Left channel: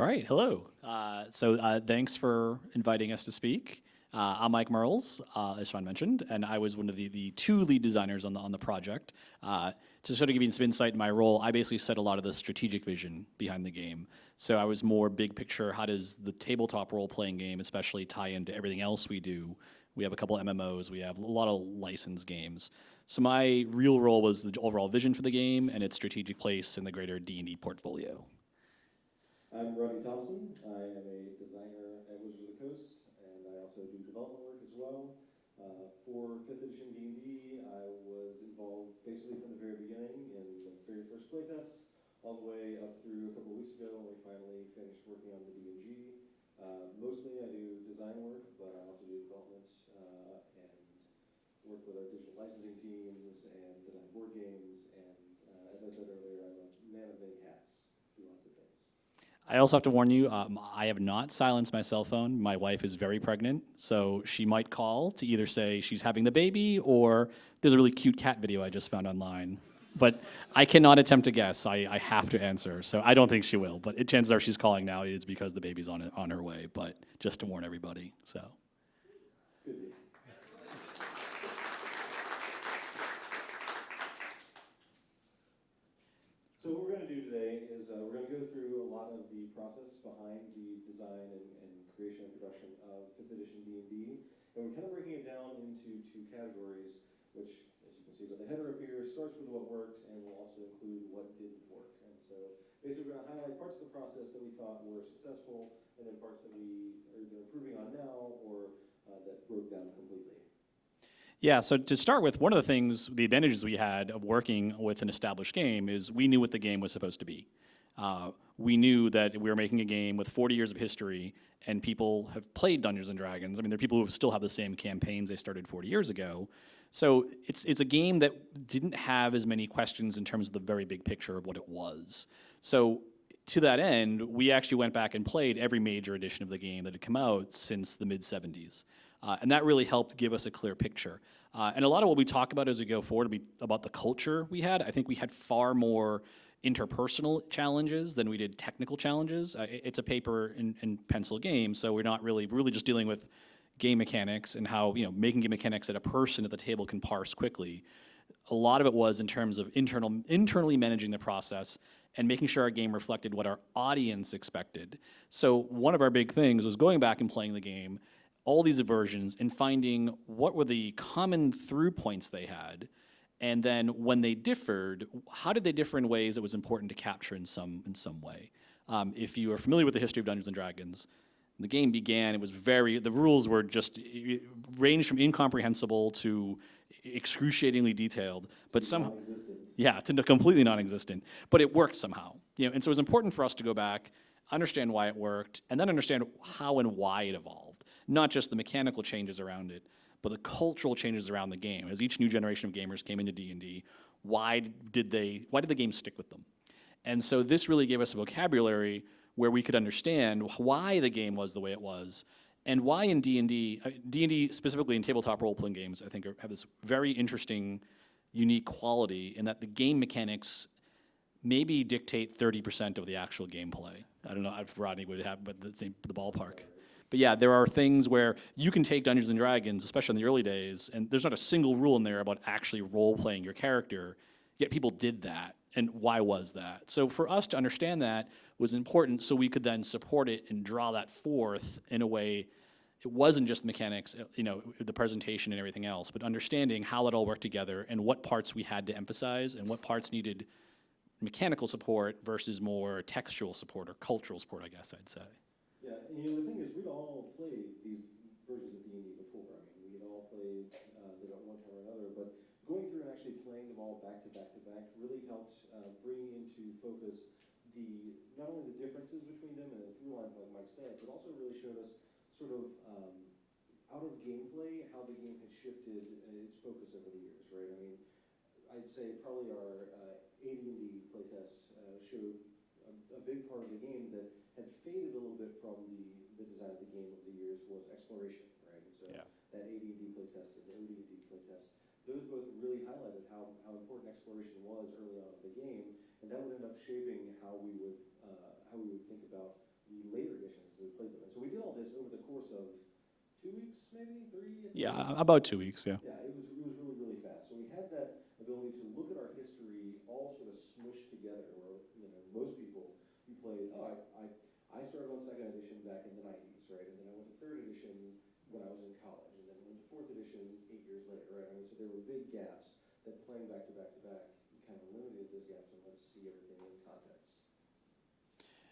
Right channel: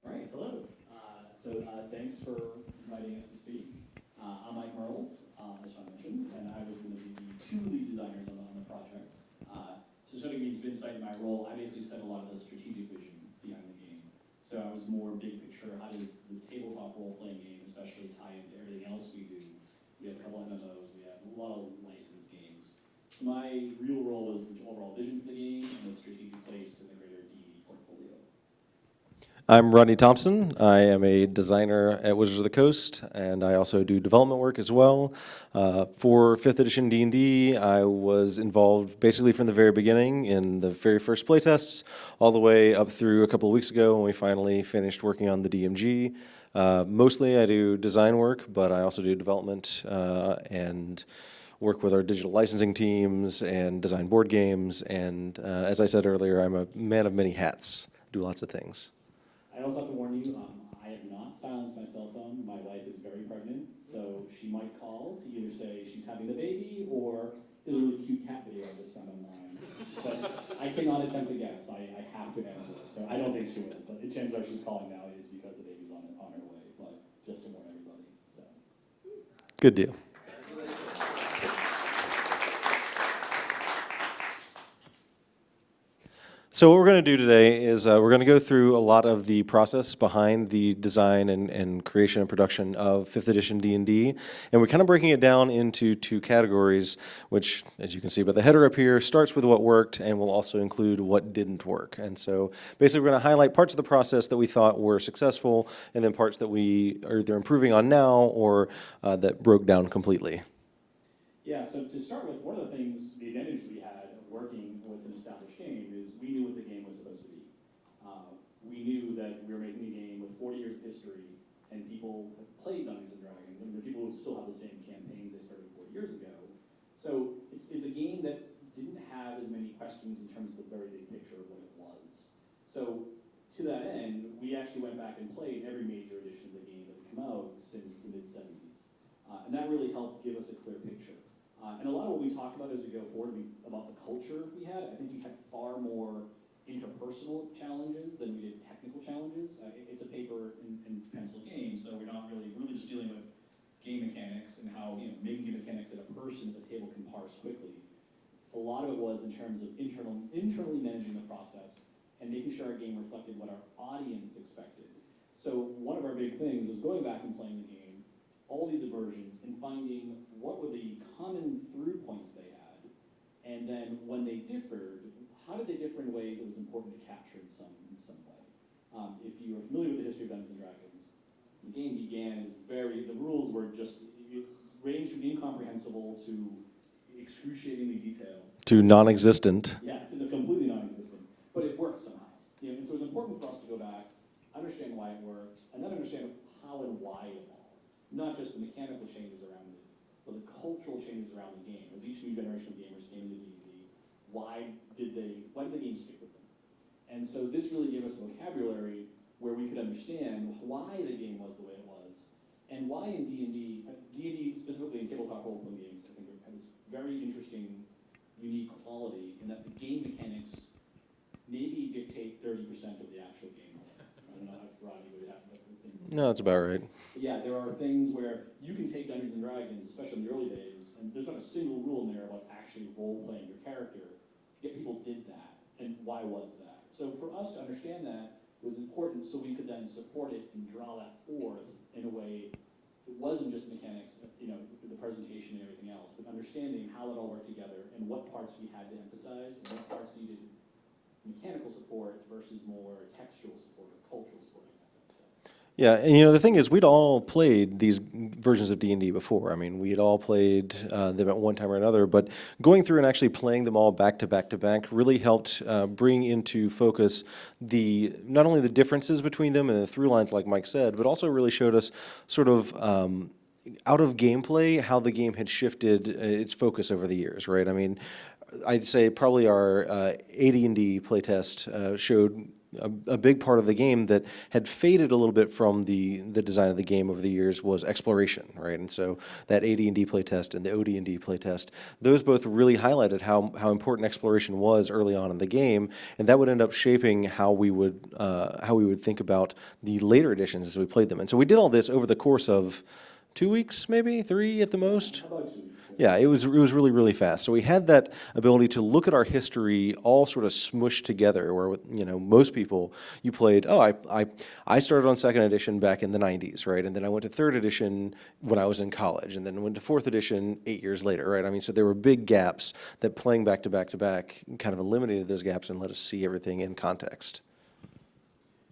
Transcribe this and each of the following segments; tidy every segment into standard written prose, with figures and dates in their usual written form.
All right, hello. Thanks for inviting us to speak. I'm Mike Merles, as Sean mentioned, and I was one of the two lead designers on the project. To sort of give you some insight in my role, I basically set a lot of the strategic vision behind the game. So I was more big picture, how does the tabletop role-playing game especially tie into everything else we do? We have a couple MMOs, we have a lot of licensed games. So my real role was the overall vision for the game and its strategic place in the greater D&D portfolio. I'm Rodney Thompson. I am a designer at Wizards of the Coast, and I also do development work as well. For 5th edition D&D, I was involved basically from the very beginning in the very first playtests, all the way up through a couple of weeks ago when we finally finished working on the DMG. Mostly I do design work, but I also do development and work with our digital licensing teams and design board games. And as I said earlier, I'm a man of many hats, do lots of things. I also have to warn you, I have not silenced my cell phone. My wife is very pregnant, so she might call to either say she's having the baby or there's a really cute cat video I just found online. But I cannot attempt to guess. I have to answer, so I don't think she will. But chances are she's calling now. It's because the baby's on her way, but just to warn everybody, so. Good deal. So what we're going to do today is we're going to go through a lot of the process behind the design and creation and production of 5th edition D&D, and we're kind of breaking it down into two categories, which, as you can see by the header up here, starts with what worked and will also include what didn't work. And so basically we're going to highlight parts of the process that we thought were successful, and then parts that we are either improving on now or that broke down completely. Yeah, so to start with, one of the things, the advantages we had of working with an established game is we knew what the game was supposed to be. We knew that we were making a game with 40 years of history, and people have played Dungeons & Dragons. I mean, there are people who still have the same campaigns they started 40 years ago. So it's a game that didn't have as many questions in terms of the very big picture of what it was. So to that end, we actually went back and played every major edition of the game that had come out since the mid-'70s. And that really helped give us a clear picture. And a lot of what we talk about as we go forward will be about the culture we had. I think we had far more interpersonal challenges than we did technical challenges. It's a paper and pencil game, so we're not really just dealing with game mechanics and how making game mechanics that a person at the table can parse quickly. A lot of it was in terms of internally managing the process and making sure our game reflected what our audience expected. So one of our big things was going back and playing the game, all these versions, and finding what were the common through points they had, and then when they differed, how did they differ in ways that was important to capture in some way. If you are familiar with the history of Dungeons & Dragons, the game began, the rules were just, ranged from incomprehensible to excruciatingly detailed. To non-existent. Yeah, to completely non-existent, but it worked somehow. And so it was important for us to go back, understand why it worked, and then understand how and why it evolved. Not just the mechanical changes around it, but the cultural changes around the game. As each new generation of gamers came into D&D, why did the game stick with them? And so this really gave us a vocabulary where we could understand why the game was the way it was, and why in D&D specifically in tabletop role-playing games, I think have this very interesting, unique quality in that the game mechanics maybe dictate 30% of the actual gameplay. I don't know if Rodney would have, but the same. No, that's about right. But yeah, there are things where you can take Dungeons & Dragons, especially in the early days, and there's not a single rule in there about actually role-playing your character, yet people did that, and why was that? So for us to understand that was important so we could then support it and draw that forth in a way, it wasn't just mechanics, the presentation and everything else, but understanding how it all worked together and what parts we had to emphasize and what parts needed mechanical support versus more textual support or cultural support, I guess I'd say. Yeah, and the thing is, we'd all played these versions of D&D before. I mean, we'd all played them at one time or another, but going through and actually playing them all back to back to back really helped bring into focus not only the differences between them and the through lines, like Mike said, but also really showed us sort of out of gameplay how the game had shifted its focus over the years, right? I mean, I'd say probably our AD&D playtest showed a big part of the game that had faded a little bit from the design of the game over the years was exploration, right? And so that AD&D playtest and the OD&D playtest, those both really highlighted how important exploration was early on in the game, and that would end up shaping how we would think about the later editions as we played them. And so we did all this over the course of 2 weeks, maybe 3 at the Yeah, most. about 2 weeks, yeah. Yeah, it was really, really fast. So we had that ability to look at our history all sort of smushed together. Where most people, you played. Oh, I started on second edition back in the '90s, right? And then I went to third edition when I was in college, and then went to fourth edition 8 years later, right? I mean, so there were big gaps that playing back to back to back kind of eliminated those gaps and let us see everything in context.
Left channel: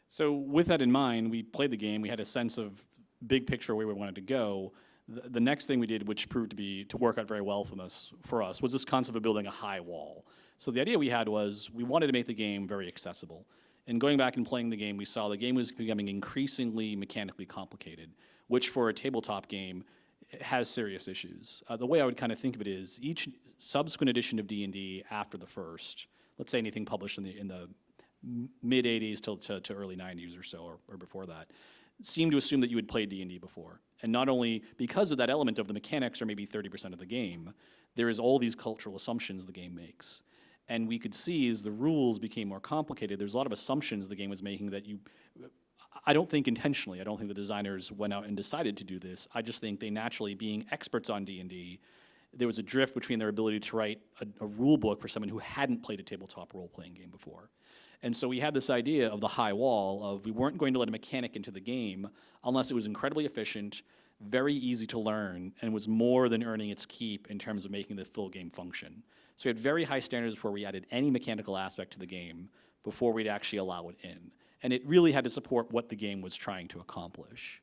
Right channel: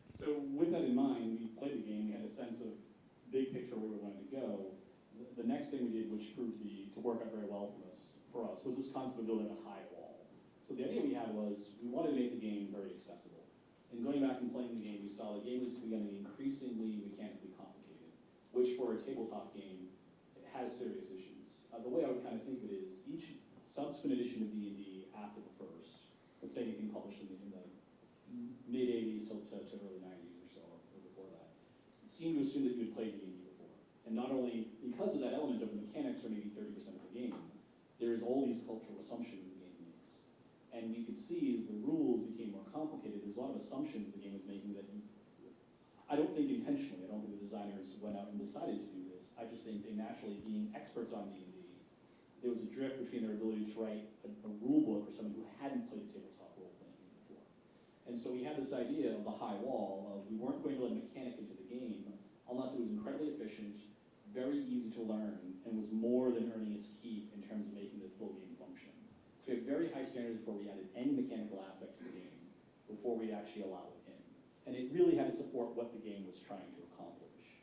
So with that in mind, we played the game. We had a sense of big picture where we wanted to go. The next thing we did, which proved to work out very well for us, was this concept of building a high wall. So the idea we had was we wanted to make the game very accessible. And going back and playing the game, we saw the game was becoming increasingly mechanically complicated, which for a tabletop game has serious issues. The way I would kind of think of it is each subsequent edition of D&D after the first, let's say anything published in the mid 80s to early 90s or so, or before that, seemed to assume that you had played D&D before. And not only because of that element of the mechanics are maybe 30% of the game, there is all these cultural assumptions the game makes. And we could see as the rules became more complicated, there's a lot of assumptions the game was making that I don't think intentionally, I don't think the designers went out and decided to do this. I just think they naturally, being experts on D&D, there was a drift between their ability to write a rule book for someone who hadn't played a tabletop role-playing game before. And so we had this idea of the high wall of we weren't going to let a mechanic into the game unless it was incredibly efficient, very easy to learn, and was more than earning its keep in terms of making the full game function. So we had very high standards before we added any mechanical aspect to the game before we'd actually allow it in. And it really had to support what the game was trying to accomplish.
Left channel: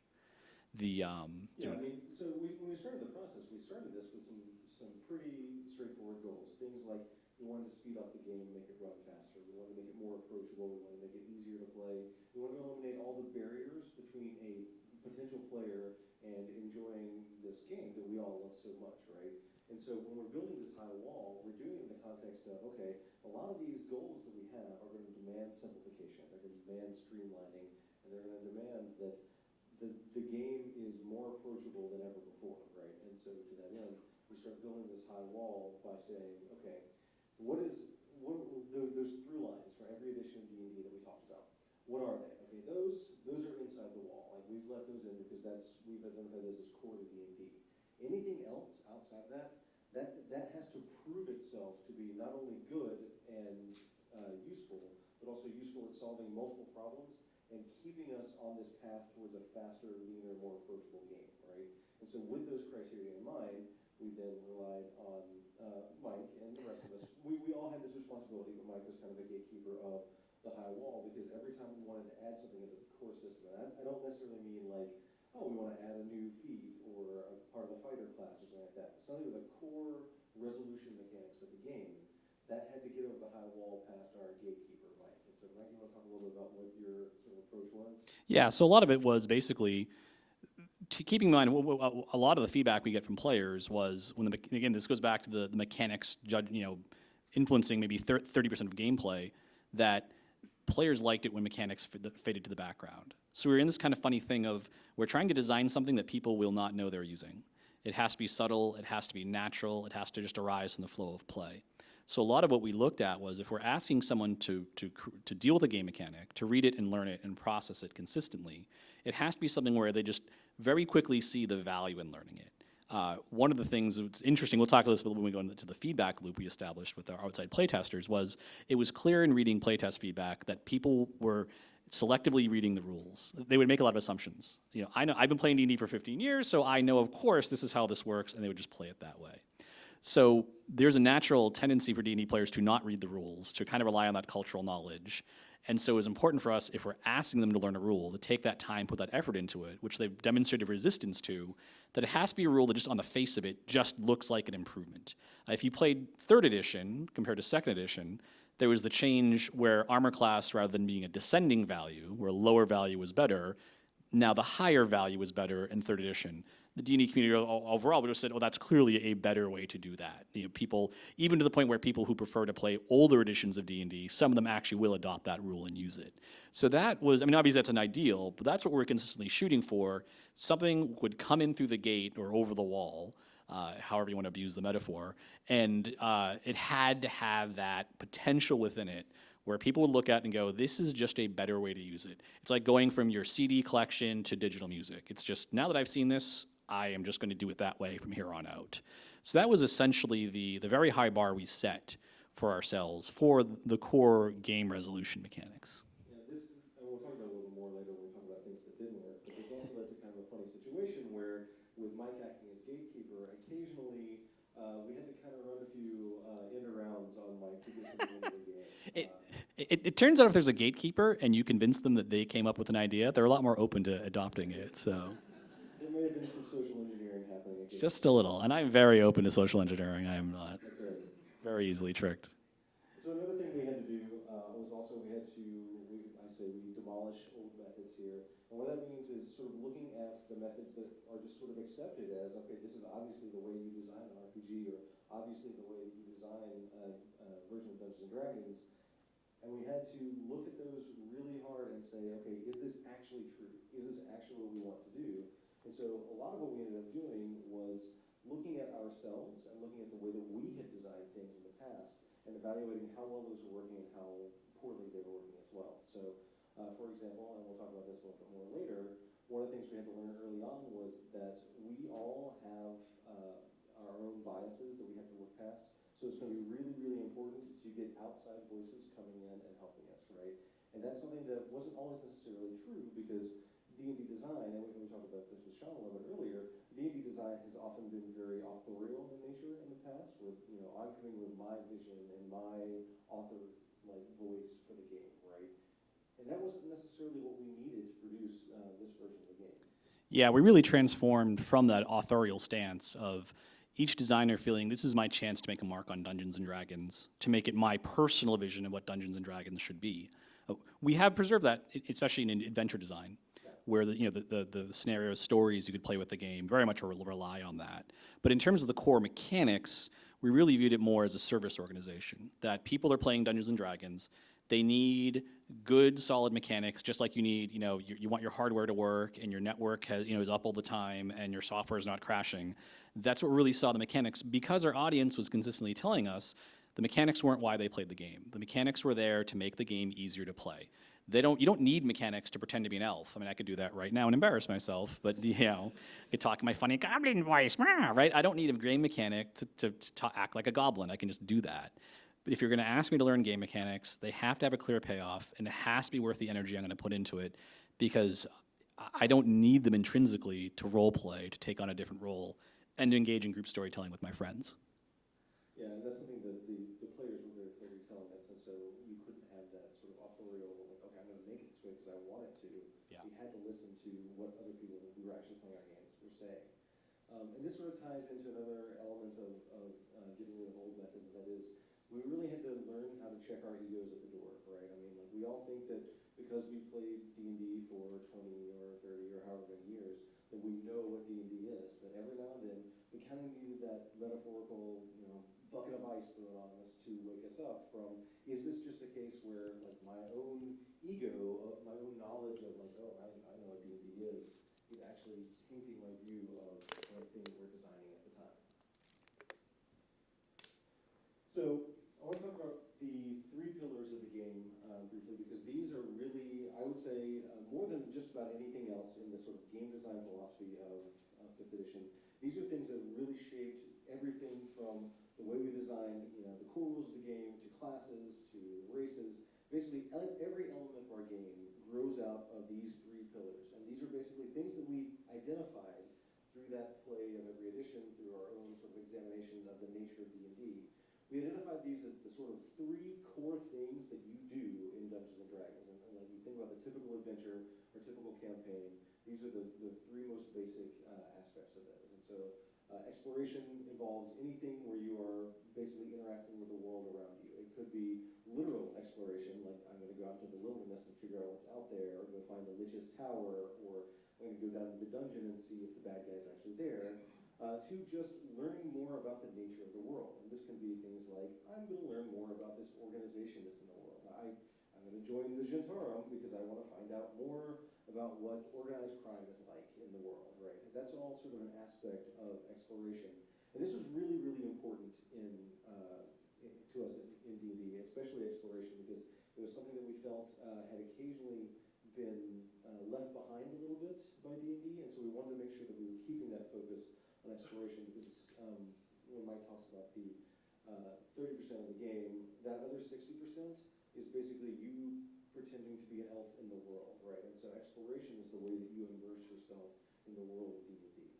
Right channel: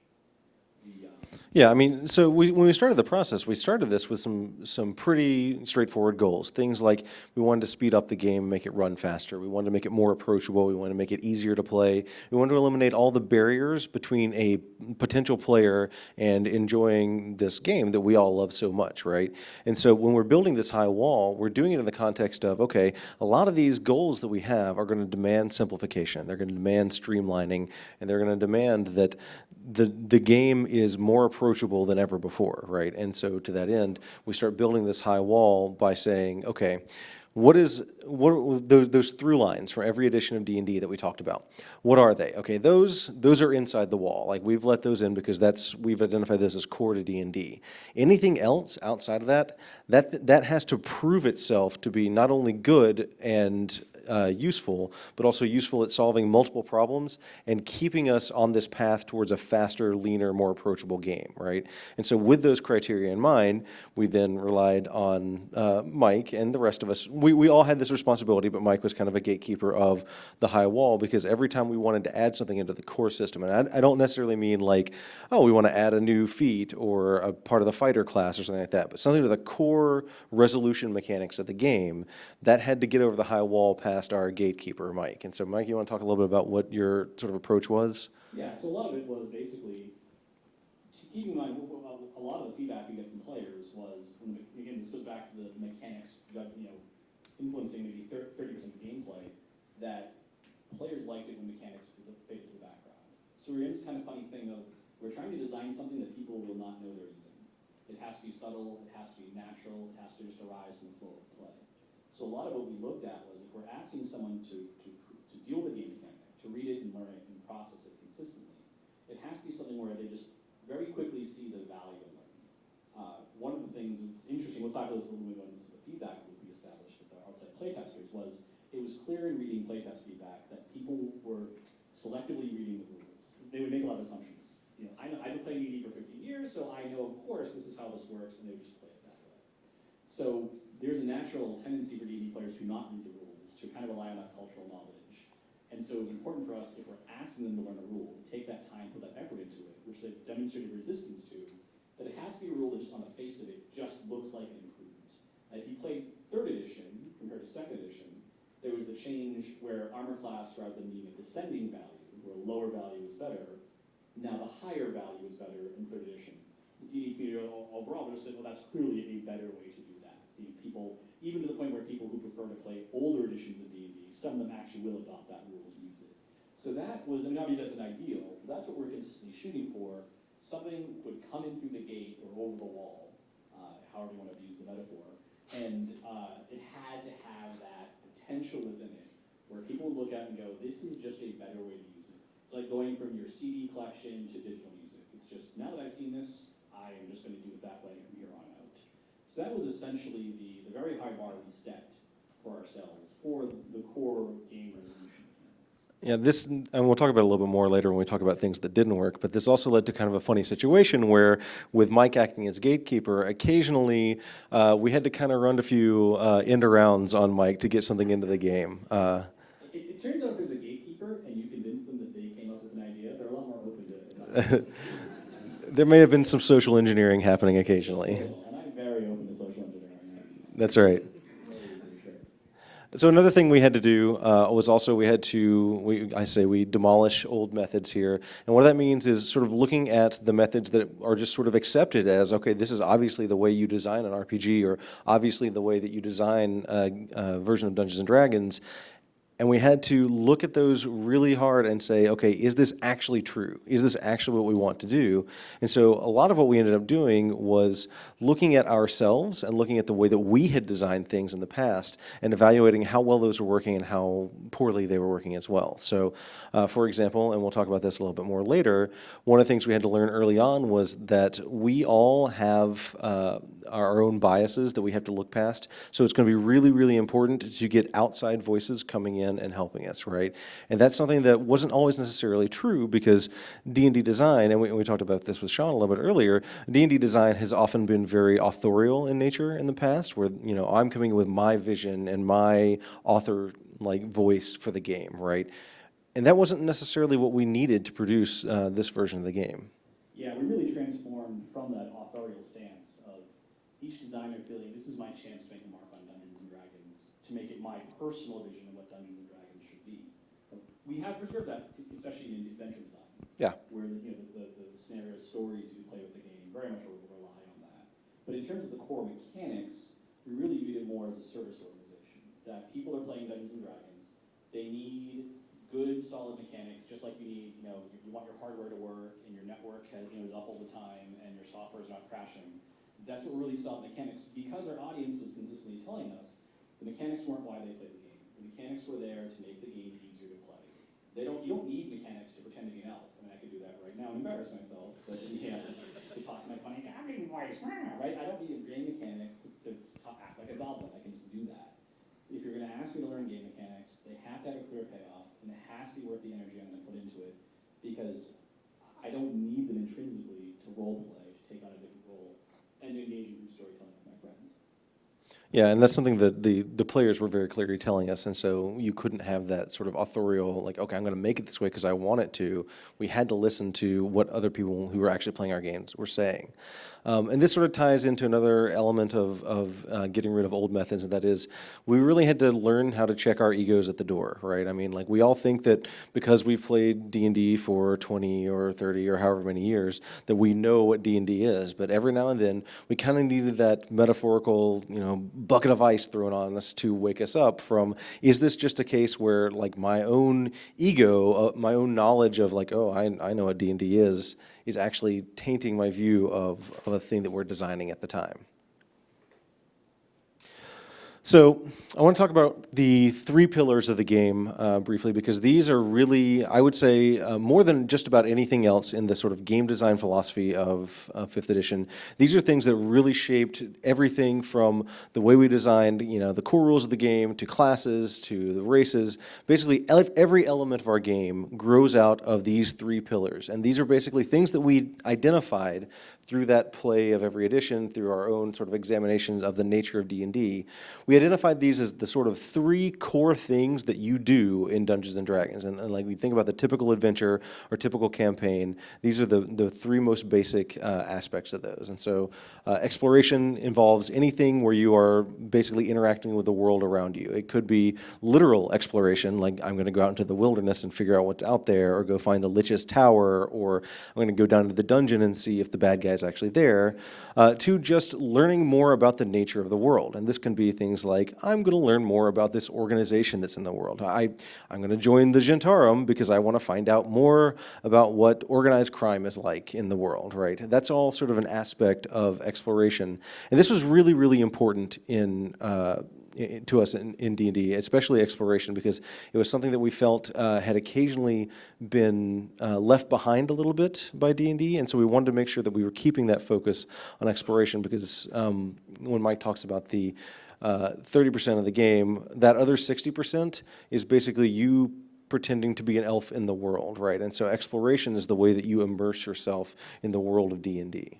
Yeah, I mean, so when we started the process, we started this with some pretty straightforward goals. Things like we wanted to speed up the game, make it run faster. We wanted to make it more approachable. We wanted to make it easier to play. We wanted to eliminate all the barriers between a potential player and enjoying this game that we all love so much, right? And so when we're building this high wall, we're doing it in the context of, okay, a lot of these goals that we have are going to demand simplification. They're going to demand streamlining, and they're going to demand that the game is more approachable than ever before, right? And so to that end, we start building this high wall by saying, okay, what are those through lines from every edition of D&D that we talked about? What are they? Okay, those are inside the wall. Like we've let those in because we've identified those as core to D&D. Anything else outside of that has to prove itself to be not only good and useful, but also useful at solving multiple problems and keeping us on this path towards a faster, leaner, more approachable game, right? And so with those criteria in mind, we then relied on Mike and the rest of us. We all had this responsibility, but Mike was kind of a gatekeeper of the high wall because every time we wanted to add something into the core system, and I don't necessarily mean like, oh, we want to add a new feat or a part of the fighter class or something like that, but something to the core resolution mechanics of the game, that had to get over the high wall past our gatekeeper, Mike. And so, Mike, you want to talk a little bit about what your sort of approach was? Yeah, so a lot of it was basically keeping in mind a lot of the feedback we get from players was again, this goes back to the mechanics, influencing maybe 30% of gameplay, that players liked it when mechanics faded to the background. So we're in this kind of funny thing of we're trying to design something that people will not know they're using. It has to be subtle, it has to be natural, it has to just arise in the flow of play. So a lot of what we looked at was if we're asking someone to deal with a game mechanic, to read it and learn it and process it consistently, it has to be something where they just very quickly see the value in learning it. One of the things that's interesting, we'll talk about this when we go into the feedback loop we established with our outside playtesters, was it was clear in reading playtest feedback that people were selectively reading the rules. They would make a lot of assumptions. I know I've been playing D&D for 15 years, so I know, of course, this is how this works, and they would just play it that way. So there's a natural tendency for D&D players to not read the rules, to kind of rely on that cultural knowledge. And so it's important for us, if we're asking them to learn a rule, to take that time, put that effort into it, which they've demonstrated resistance to, that it has to be a rule that just on the face of it just looks like an improvement. If you played 3rd edition compared to 2nd edition, there was the change where armor class, rather than being a descending value, where lower value was better, now the higher value was better in 3rd edition. the D&D community overall would have said, well, that's clearly a better way to do that. People, even to the point where people who prefer to play older editions of D&D, some of them actually will adopt that rule and use it. So that was, obviously that's an ideal, but that's what we're consistently shooting for. Something would come in through the gate or over the wall, however you want to abuse the metaphor, and it had to have that potential within it where people would look at it and go, this is just a better way to use it. It's like going from your CD collection to digital music. It's just, now that I've seen this, I am just going to do it that way from here on out. So that was essentially the very high bar we set for ourselves for the core game resolution mechanics. Yeah, this, and we'll talk about it a little bit more later when we talk about things that didn't work, but this also led to kind of a funny situation where, with Mike acting as gatekeeper, occasionally we had to kind of run a few end arounds on Mike to get something into the game. It turns out if there's a gatekeeper and you convince them that they came up with an idea, they're a lot more open to adopting it. So. There may have been some social engineering happening occasionally. Just a little, and I'm very open to social engineering. I am not. That's right. Very easily tricked. So another thing we had to do was also we demolish old methods here. And what that means is sort of looking at the methods that are just sort of accepted as, okay, this is obviously the way you design an RPG, or obviously the way that you design a version of Dungeons & Dragons. And we had to look at those really hard and say, okay, is this actually true? Is this actually what we want to do? And so a lot of what we ended up doing was looking at ourselves and looking at the way that we had designed things in the past and evaluating how well those were working and how poorly they were working as well. So, for example, and we'll talk about this a little bit more later, one of the things we had to learn early on was that we all have our own biases that we have to look past. So it's going to be really, really important to get outside voices coming in and helping us, right? And that's something that wasn't always necessarily true, because D&D design, and we talked about this with Sean a little bit earlier, D&D design has often been very authorial in nature in the past, where, I'm coming in with my vision and my author-like voice for the game, right? And that wasn't necessarily what we needed to produce this version of the game. Yeah, we really transformed from that authorial stance of each designer feeling this is my chance to make a mark on Dungeons & Dragons, to make it my personal vision of what Dungeons & Dragons should be. We have preserved that, especially in adventure design, where the scenarios, stories you could play with the game very much rely on that. But in terms of the core mechanics, we really viewed it more as a service organization, that people are playing Dungeons & Dragons, they need good, solid mechanics, just like you need, you want your hardware to work and your network is up all the time and your software is not crashing. That's what we really saw the mechanics, because our audience was consistently telling us the mechanics weren't why they played the game. The mechanics were there to make the game easier to play. You don't need mechanics to pretend to be an elf. I could do that right now and embarrass myself, but I talk in my funny goblin voice, right? I don't need a game mechanic to act like a goblin. I can just do that. But if you're going to ask me to learn game mechanics, they have to have a clear payoff, and it has to be worth the energy I'm going to put into it, because I don't need them intrinsically to role play, to take on a different role, and to engage in group storytelling with my friends. Yeah, and that's something that the players were very clearly telling us, and so you couldn't have that sort of authorial, like, okay, I'm going to make it this way because I want it to. We had to listen to what other people who were actually playing our games were saying. And this sort of ties into another element of getting rid of old methods, and that is we really had to learn how to check our egos at the door, right? We all think that because we've played D&D for 20 or 30 or however many years that we know what D&D is, but every now and then we kind of needed that metaphorical, bucket of ice thrown on us to wake us up from, is this just a case where, like, my own ego, my own knowledge of, like, oh, I know what D&D is actually tainting my view of a thing that we're designing at the time. So I want to talk about the three pillars of the game briefly, because these are really, I would say, more than just about anything else in the sort of game design philosophy of 5th edition. These are things that really shaped everything from the way we designed, the core rules of the game, to classes, to the races. Basically, every element of our game grows out of these three pillars. And these are basically things that we identified through that play of every edition, through our own sort of examinations of the nature of D&D. We we identified these as the sort of three core things that you do in Dungeons and Dragons. And like we think about the typical adventure or typical campaign, these are the three most basic aspects of those. And so exploration involves anything where you are basically interacting with the world around you. It could be literal exploration, like I'm going to go out into the wilderness and figure out what's out there, or go find the Lich's Tower, or I'm going to go down to the dungeon and see if the bad guy's actually there, to just learning more about the nature of the world. And this can be things like, I'm going to learn more about this organization that's in the world. I'm going to join the Gentarum because I want to find out more about what organized crime is like in the world, right? That's all sort of an aspect of exploration. And this was really, really important to us in D&D, especially exploration, because it was something that we felt had occasionally been left behind a little bit by D&D, and so we wanted to make sure that we were keeping that focus on exploration, because when Mike talks about the 30% of the game, that other 60% is basically you pretending to be an elf in the world, right? And so exploration is the way that you immerse yourself in the world of D&D.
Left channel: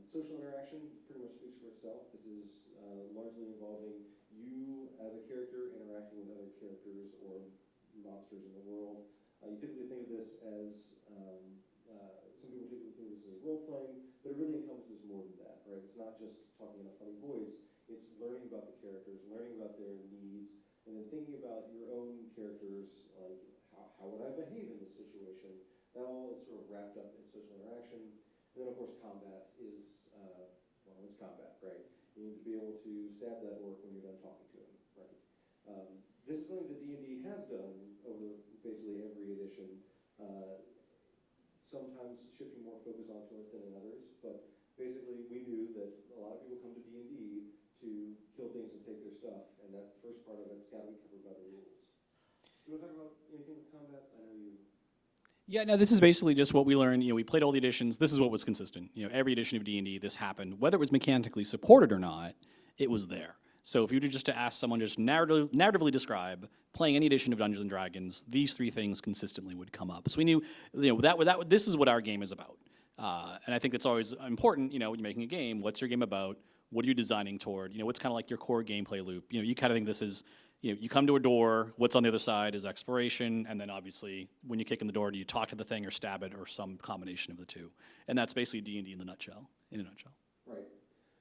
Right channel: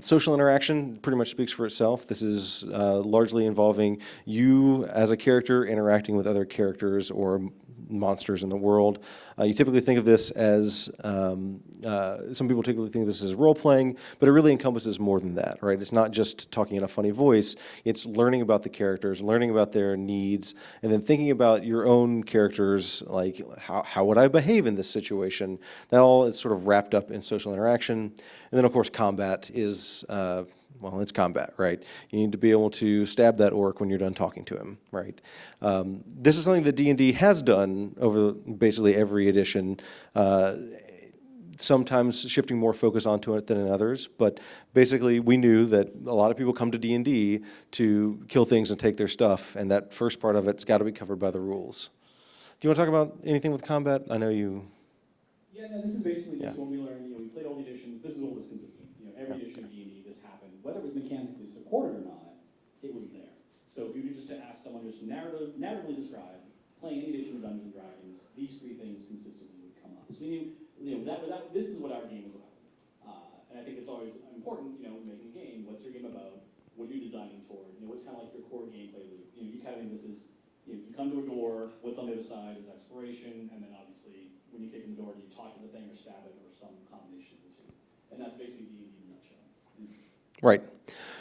Social interaction pretty much speaks for itself. This is largely involving you as a character interacting with other characters or monsters in the world. You typically think of this as, some people typically think of this as role-playing, but it really encompasses more than that, right? It's not just talking in a funny voice, it's learning about the characters, learning about their needs, and then thinking about your own characters, like how would I behave in this situation? That all is sort of wrapped up in social interaction. And then, of course, combat is, well, it's combat, right? You need to be able to stab that orc when you're done talking to him, right? This is something that D&D has done over basically every edition, sometimes shifting more focus onto it than in others, but basically we knew that a lot of people come to D&D to kill things and take their stuff, and that first part of it's got to be covered by the rules. Do you want to talk about anything with combat? I know you... Yeah, no, this is basically just what we learned. We played all the editions. This is what was consistent. Every edition of D&D, this happened. Whether it was mechanically supported or not, it was there. So if you were just to ask someone, just narratively describe playing any edition of Dungeons and Dragons, these three things consistently would come up. So we knew, this is what our game is about. And I think it's always important, when you're making a game, what's your game about? What are you designing toward? What's kind of like your core gameplay loop? You kind of think this is, you come to a door, what's on the other side is exploration, and then obviously when you kick in the door, do you talk to the thing or stab it or some combination of the two? And that's basically D&D in a nutshell. Right.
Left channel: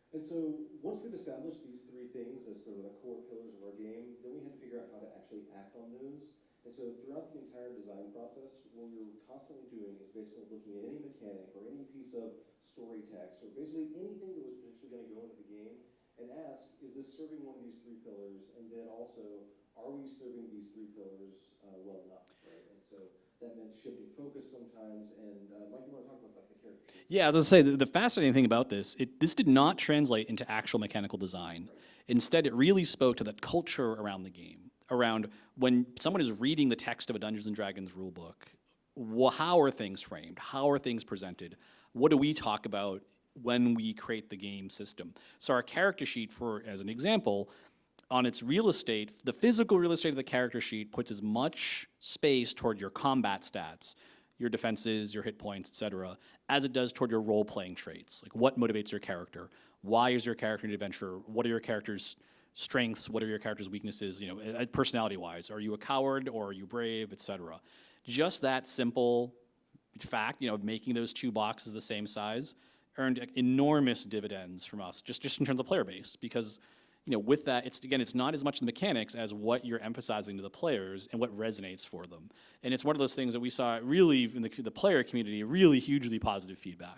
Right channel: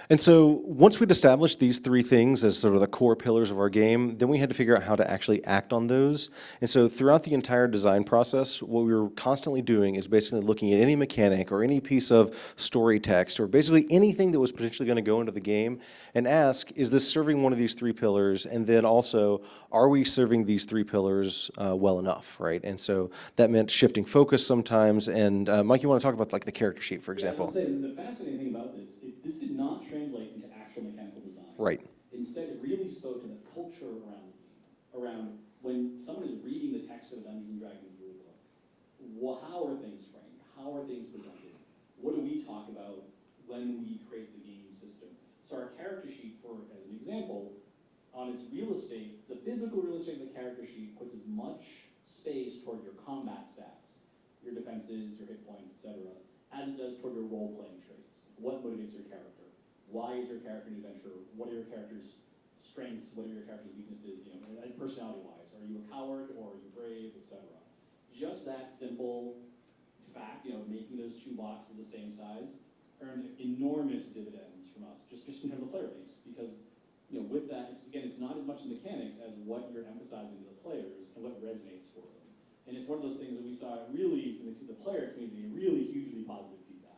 And so once we'd established these three things as sort of the core pillars of our game, then we had to figure out how to actually act on those. And so throughout the entire design process, what we were constantly doing is basically looking at any mechanic or any piece of story text or basically anything that was potentially going to go into the game and ask, is this serving one of these three pillars? And then also, are we serving these three pillars well enough, right? And so that meant shifting focus sometimes. And Mike, you want to talk about like the character sheet, for example? Yeah, I was going to say, the fascinating thing about this, this did not translate into actual mechanical design. Right. Instead, it really spoke to the culture around the game, around when someone is reading the text of a Dungeons & Dragons rulebook, how are things framed? How are things presented? What do we talk about when we create the game system? So our character sheet, as an example, on its real estate, the physical real estate of the character sheet puts as much space toward your combat stats, your defenses, your hit points, etc., as it does toward your role-playing traits. Like what motivates your character? Why is your character an adventurer? What are your character's strengths? What are your character's weaknesses? Personality-wise, are you a coward or are you brave, etc. Just that simple fact, making those two boxes the same size, earned enormous dividends from us, just in terms of player base, because with that, it's not as much the mechanics as what you're emphasizing to the players and what resonates for them. And it's one of those things that we saw really in the player community, really hugely positive feedback,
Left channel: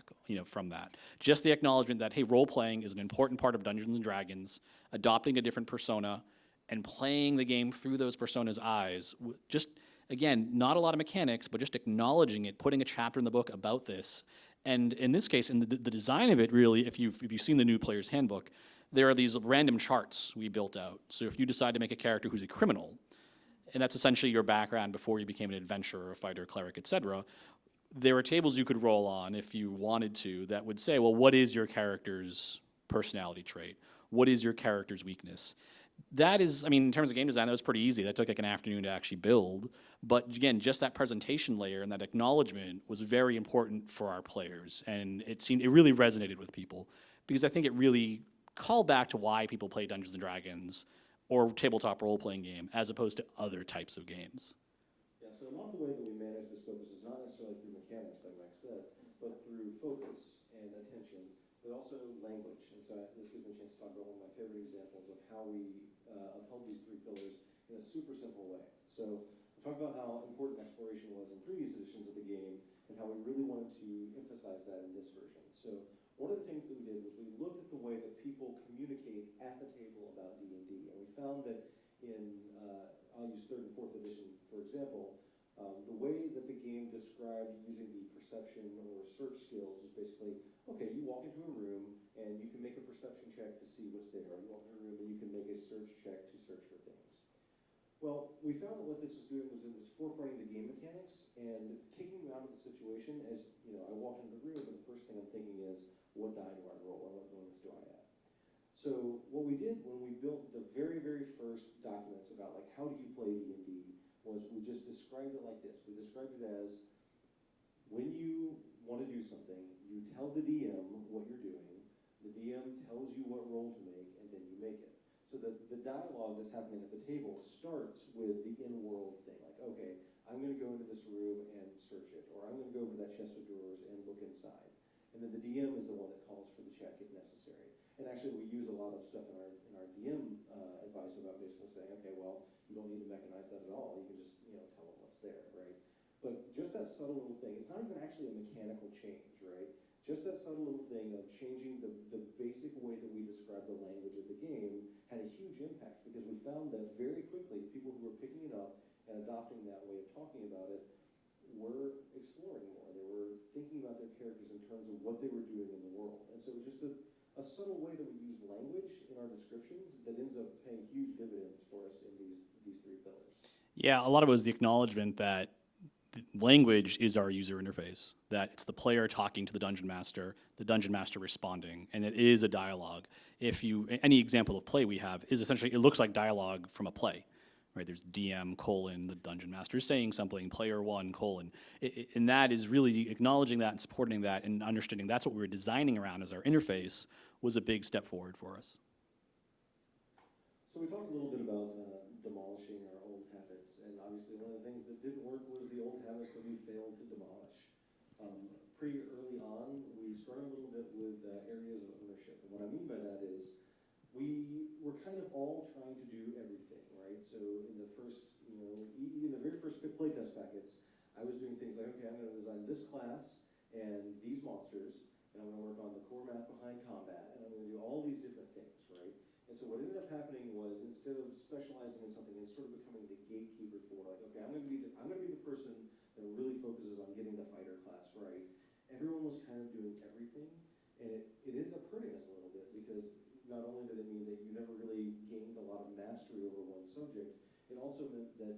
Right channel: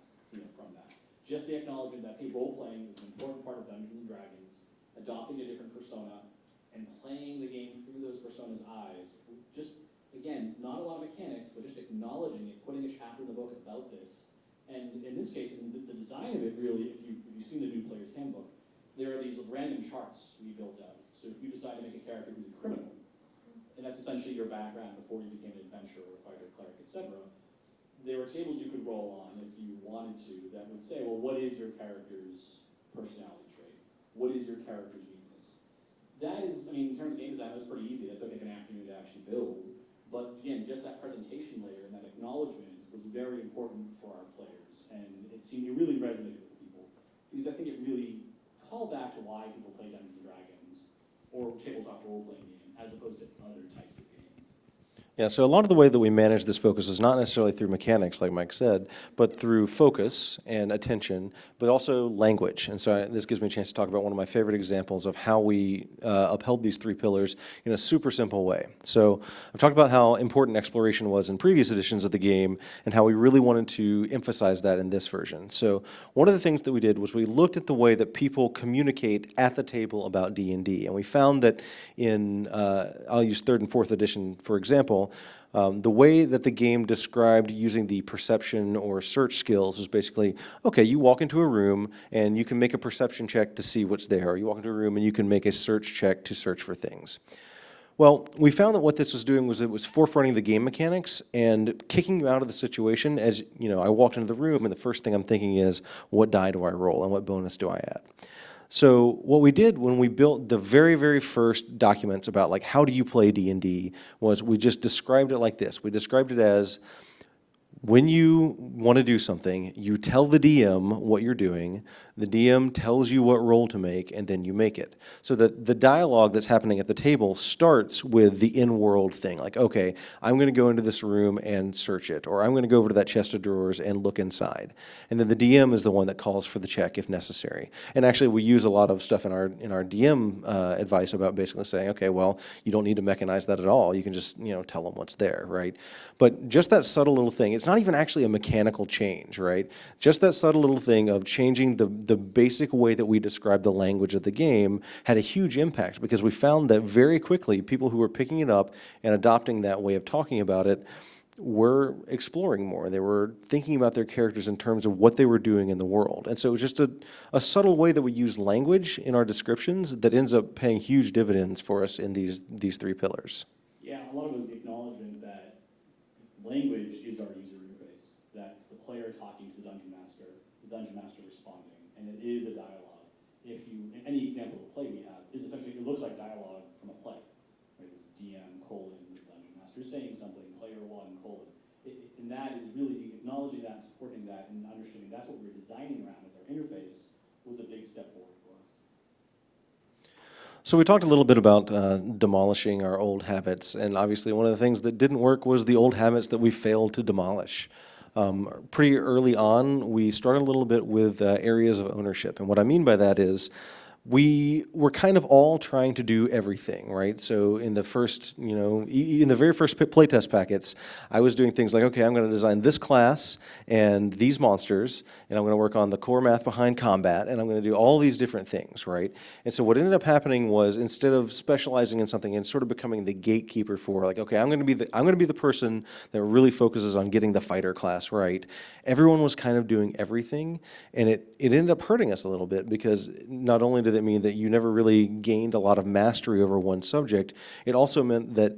from that. Just the acknowledgement that, hey, role-playing is an important part of Dungeons & Dragons, adopting a different persona, and playing the game through those personas' eyes. Just, again, not a lot of mechanics, but just acknowledging it, putting a chapter in the book about this. And in this case, in the design of it, really, if you've seen the new player's handbook, there are these random charts we built out. So if you decide to make a character who's a criminal, and that's essentially your background before you became an adventurer, a fighter, cleric, etc., there are tables you could roll on if you wanted to that would say, well, what is your character's personality trait? What is your character's weakness? That is, in terms of game design, that was pretty easy. That took like an afternoon to actually build. But again, just that presentation layer and that acknowledgement was very important for our players. And it really resonated with people because I think it really call back to why people play Dungeons and Dragons or tabletop role-playing game as opposed to other types of games. Yeah, so a lot of the way that we manage this focus is not necessarily through mechanics, like Mike said, but through focus and attention, but also language. And so this gives me a chance to talk about one of my favorite examples of how we upheld these three pillars in a super simple way. So I've talked about how important exploration was in previous editions of the game and how we really wanted to emphasize that in this version. So one of the things that we did was we looked at the way that people communicate at the table about D&D, and we found that in, I'll use 3rd and 4th edition for example, the way that the game described using the perception or search skills is basically, okay, you walk into a room and you can make a perception check to see what's there, or you walk into a room and you can make a search check to search for things. Well, we found that what this was doing was it was forefronting the game mechanics and kicking you out of the situation. As you know, I walked into the room and the first thing I'm thinking is, what die do I roll and what bonus do I add? So what we did when we built the very, very first documents about like how do you play D&D was we just described it like this. We described it as, when you want to do something, you tell the DM what you're doing, the DM tells you what roll to make, and then you make it. So that the dialogue that's happening at the table starts with the in-world thing, like, okay, I'm going to go into this room and search it, or I'm going to go over to that chest of drawers and look inside. And then the DM is the one that calls for the check if necessary. And actually, we use a lot of stuff in our DM advice about basically saying, okay, well, you don't need to mechanize that at all. You can just, tell them what's there, right? But just that subtle little thing, it's not even actually a mechanical change, right? Just that subtle little thing of changing the basic way that we describe the language of the game had a huge impact, because we found that very quickly people who were picking it up and adopting that way of talking about it were exploring more. They were thinking about their characters in terms of what they were doing in the world. And so it was just a subtle way that we use language in our descriptions that ends up paying huge dividends for us in these three pillars. Yeah, a lot of it was the acknowledgement that language is our user interface, that it's the player talking to the dungeon master responding, and it is a dialogue. Any example of play we have is essentially, it looks like dialogue from a play, right? There's DM : the dungeon master saying something, player 1 : and that is really acknowledging that and supporting that and understanding that's what we were designing around as our interface was a big step forward for us. So we talked a little bit about demolishing our old habits, and obviously one of the things that didn't work was the old habits that we failed to demolish. Pretty early on, we started a little bit with areas of ownership, and what I mean by that is we were kind of all trying to do everything, right? So in the first, in the very first playtest packets, I was doing things like, okay, I'm going to design this class and these monsters, and I'm going to work on the core math behind combat, and I'm going to do all these different things, right? And so what ended up happening was, instead of specializing in something and sort of becoming the gatekeeper for, like, okay, I'm going to be the person that really focuses on getting the fighter class right, everyone was kind of doing everything, and it ended up hurting us a little bit, because not only did it mean that you never really gained a lot of mastery over one subject, it also meant that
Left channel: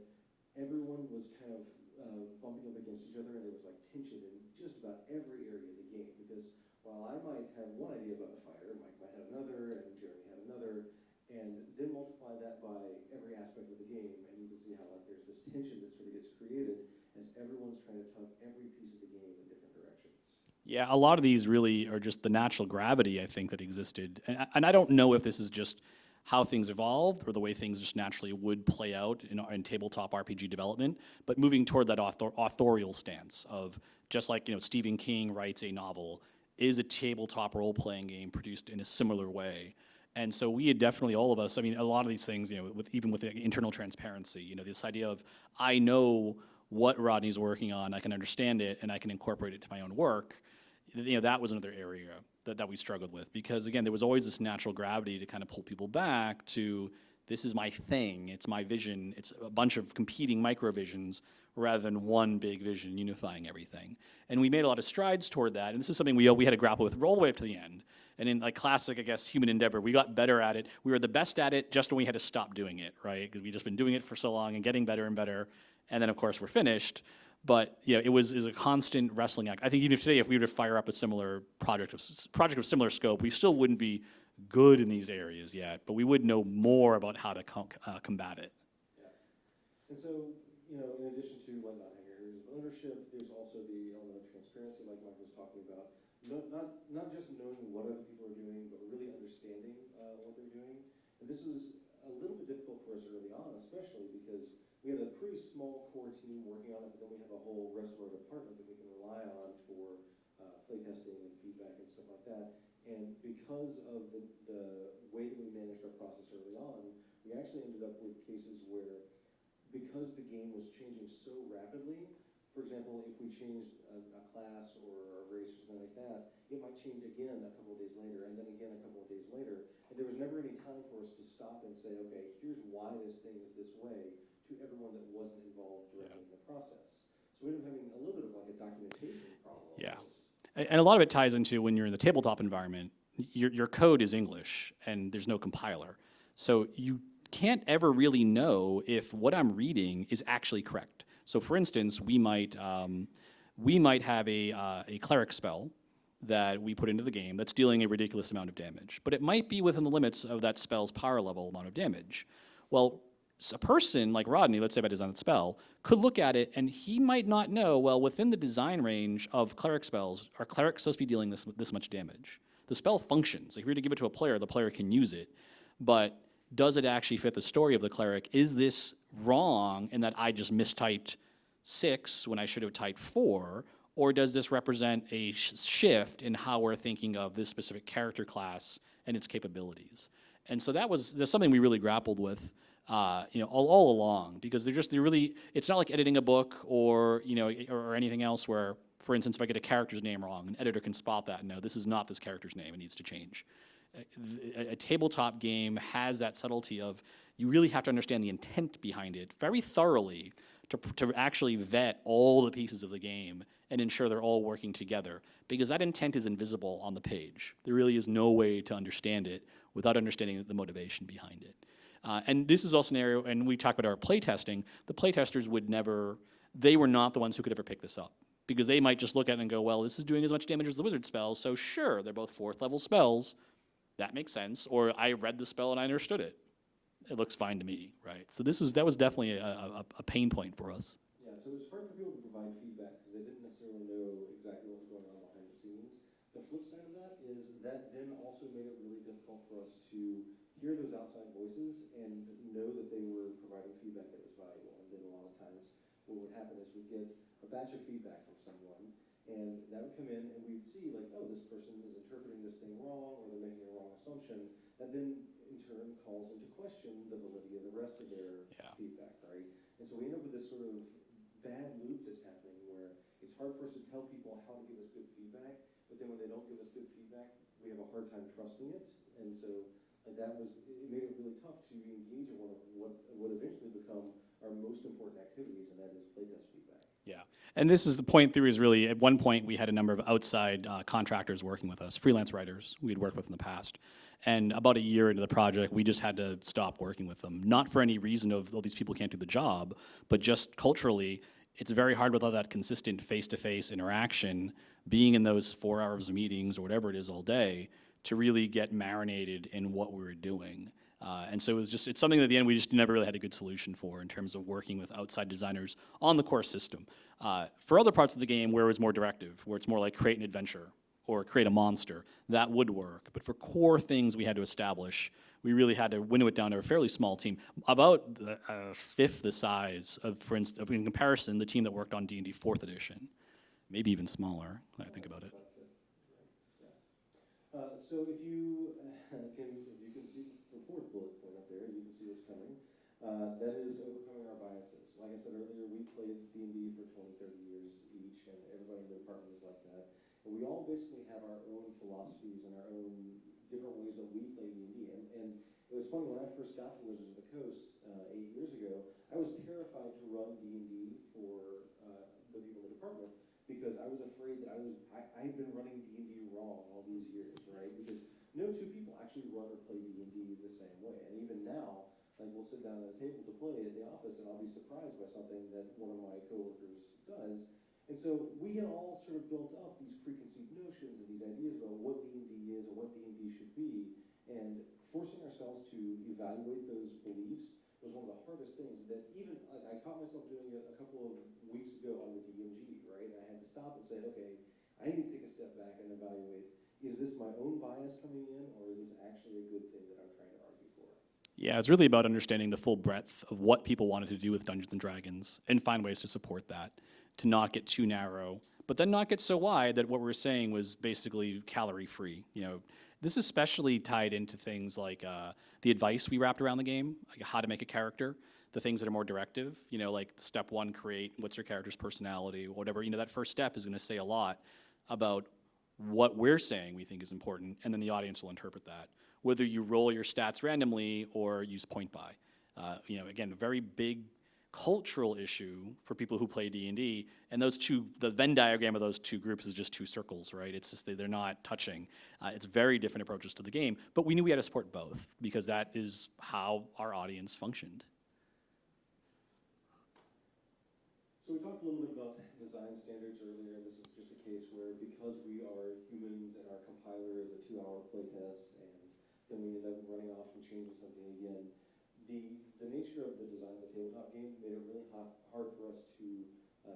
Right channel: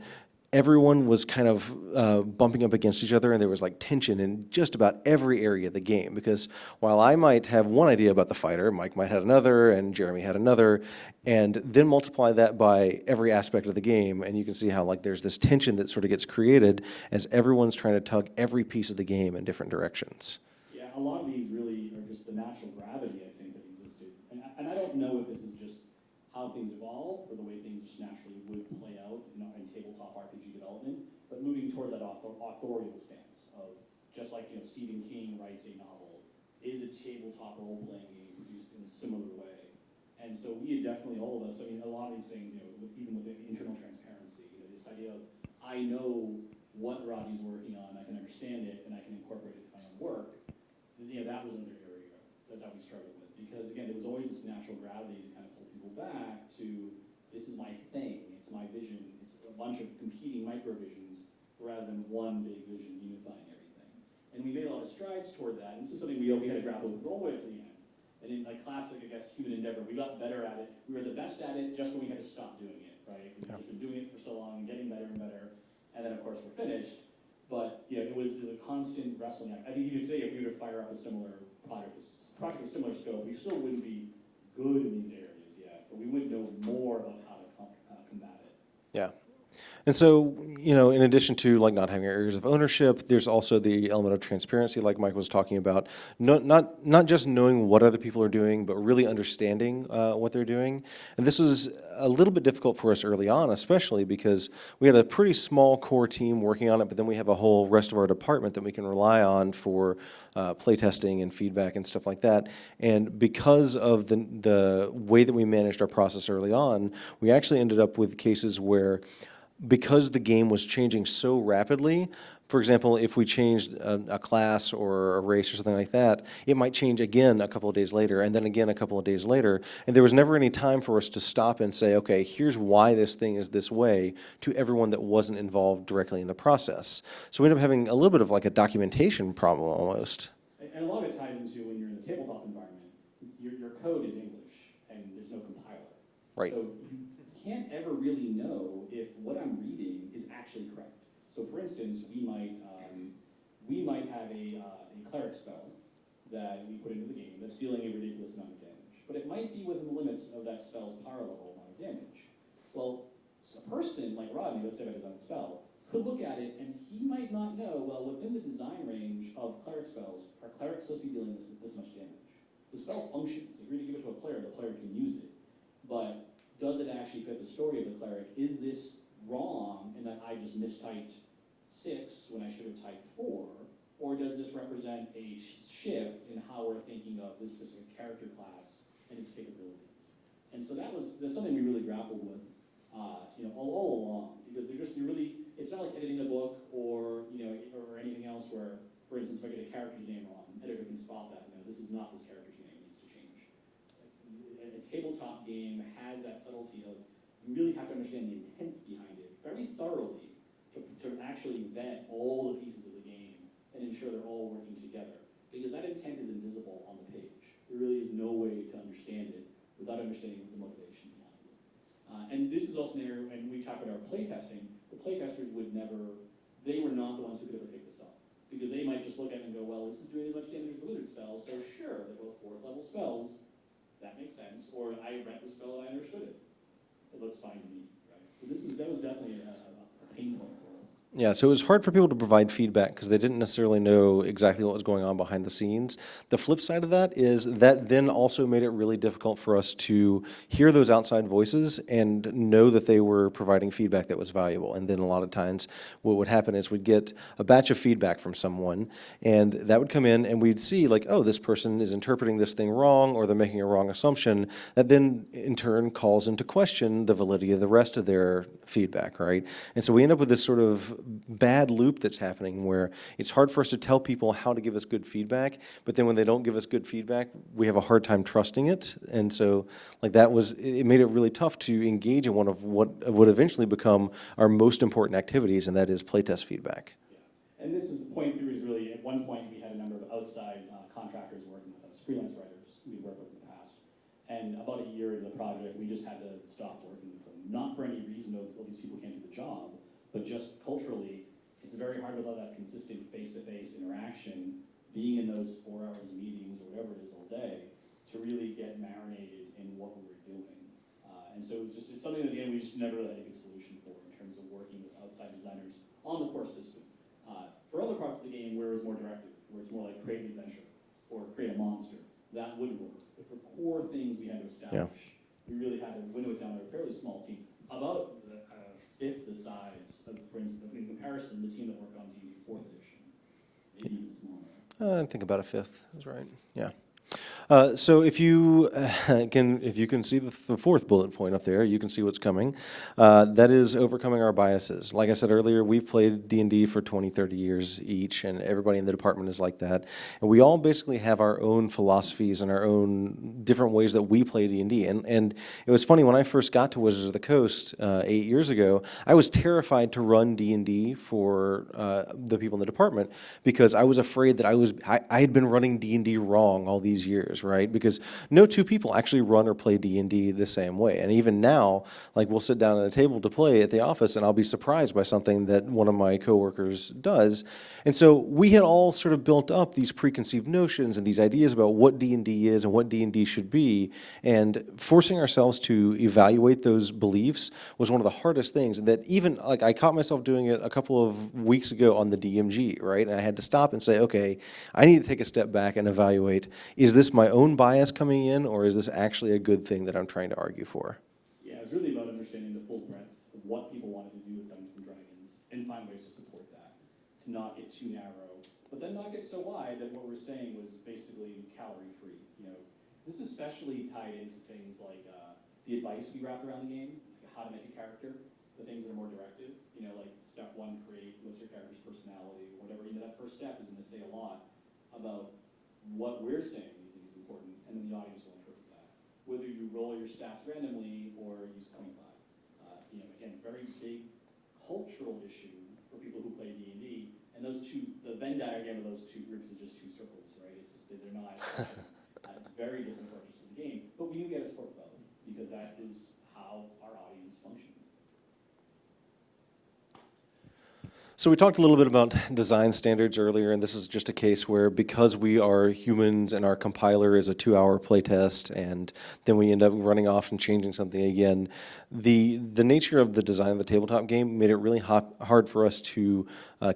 everyone was kind of bumping up against each other, and there was like tension in just about every area of the game, because while I might have one idea about the fighter, Mike might have another, and Jeremy had another, and then multiply that by every aspect of the game, and you can see how like there's this tension that sort of gets created as everyone's trying to tug every piece of the game in different directions. Yeah, a lot of these really are just the natural gravity, I think, that existed. And I don't know if this is just how things evolved or the way things just naturally would play out in tabletop RPG development, but moving toward that authorial stance of, just like Stephen King writes a novel, is a tabletop role-playing game produced in a similar way. And so we had definitely, all of us, I mean, a lot of these things, even with internal transparency, this idea of, I know what Rodney's working on, I can understand it, and I can incorporate it to my own work. That was another area that we struggled with, because again, there was always this natural gravity to kind of pull people back to, this is my thing, it's my vision, it's a bunch of competing microvisions rather than one big vision unifying everything. And we made a lot of strides toward that, and this is something we had to grapple with all the way up to the end. And in like classic, I guess, human endeavor, we got better at it. We were the best at it just when we had to stop doing it, right? Because we'd just been doing it for so long and getting better and better, and then of course we're finished. But it was a constant wrestling act. I think even today, if we were to fire up a similar project of similar scope, we still wouldn't be good in these areas yet, but we would know more about how to combat it. Yeah. And so, in addition to like not having areas of ownership, there's also the element of transparency, like Mike was talking about. Not just knowing what other people are doing, but really understanding what they're doing. And this was a little bit difficult for us early on, especially because we had a pretty small core team working on it, but then we have a whole rest of our department that we can rely on for playtesting and feedback and stuff like that. And because of the way that we managed our process early on, we actually ended up with cases where, because the game was changing so rapidly, for example, if we changed a class or a race or something like that, it might change again a couple of days later, and then again a couple of days later, and there was never any time for us to stop and say, okay, here's why this thing is this way, to everyone that wasn't involved directly in the process. So we ended up having a little bit of like a documentation problem almost. And a lot of it ties into when you're in the tabletop environment, your code is English, and there's no compiler. Right. So you can't ever really know if what I'm reading is actually correct. So for instance, we might have a cleric spell that we put into the game that's dealing a ridiculous amount of damage, but it might be within the limits of that spell's power level amount of damage. Well, a person like Rodney, let's say if I design a spell, could look at it and he might not know, well, within the design range of cleric spells, are clerics supposed to be dealing this much damage? The spell functions. If you're to give it to a player, the player can use it, but does it actually fit the story of the cleric? Is this wrong in that I just mistyped 6 when I should have typed 4? Or does this represent a shift in how we're thinking of this specific character class and its capabilities? And so that's something we really grappled with all along, because it's not like editing a book or anything else where, for instance, if I get a character's name wrong, an editor can spot that and know this is not this character's name, it needs to change. A tabletop game has that subtlety of you really have to understand the intent behind it very thoroughly to actually vet all the pieces of the game and ensure they're all working together, because that intent is invisible on the page. There really is no way to understand it without understanding the motivation behind it. And this is also an area, and we talk about our playtesting, the playtesters they were not the ones who could ever pick this up, because they might just look at it and go, well, this is doing as much damage as the wizard spell, so sure, they're both 4th level spells, that makes sense, or I read the spell and I understood it. It looks fine to me, right? So that was definitely a pain point for us. Yeah, so it was hard for people to provide feedback because they didn't necessarily know exactly what was going on behind the scenes. The flip side of that is that then also made it really difficult for us to hear those outside voices and know that they were providing feedback that was valuable. And then a lot of times what would happen is we'd get a batch of feedback from someone, and that would come in and we'd see like, oh, this person is interpreting this thing wrong, or they're making a wrong assumption. That then in turn calls into question the validity of the rest of their feedback, right? And so we end up with this sort of bad loop that's happening where it's hard for us to tell people how to give us good feedback, but then when they don't give us good feedback, we have a hard time trusting it. And so like it made it really tough to engage in one of what would eventually become our most important activities, and that is playtest feedback. Yeah, and this is the point theory is really, at one point we had a number of outside contractors working with us, freelance writers we'd worked with in the past. And about a year into the project, we just had to stop working with them. Not for any reason of, oh, these people can't do the job, but just culturally, it's very hard without that consistent face-to-face interaction, being in those 4 hours of meetings or whatever it is all day, to really get marinated in what we were doing. And so it's something that at the end we just never really had a good solution for in terms of working with outside designers on the core system. For other parts of the game where it's more directive, where it's more like create an adventure or create a monster, that would work. But for core things we had to establish, we really had to winnow it down to a fairly small team, about a fifth the size of, for instance, in comparison, the team that worked on D&D 4th edition, maybe even smaller. I think about a fifth is right. Yeah. So if you can see the 4th bullet point up there, you can see what's coming. That is overcoming our biases. Like I said earlier, we've played D&D for 20, 30 years each, and everybody in the department is like that. And we all basically have our own philosophies and our own different ways that we play D&D. And it was funny, when I first got to Wizards of the Coast 8 years ago, I was terrified to run D&D for the people in the department, because I was afraid that I had been running D&D wrong all these years. things, right? Because no two people actually run or play D&D the same way. And even now, like we'll sit down at a table to play at the office and I'll be surprised by something that one of my coworkers does. And so we had all sort of built up these preconceived notions and these ideas about what D&D is and what D&D should be. And forcing ourselves to evaluate those beliefs was one of the hardest things. And that even, like, I caught myself doing it a couple of weeks ago on the DMG, right? And I had to stop and say, okay, I need to take a step back and evaluate, is this my own bias coming in, or is this actually a good thing that I'm trying to argue for? Yeah, it's really about understanding the full breadth of what people wanted to do with Dungeons & Dragons and find ways to support that, to not get too narrow, but then not get so wide that what we were saying was basically calorie-free. You know, this is especially tied into things like the advice we wrapped around the game, like how to make a character, the things that are more directive, you know, like step one, create what's your character's personality, whatever. You know, that first step is going to say a lot about what we're saying we think is important, and then the audience will interpret that. Whether you roll your stats randomly or use point buy. You know, again, a very big cultural issue for people who play D&D, and those two, the Venn diagram of those two groups is just two circles, right? It's just they're not touching. It's very different approaches to the game, but we knew we had to support both because that is how our audience functioned. So we talked a little bit about design standards earlier, and this is just a case where because we are humans and our compiler is a 2-hour playtest, and then we end up running off and changing something again, the nature of the design of the tabletop game made it really hard for us to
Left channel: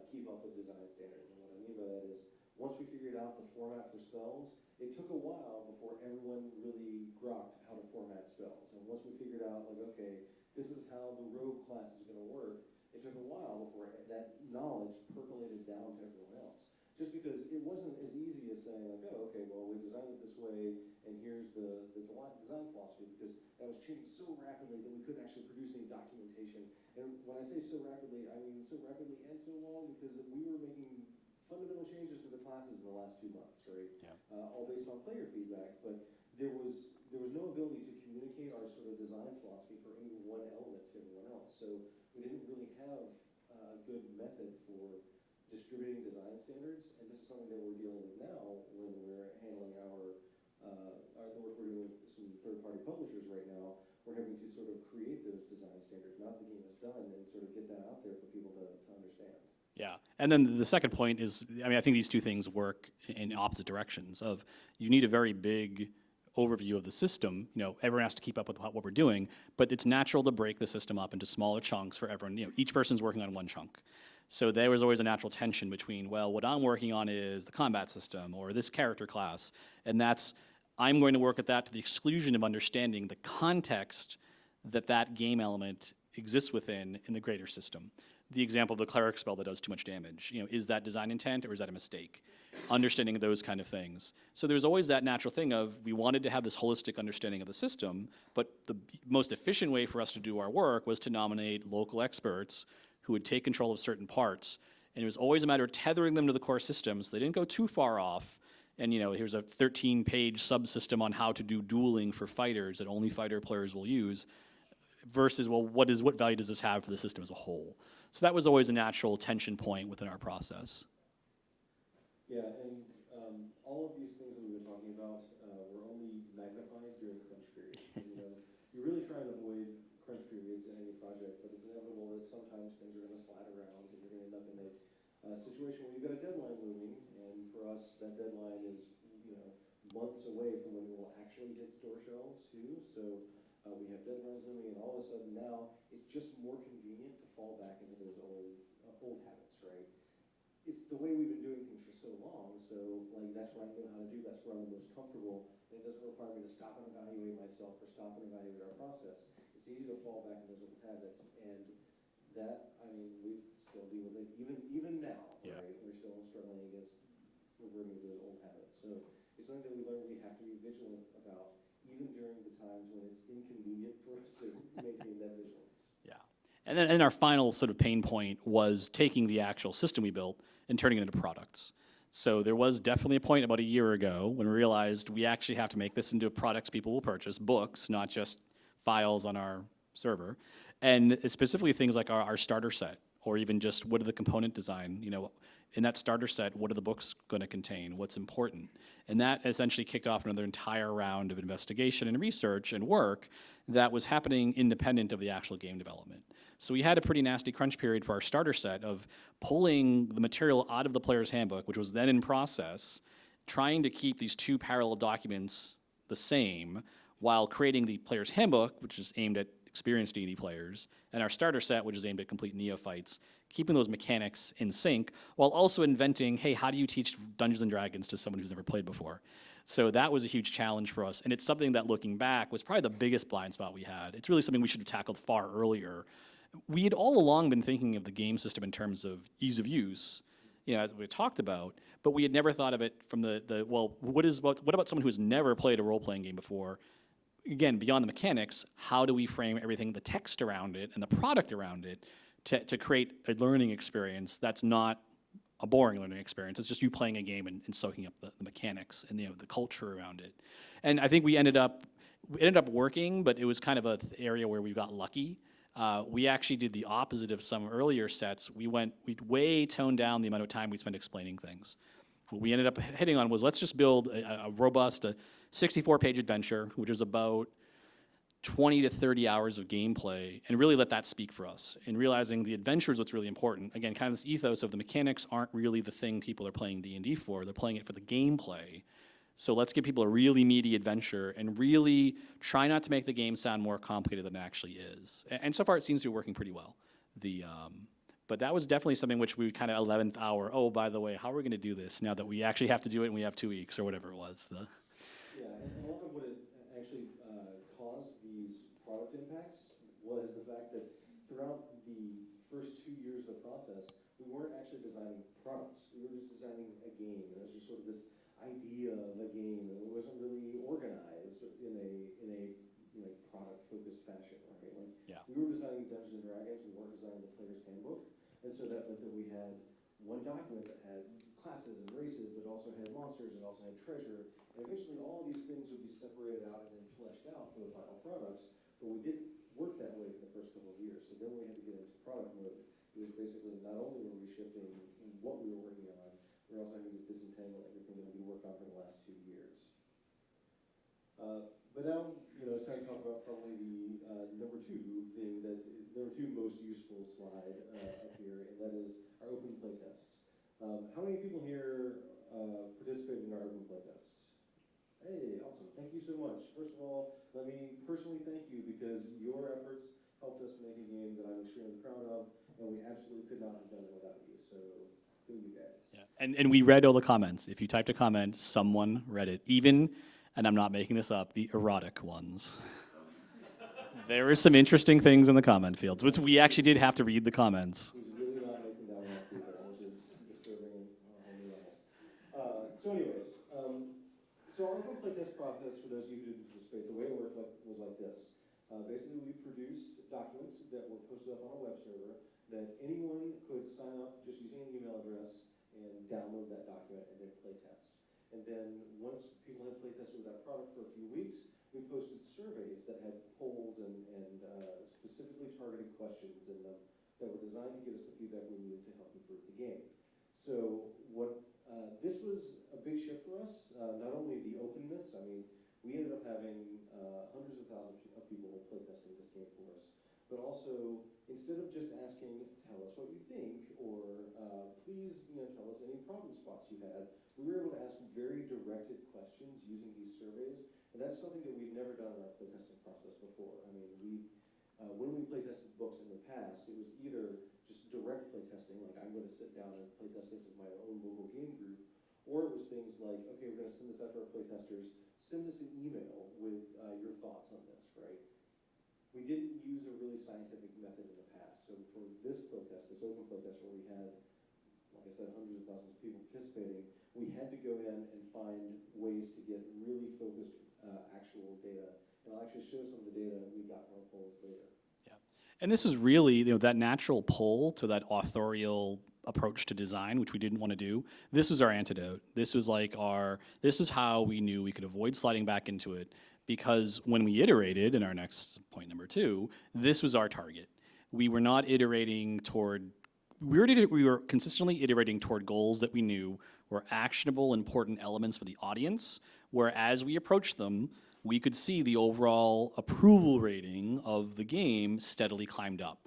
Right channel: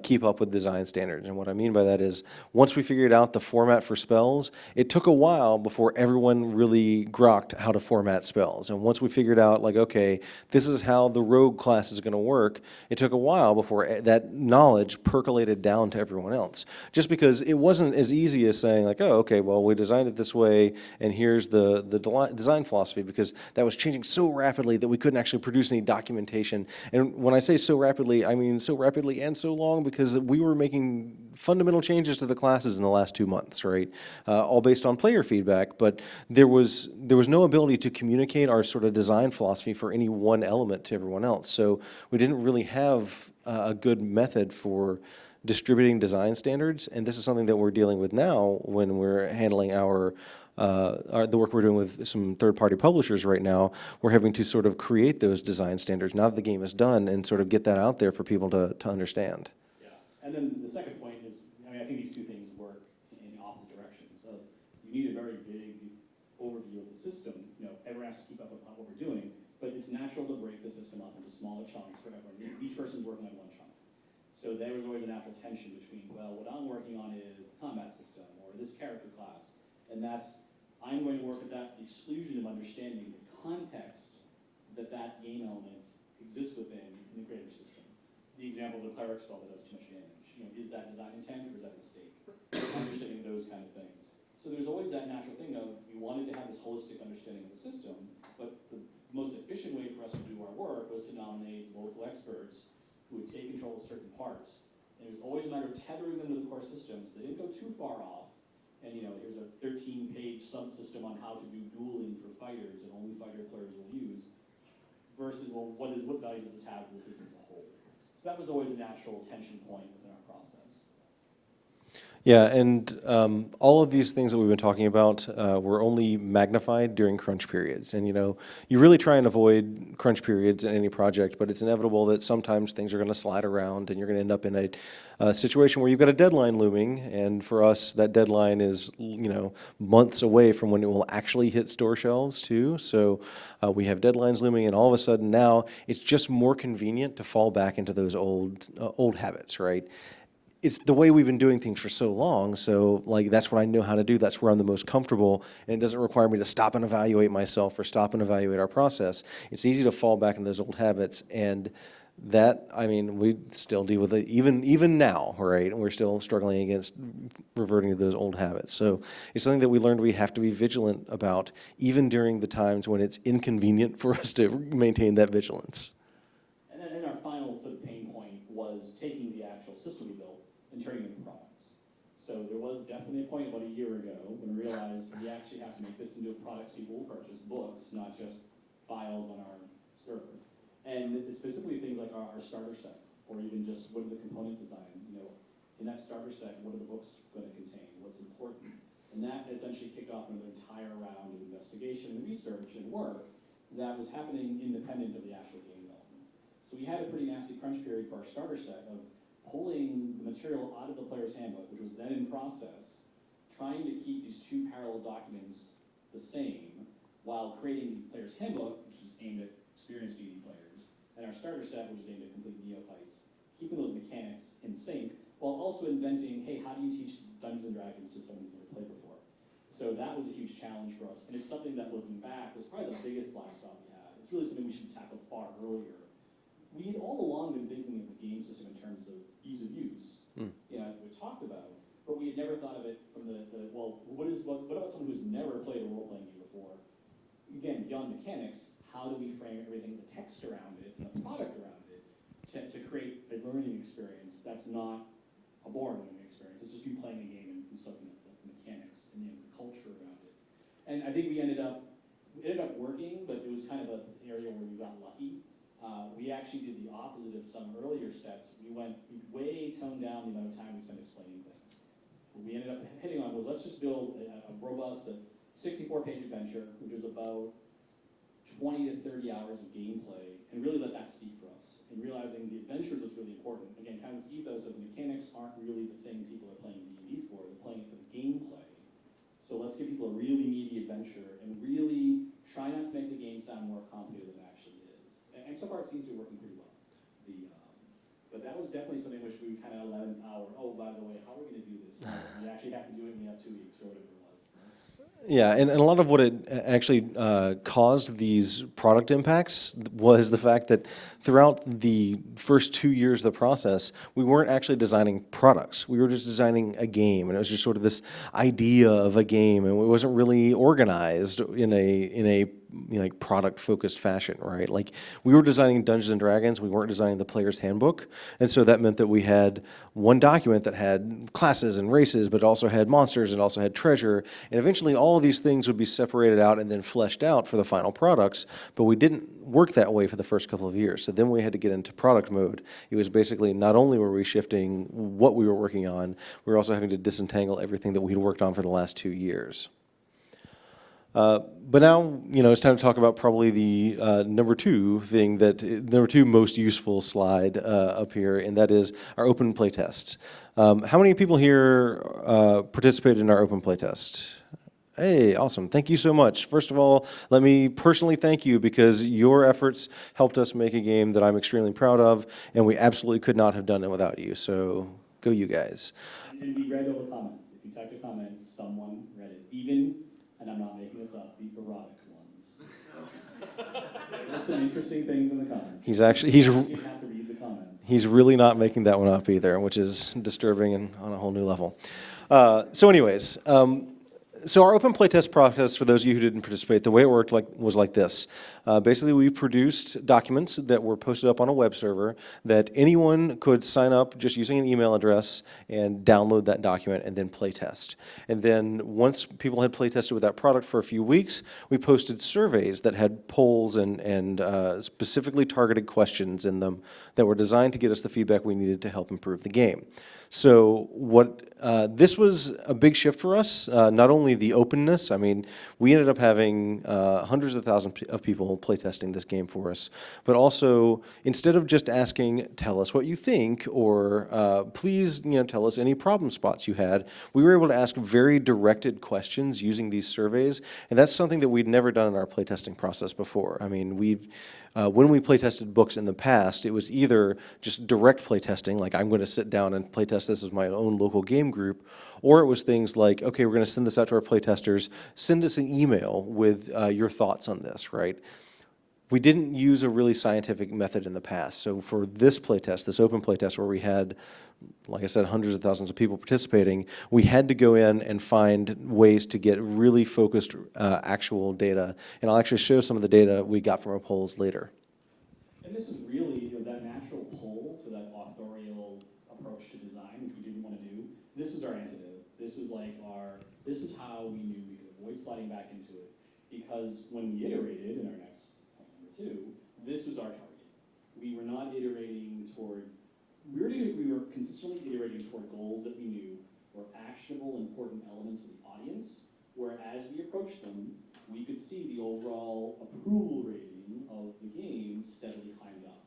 keep up with design standards. And what I mean by that is once we figured out the format for spells, it took a while before everyone really grokked how to format spells. And once we figured out, like, okay, this is how the rogue class is going to work, it took a while before that knowledge percolated down to everyone else. Just because it wasn't as easy as saying, like, oh, okay, well, we designed it this way, and here's the design philosophy, because that was changing so rapidly that we couldn't actually produce any documentation. And when I say so rapidly, I mean so rapidly and so long, because we were making fundamental changes to the classes in the last 2 months, right? All based on player feedback, but there was no ability to communicate our sort of design philosophy for any one element to everyone else. So we didn't really have a good method for distributing design standards, and this is something that we're dealing with now when we're handling the work we're doing with some third-party publishers right now. We're having to sort of create those design standards now that the game is done and sort of get that out there for people to understand. Yeah, and then the second point is, I mean, I think these two things work in opposite directions. Of you need a very big overview of the system. You know, everyone has to keep up with what we're doing, but it's natural to break the system up into smaller chunks for everyone. You know, each person's working on one chunk. So there was always a natural tension between, well, what I'm working on is the combat system or this character class, and I'm going to work at that to the exclusion of understanding the context that game element exists within in the greater system. The example of the cleric spell that does too much damage. You know, is that design intent or is that a mistake? Understanding those kind of things. So there's always that natural thing of we wanted to have this holistic understanding of the system, but the most efficient way for us to do our work was to nominate local experts who would take control of certain parts. And it was always a matter of tethering them to the core system so they didn't go too far off. And you know, here's a 13-page subsystem on how to do dueling for fighters that only fighter players will use, versus, well, what value does this have for the system as a whole? So that was always a natural tension point within our process. Yeah, and all of these things that we've been talking about were only magnified during crunch periods. And you know, you really try and avoid crunch periods in any project, but it's inevitable that sometimes things are going to slide around, and you're going to end up in a situation where you've got a deadline looming. And for us, that deadline is, you know, months away from when it will actually hit store shelves too. So we have deadlines looming, and all of a sudden now it's just more convenient to fall back into those old habits, right? It's the way we've been doing things for so long, so like that's what I know how to do, that's where I'm the most comfortable, and it doesn't require me to stop and evaluate myself or stop and evaluate our process. It's easy to fall back into those old habits, and that, I mean, we still deal with it even now, right? We're still struggling against reverting to those old habits. So it's something that we learned we have to be vigilant about, even during the times when it's inconvenient for us to maintain that vigilance. Yeah, and then our final sort of pain point was taking the actual system we built and turning it into products. So there was definitely a point about a year ago when we realized we actually have to make this into products people will purchase, books, not just files on our server. And it's specifically things like our starter set, or even just what are the component design, you know, in that starter set, what are the books going to contain, what's important? And that essentially kicked off another entire round of investigation and research and work that was happening independent of the actual game development. So we had a pretty nasty crunch period for our starter set of pulling the material out of the player's handbook, which was then in process, trying to keep these two parallel documents the same while creating the player's handbook, which is aimed at experienced D&D players, and our starter set, which is aimed at complete neophytes, keeping those mechanics in sync, while also inventing, hey, how do you teach Dungeons & Dragons to someone who's never played before? So that was a huge challenge for us, and it's something that, looking back, was probably the biggest blind spot we had. It's really something we should have tackled far earlier. We had all along been thinking of the game system in terms of ease of use, as we talked about, but we had never thought of it from what about someone who has never played a role-playing game before? Again, beyond the mechanics, how do we frame everything, the text around it and the product around it, to create a learning experience that's not a boring learning experience. It's just you playing a game and soaking up the mechanics and the culture around it. And I think we ended up working, but it was kind of an area where we got lucky. We actually did the opposite of some earlier sets. We way toned down the amount of time we spent explaining things. What we ended up hitting on was, let's just build a robust 64-page adventure, which is about 20 to 30 hours of gameplay, and really let that speak for us. And realizing the adventure is what's really important. Again, kind of this ethos of the mechanics aren't really the thing people are playing D&D for. They're playing it for the gameplay. So let's give people a really meaty adventure and really try not to make the game sound more complicated than it actually is. And so far, it seems to be working pretty well. But that was definitely something which we kind of 11th hour, oh, by the way, how are we going to do this now that we actually have to do it and we have 2 weeks or whatever it was. Yeah, and a lot of what it actually caused these product impacts was the fact that throughout the first 2 years of the process, we weren't actually designing products. We were just designing a game, and it was just sort of this idea of a game, and it wasn't really organized in a like product-focused fashion, right? Like, we were designing Dungeons and Dragons, we weren't designing the player's handbook, and so that meant that we had one document that had classes and races, but also had monsters and also had treasure, and eventually all of these things would be separated out and then fleshed out for the final products, but we didn't work that way for the first couple of years. So then we had to get into product mode. It was basically not only were we shifting what we were working on, we were also having to disentangle everything that we'd worked on for the last 2 years. But now, it's time to talk about probably the number two most useful slide up here, and that is our open playtest. How many people here participated in our open playtest? Hey, awesome. Thank you so much. First of all, let me personally thank you, because your efforts helped us make a game that I'm extremely proud of, and we absolutely could not have done it without you. So go you guys. And we read all the comments. If you typed a comment, someone read it. Even, and I'm not making this up, the erotic ones. There were some interesting things in the comment field. We actually did have to read the comments. He's really not making that one up either, which is disturbing and on a whole new level. So anyways, so our open playtest process, for those of you who didn't participate, the way it worked was like this. Basically, we produced documents that were posted up on a web server that anyone could sign up just using an email address and download that document and then playtest. And then once people had playtested with that product for a few weeks, we posted surveys that had polls and specifically targeted questions in them that were designed to get us the feedback we needed to help improve the game. So this was a big shift for us, not only the openness. I mean, we ended up having hundreds of thousands of people playtesting this game for us, but also, instead of just asking, tell us what you think, or please tell us any problem spots you had, we were able to ask very directed questions using these surveys, and that's something that we'd never done in our playtesting process before. I mean, when we playtested books in the past, it was either just direct playtesting, like I'm going to sit down and playtest this as my own local game group, or it was things like, okay, we're going to send this out to our playtesters, send us an email with your thoughts on this, right? We didn't use a really scientific method in the past. So for this playtest, this open playtest where we had, like I said, hundreds of thousands of people participating, we had to go in and find ways to get really focused actual data. And I'll actually show some of the data we got from our polls later. And this is really that natural pull to that authorial approach to design, which we didn't want to do. This was our antidote. This was this is how we knew we could avoid sliding back into it, because when we iterated, in our next point number 2, this was our target. We were not iterating toward, we were consistently iterating toward goals that we knew were actionable, important elements for the audience, where as we approached them, we could see the overall approval rating of the game steadily climbed up.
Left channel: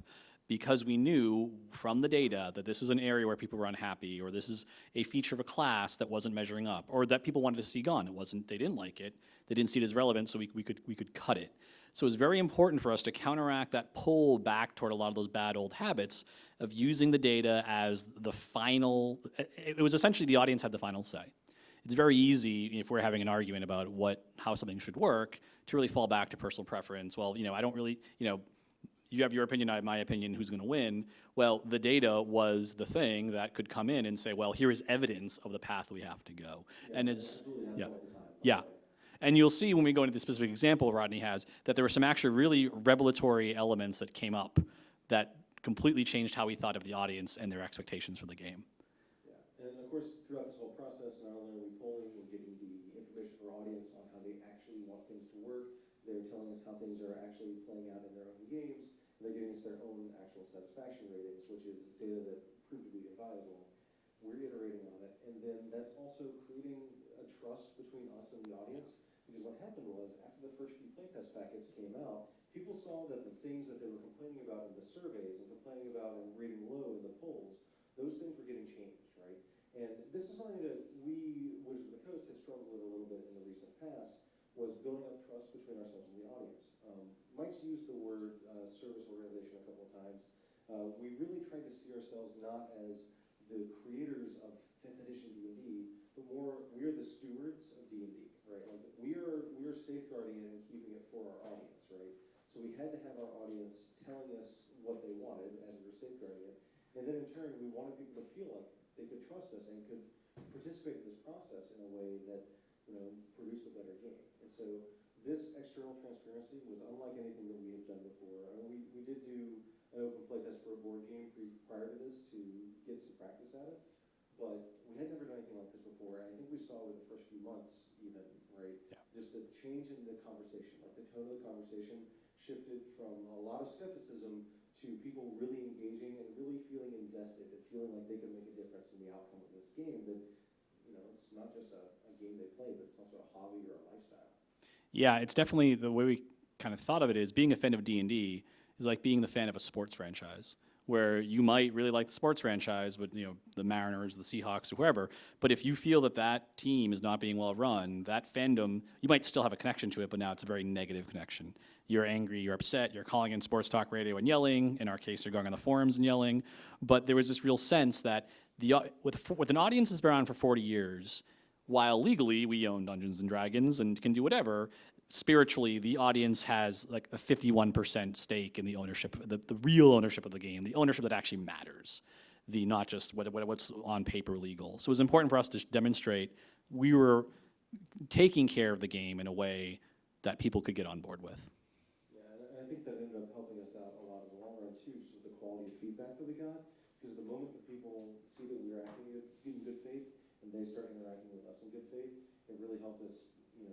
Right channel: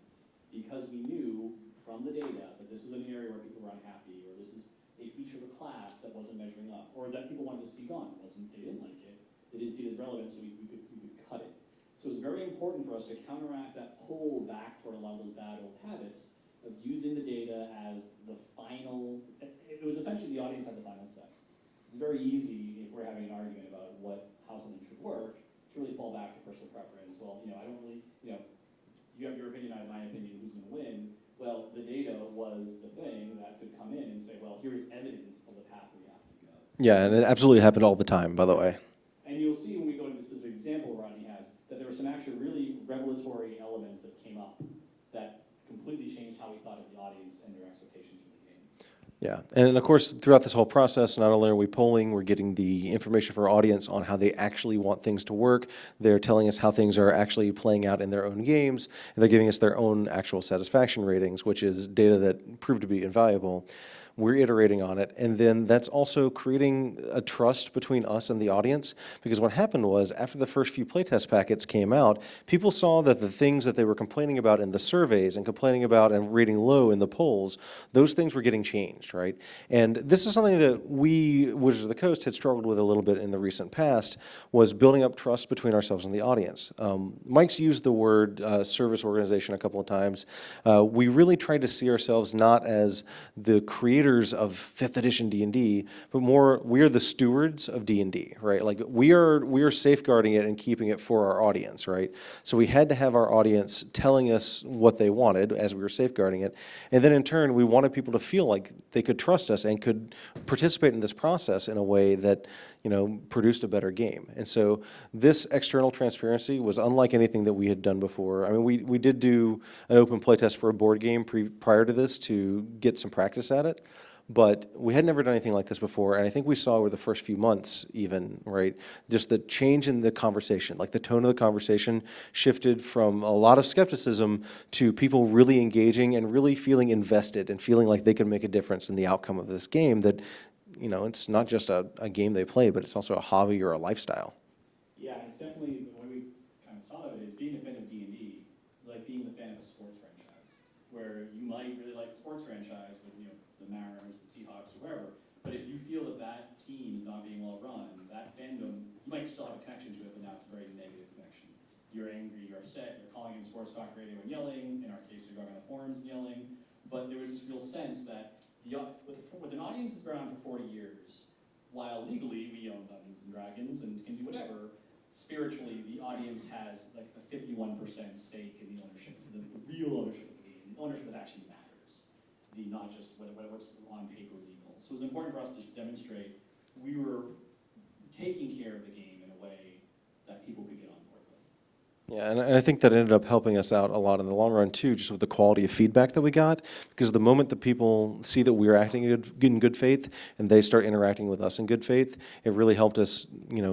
Because we knew from the data that this is an area where people were unhappy, or this is a feature of a class that wasn't measuring up, or that people wanted to see gone. They didn't like it, they didn't see it as relevant, so we could cut it. So it was very important for us to counteract that pull back toward a lot of those bad old habits of using the data as the final. It was essentially the audience had the final say. It's very easy if we're having an argument about how something should work to really fall back to personal preference. Well, I don't really, you have your opinion, I have my opinion, who's going to win? Well, the data was the thing that could come in and say, well, here is evidence of the path we have to go. Yeah, and it absolutely happened all the time, by the way. And you'll see when we go into the specific example Rodney has, that there were some actually really revelatory elements that came up that completely changed how we thought of the audience and their expectations for the game. Yeah, and of course, throughout this whole process, not only are we polling, we're getting the information for our audience on how they actually want things to work. They're telling us how things are actually playing out in their own games, and they're giving us their own actual satisfaction ratings, which is data that proved to be invaluable. We're iterating on it, and then that's also creating a trust between us and the audience, because what happened was, after the first few playtest packets came out, people saw that the things that they were complaining about in the surveys and complaining about and rating low in the polls, those things were getting changed, right? And this is something that we, Wizards of the Coast, had struggled with a little bit in the recent past, was building up trust between ourselves and the audience. Mike's used the word service organization a couple of times. We really tried to see ourselves not as the creators of 5th edition D&D, but more we're the stewards of D&D, right? Like we are safeguarding it and keeping it for our audience, right? So we had to have our audience telling us what they wanted as we were safeguarding it, and then in turn we wanted people to feel like they could trust us and could participate in this process in a way that produced a better game. And so this external transparency was unlike anything that we had done before. I mean, we did do an open playtest for a board game prior to this to get some practice at it, but we had never done anything like this before, and I think we saw over the first few months even, right, just the change in the conversation, like the tone of the conversation shifted from a lot of skepticism to people really engaging and really feeling invested and feeling like they could make a difference in the outcome of this game that it's not just a game they play, but it's also a hobby or a lifestyle. Yeah, it's definitely the way we kind of thought of it is being a fan of D&D is like being the fan of a sports franchise, where you might really like the sports franchise with the Mariners, the Seahawks, or whoever, but if you feel that team is not being well run, that fandom, you might still have a connection to it, but now it's a very negative connection. You're angry, you're upset, you're calling in sports talk radio and yelling. In our case, you're going on the forums and yelling. But there was this real sense that with an audience that's been around for 40 years, while legally we own Dungeons and Dragons and can do whatever, spiritually the audience has like a 51% stake in the ownership, the real ownership of the game, the ownership that actually matters, not just what's on paper legal. So it was important for us to demonstrate we were taking care of the game in a way that people could get on board with. Yeah, and I think that ended up helping us out a lot in the long run too, just with the quality of feedback that we got, because the moment that people see that we're acting in good faith and they start interacting with us in good faith, it really helped us,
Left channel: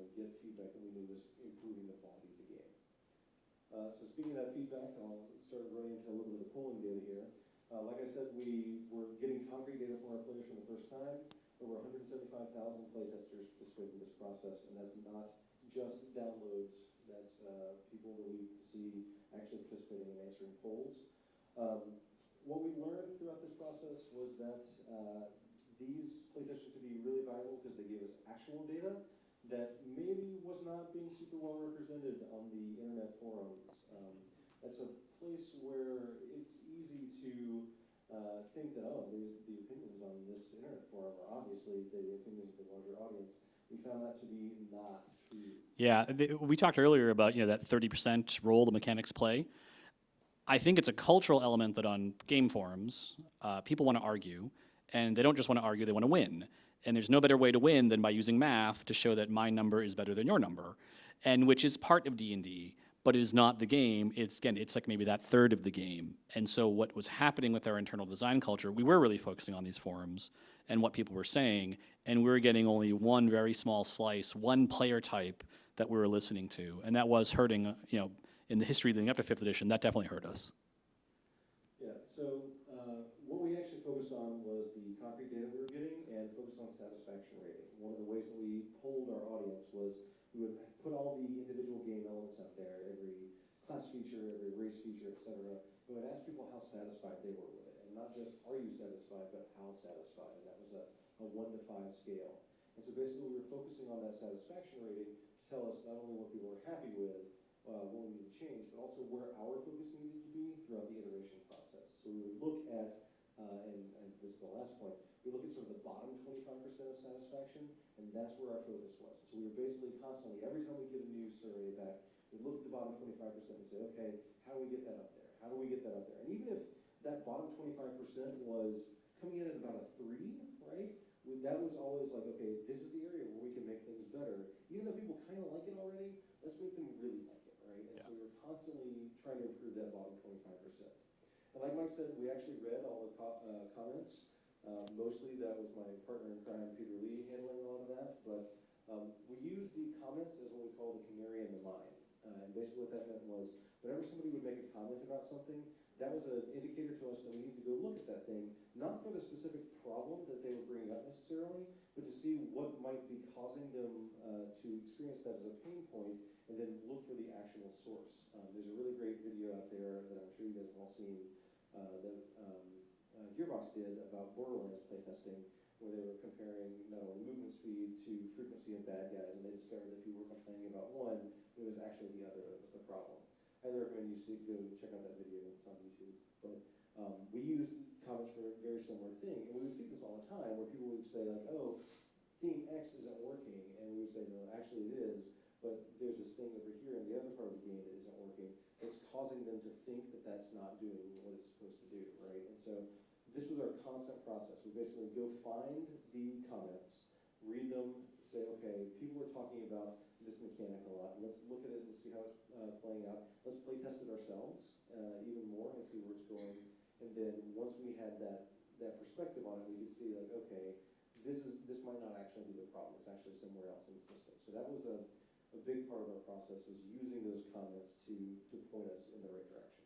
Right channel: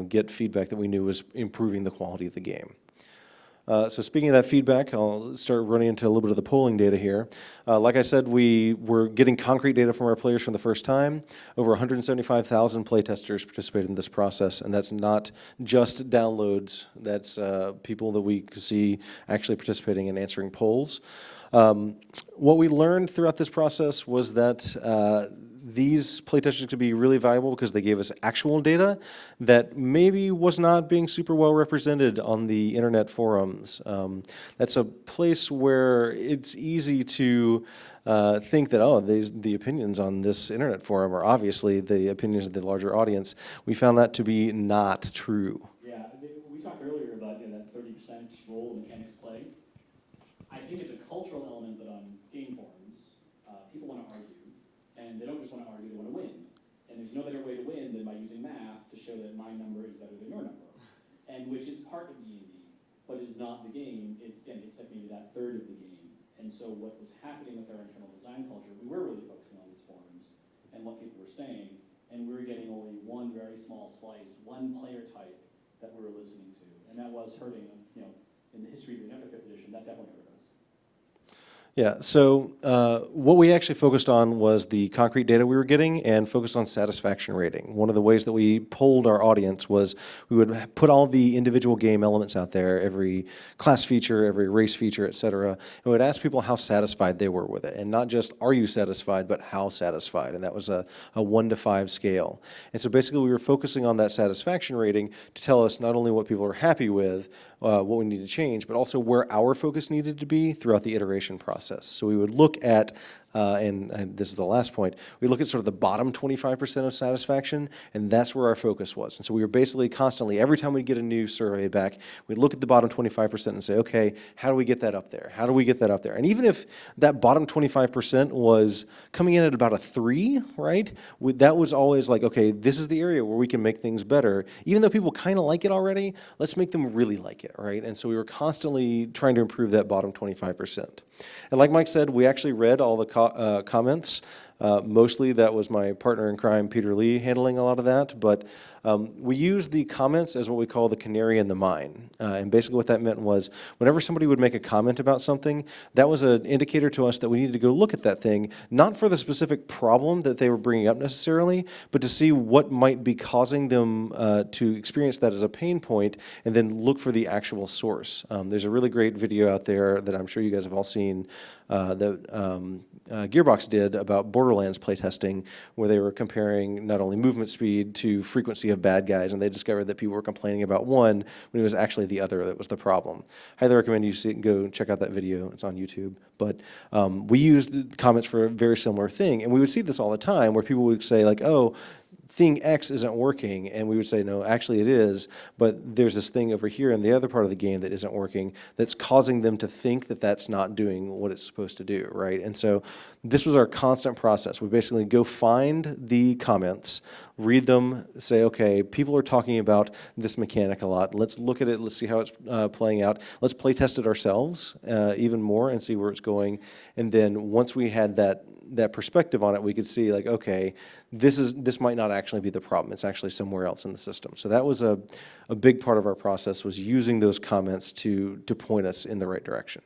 get feedback that we knew was improving the quality of the game. So speaking of that feedback, I'll start running into a little bit of the polling data here. Like I said, we were getting concrete data from our players for the first time. Over 175,000 playtesters participated in this process, and that's not just downloads. That's people that we could see actually participating and answering polls. What we learned throughout this process was that these playtesters could be really valuable because they gave us actual data that maybe was not being super well represented on the internet forums. That's a place where it's easy to think that, the opinions on this internet forum are obviously the opinions of the larger audience. We found that to be not true. Yeah, we talked earlier about that 30% role the mechanics play. I think it's a cultural element that on game forums, people want to argue. And they don't just want to argue, they want to win. And there's no better way to win than by using math to show that my number is better than your number, and which is part of D&D, but it is not the game. It's like maybe that third of the game. And so what was happening with our internal design culture, we were really focusing on these forums and what people were saying, and we were getting only one very small slice, one player type that we were listening to. And that was hurting, in the history leading up to 5th edition, that definitely hurt us. Yeah, so what we actually focused on was the concrete data we were getting and focused on satisfaction rating. One of the ways that we polled our audience was we would put all the individual game elements out there, every class feature, every race feature, et cetera, and we would ask people how satisfied they were with it. And not just are you satisfied, but how satisfied. And that was a 1 to 5 scale. And so basically we were focusing on that satisfaction rating to tell us not only what people are happy with, what we need to change, but also where our focus needed to be throughout the iteration process. So we would look at, and this is the last point, we look at sort of the bottom 25% of satisfaction, and that's where our focus was. And so we were basically constantly, every time we get a new survey back, we'd look at the bottom 25% and say, okay, how do we get that up there? How do we get that up there? And even if that bottom 25% was coming in at about a 3, right, that was always like, okay, this is the area where we can make things better. Even though people kind of like it already, let's make them really like it, right? And so we were constantly trying to improve that bottom 25%. And like Mike said, we actually read all the comments. Mostly that was my partner in crime, Peter Lee, handling a lot of that. But we used the comments as what we call the canary in the mine. And basically what that meant was whenever somebody would make a comment about something, that was an indicator to us that we needed to go look at that thing, not for the specific problem that they were bringing up necessarily, but to see what might be causing them to experience that as a pain point and then look for the actual source. There's a really great video out there that I'm sure you guys have all seen that Gearbox did about Borderlands playtesting, where they were comparing not only movement speed to frequency of bad guys, and they discovered that people were complaining about one when it was actually the other that was the problem. Highly recommend you go check out that video. It's on YouTube. But we used the comments for a very similar thing, and we would see this all the time, where people would say like, oh, thing X isn't working, and we would say, no, actually it is, but there's this thing over here in the other part of the game that isn't working that's causing them to think that that's not doing what it's supposed to do, right? And so this was our constant process. We basically go find the comments, read them, say, okay, people are talking about this mechanic a lot. Let's look at it. Let's see how it's playing out. Let's play test it ourselves even more and see where it's going. And then once we had that perspective on it, we could see like, okay, this might not actually be the problem. It's actually somewhere else in the system. So that was a big part of our process, was using those comments to point us in the right direction.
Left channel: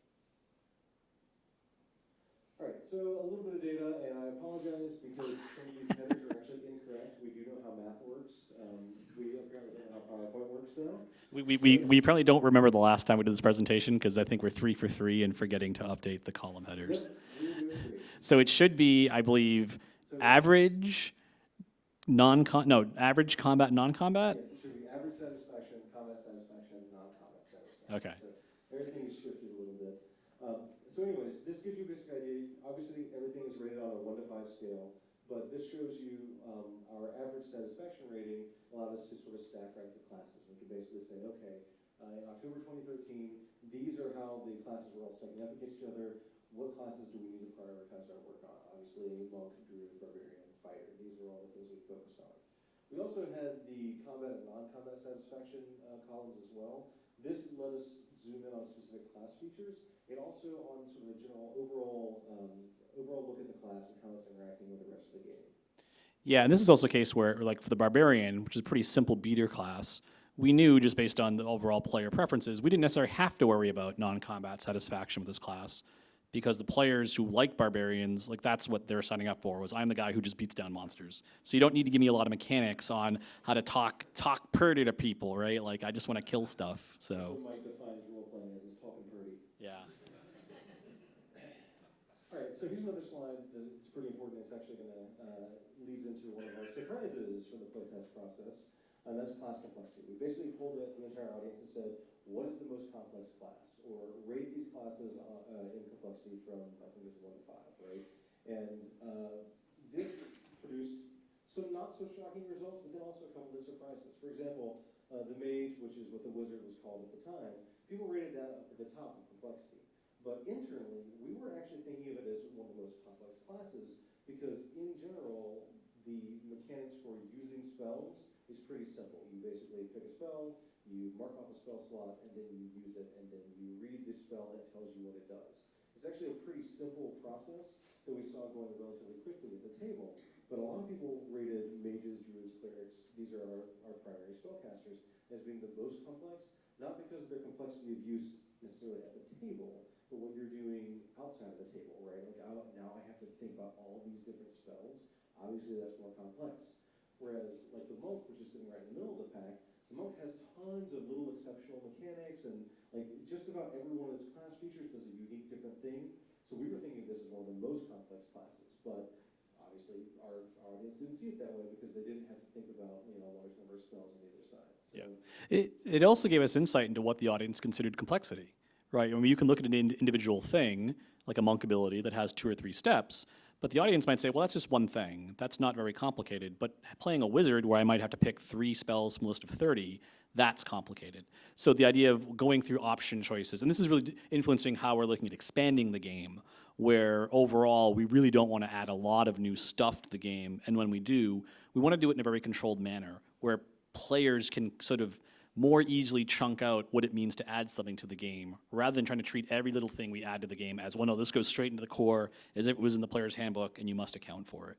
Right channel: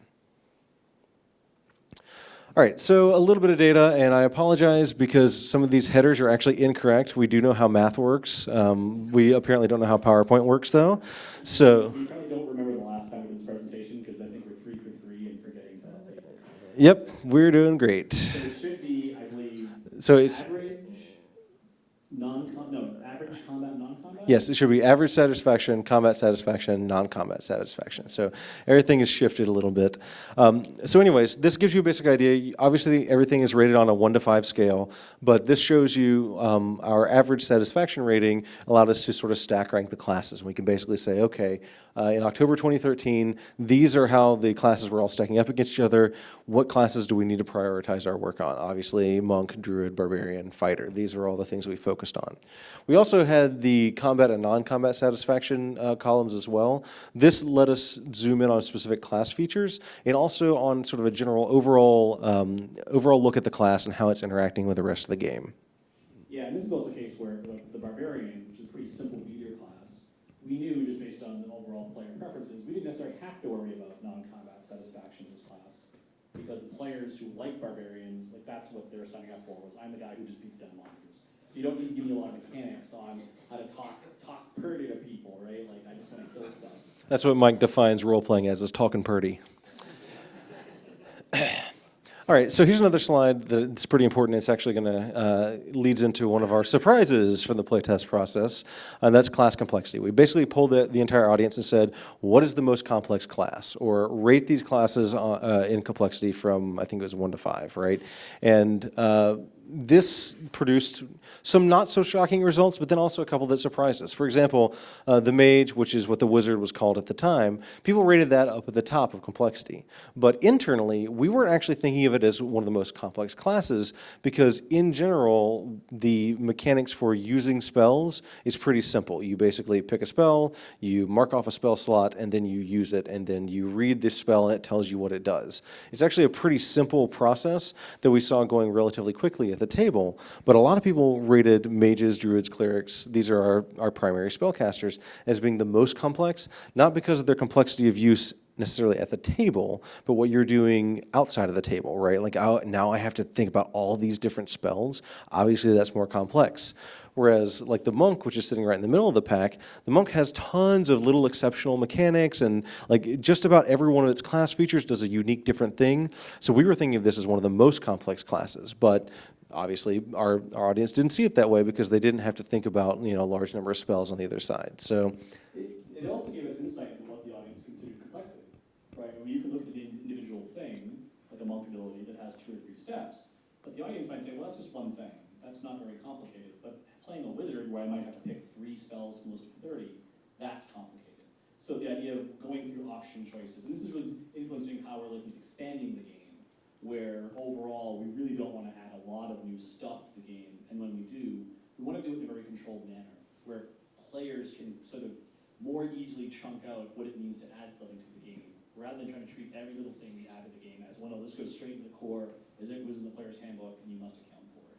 All right, so a little bit of data, and I apologize because some of these headers are actually incorrect. We do know how math works. We apparently don't know how PowerPoint works, though. We apparently don't remember the last time we did this presentation because I think we're 3 for 3 in forgetting to update the column headers. Yep, we're doing great. So it should be, I believe, average combat, non-combat? Yes, it should be average satisfaction, combat satisfaction, non-combat satisfaction. Okay. So everything is shifted a little bit. So anyways, this gives you a basic idea. Obviously, everything is rated on a 1 to 5 scale, but this shows you our average satisfaction rating allowed us to sort of stack rank the classes. We can basically say, okay, in October 2013, these are how the classes were all stacking up against each other. What classes do we need to prioritize our work on? Obviously, Monk, Druid, Barbarian, Fighter. These are all the things we focused on. We also had the combat and non-combat satisfaction columns as well. This let us zoom in on specific class features and also on sort of a general overall look at the class and how it's interacting with the rest of the game. Yeah, and this is also a case where, like for the Barbarian, which is a pretty simple beater class, we knew just based on the overall player preferences, we didn't necessarily have to worry about non-combat satisfaction with this class because the players who like Barbarians, like that's what they're signing up for, was I'm the guy who just beats down monsters. So you don't need to give me a lot of mechanics on how to talk purdy to people, right? Like I just want to kill stuff. So. That's what Mike defines role-playing as, is talking purdy. Yeah. All right, so here's another slide that's pretty important. It's actually going to leads into one of our surprises from the playtest process, and that's class complexity. We basically pulled the entire audience and said, what is the most complex class? Or rate these classes in complexity from, I think it was 1 to 5, right? And this produced some not so shocking results, but then also a couple that surprised us. For example, the mage, which is what the wizard was called at the time, people rated that up at the top of complexity. But internally, we weren't actually thinking of it as one of the most complex classes because in general, the mechanics for using spells is pretty simple. You basically pick a spell, you mark off a spell slot, and then you use it, and then you read the spell and it tells you what it does. It's actually a pretty simple process that we saw going relatively quickly at the table, but a lot of people rated mages, druids, clerics, these are our primary spellcasters, as being the most complex, not because of their complexity of use necessarily at the table, but what you're doing outside of the table, right? Like now I have to think about all these different spells. Obviously, that's more complex. Whereas like the monk, which is sitting right in the middle of the pack, the monk has tons of little exceptional mechanics, and like just about every one of its class features does a unique different thing. So we were thinking of this as one of the most complex classes, but obviously our audience didn't see it that way because they didn't have to think about, a large number of spells on the other side. So It also gave us insight into what the audience considered complexity, right? I mean, you can look at an individual thing, like a monk ability that has 2 or 3 steps, but the audience might say, well, that's just one thing. That's not very complicated. But playing a wizard where I might have to pick 3 spells from a list of 30, that's complicated. So the idea of going through option choices, and this is really influencing how we're looking at expanding the game, where overall we really don't want to add a lot of new stuff to the game, and when we do, we want to do it in a very controlled manner, where players can sort of more easily chunk out what it means to add something to the game, rather than trying to treat every little thing we add to the game as, well, no, this goes straight into the core, as if it was in the player's handbook, and you must account for it.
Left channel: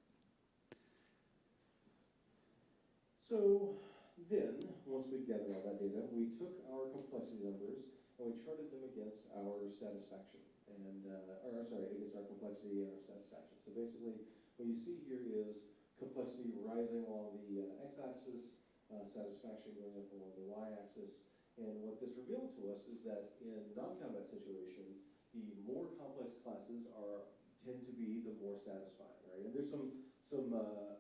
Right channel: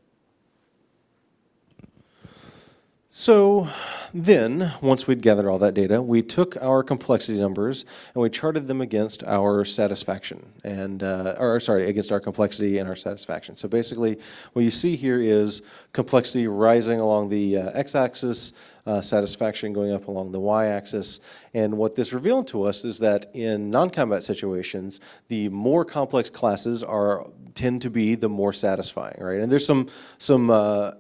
So then, once we'd gathered all that data, we took our complexity numbers and we charted them against our satisfaction, against our complexity and our satisfaction. So basically, what you see here is complexity rising along the x-axis, satisfaction going up along the y-axis. And what this revealed to us is that in non-combat situations, the more complex classes tend to be the more satisfying, right? And there's some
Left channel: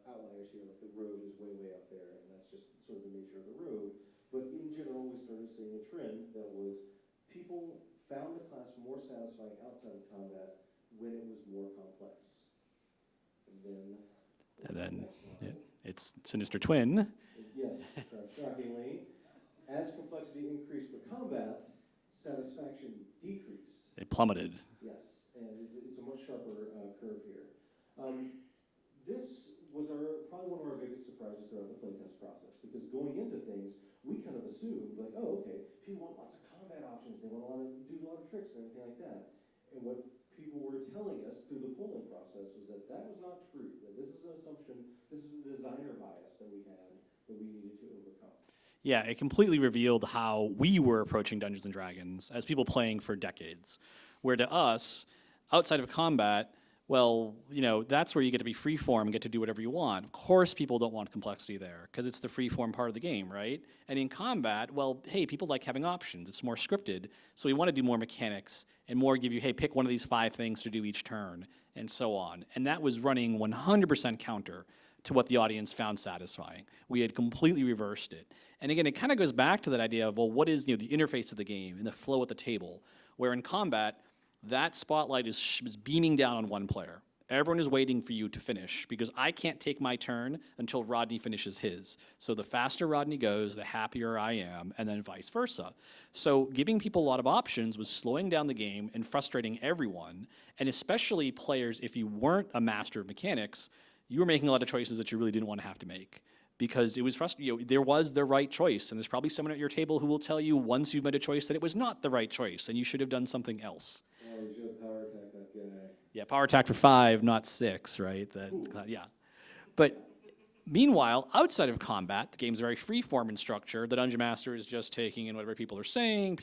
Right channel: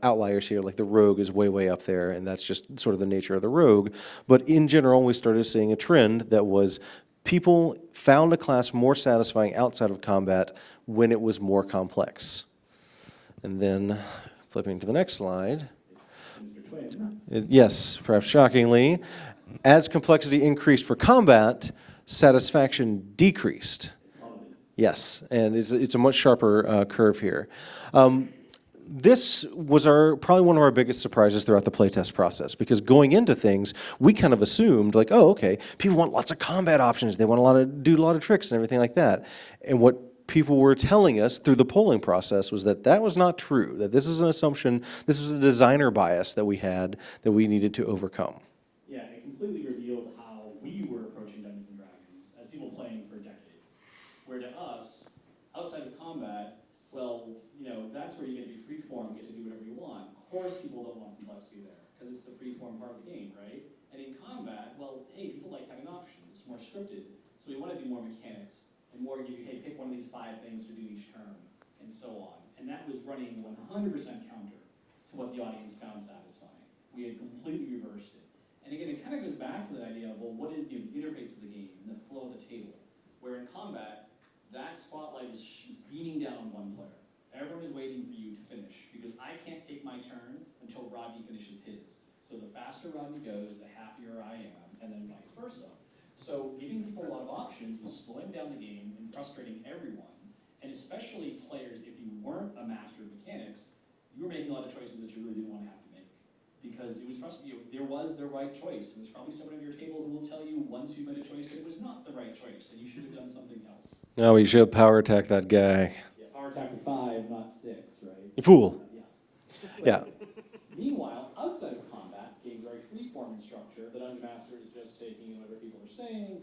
outliers here, like the rogue is way up there, and that's just sort of the nature of the rogue. But in general, we started seeing a trend that was people found a class more satisfying outside of combat when it was more complex. And then flipping to the next slide. It's Sinister Twin. Yes, perhaps shockingly. As complexity increased for combat, satisfaction decreased. It plummeted. Yes, and it's a much sharper curve here. This was probably one of our biggest surprises throughout the playtest process, because going into things, we kind of assumed, like, oh, okay, people want lots of combat options, they want to do a lot of tricks and everything like that. And what people were telling us through the polling process was that was not true, that this was an assumption, this was a designer bias that we had that we needed to overcome. Yeah, it completely revealed how we were approaching Dungeons & Dragons as people playing for decades. Where to us, outside of combat, well, that's where you get to be freeform and get to do whatever you want. Of course people don't want complexity there, because it's the freeform part of the game, right? And in combat, well, hey, people like having options. It's more scripted, so we want to do more mechanics and more give you, hey, pick one of these 5 things to do each turn, and so on. And that was running 100% counter to what the audience found satisfying. We had completely reversed it. And again, it kind of goes back to that idea of, well, what is the interface of the game and the flow at the table? Where in combat, that spotlight is beaming down on one player. Everyone is waiting for you to finish, because I can't take my turn until Rodney finishes his. So the faster Rodney goes, the happier I am, and then vice versa. So giving people a lot of options was slowing down the game and frustrating everyone, and especially players, if you weren't a master of mechanics, you were making a lot of choices that you really didn't want to have to make. Because it was frustrating. There was the right choice, and there's probably someone at your table who will tell you once you've made a choice that it was not the right choice, and you should have done something else. Oh, you should have power attacked that guy. Yeah, power attack for 5, not 6, right? Fool. Yeah. But yeah. Meanwhile, outside of combat, the game's very free-form in structure. The Dungeon Master is just taking in whatever people are saying.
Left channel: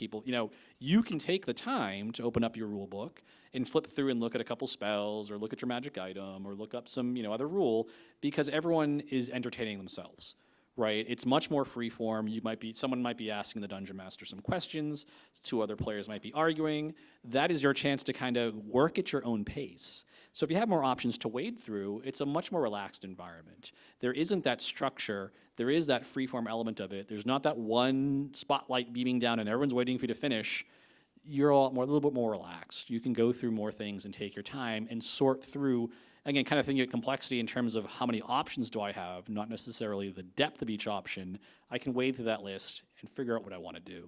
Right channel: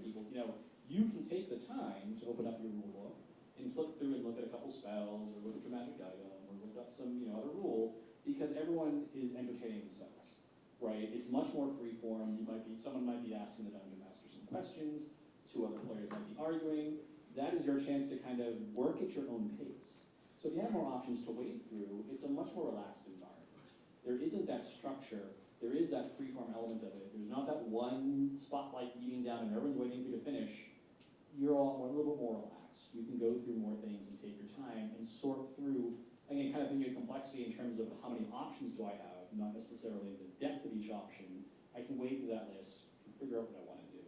You can take the time to open up your rule book and flip through and look at a couple spells, or look at your magic item, or look up some other rule, because everyone is entertaining themselves, right? It's much more free-form. Someone might be asking the Dungeon Master some questions, 2 other players might be arguing. That is your chance to kind of work at your own pace. So if you have more options to wade through, it's a much more relaxed environment. There isn't that structure. There is that free-form element of it. There's not that one spotlight beaming down and everyone's waiting for you to finish. You're a little bit more relaxed. You can go through more things and take your time and sort through, again, kind of thinking of complexity in terms of how many options do I have, not necessarily the depth of each option. I can wade through that list and figure out what I want to do.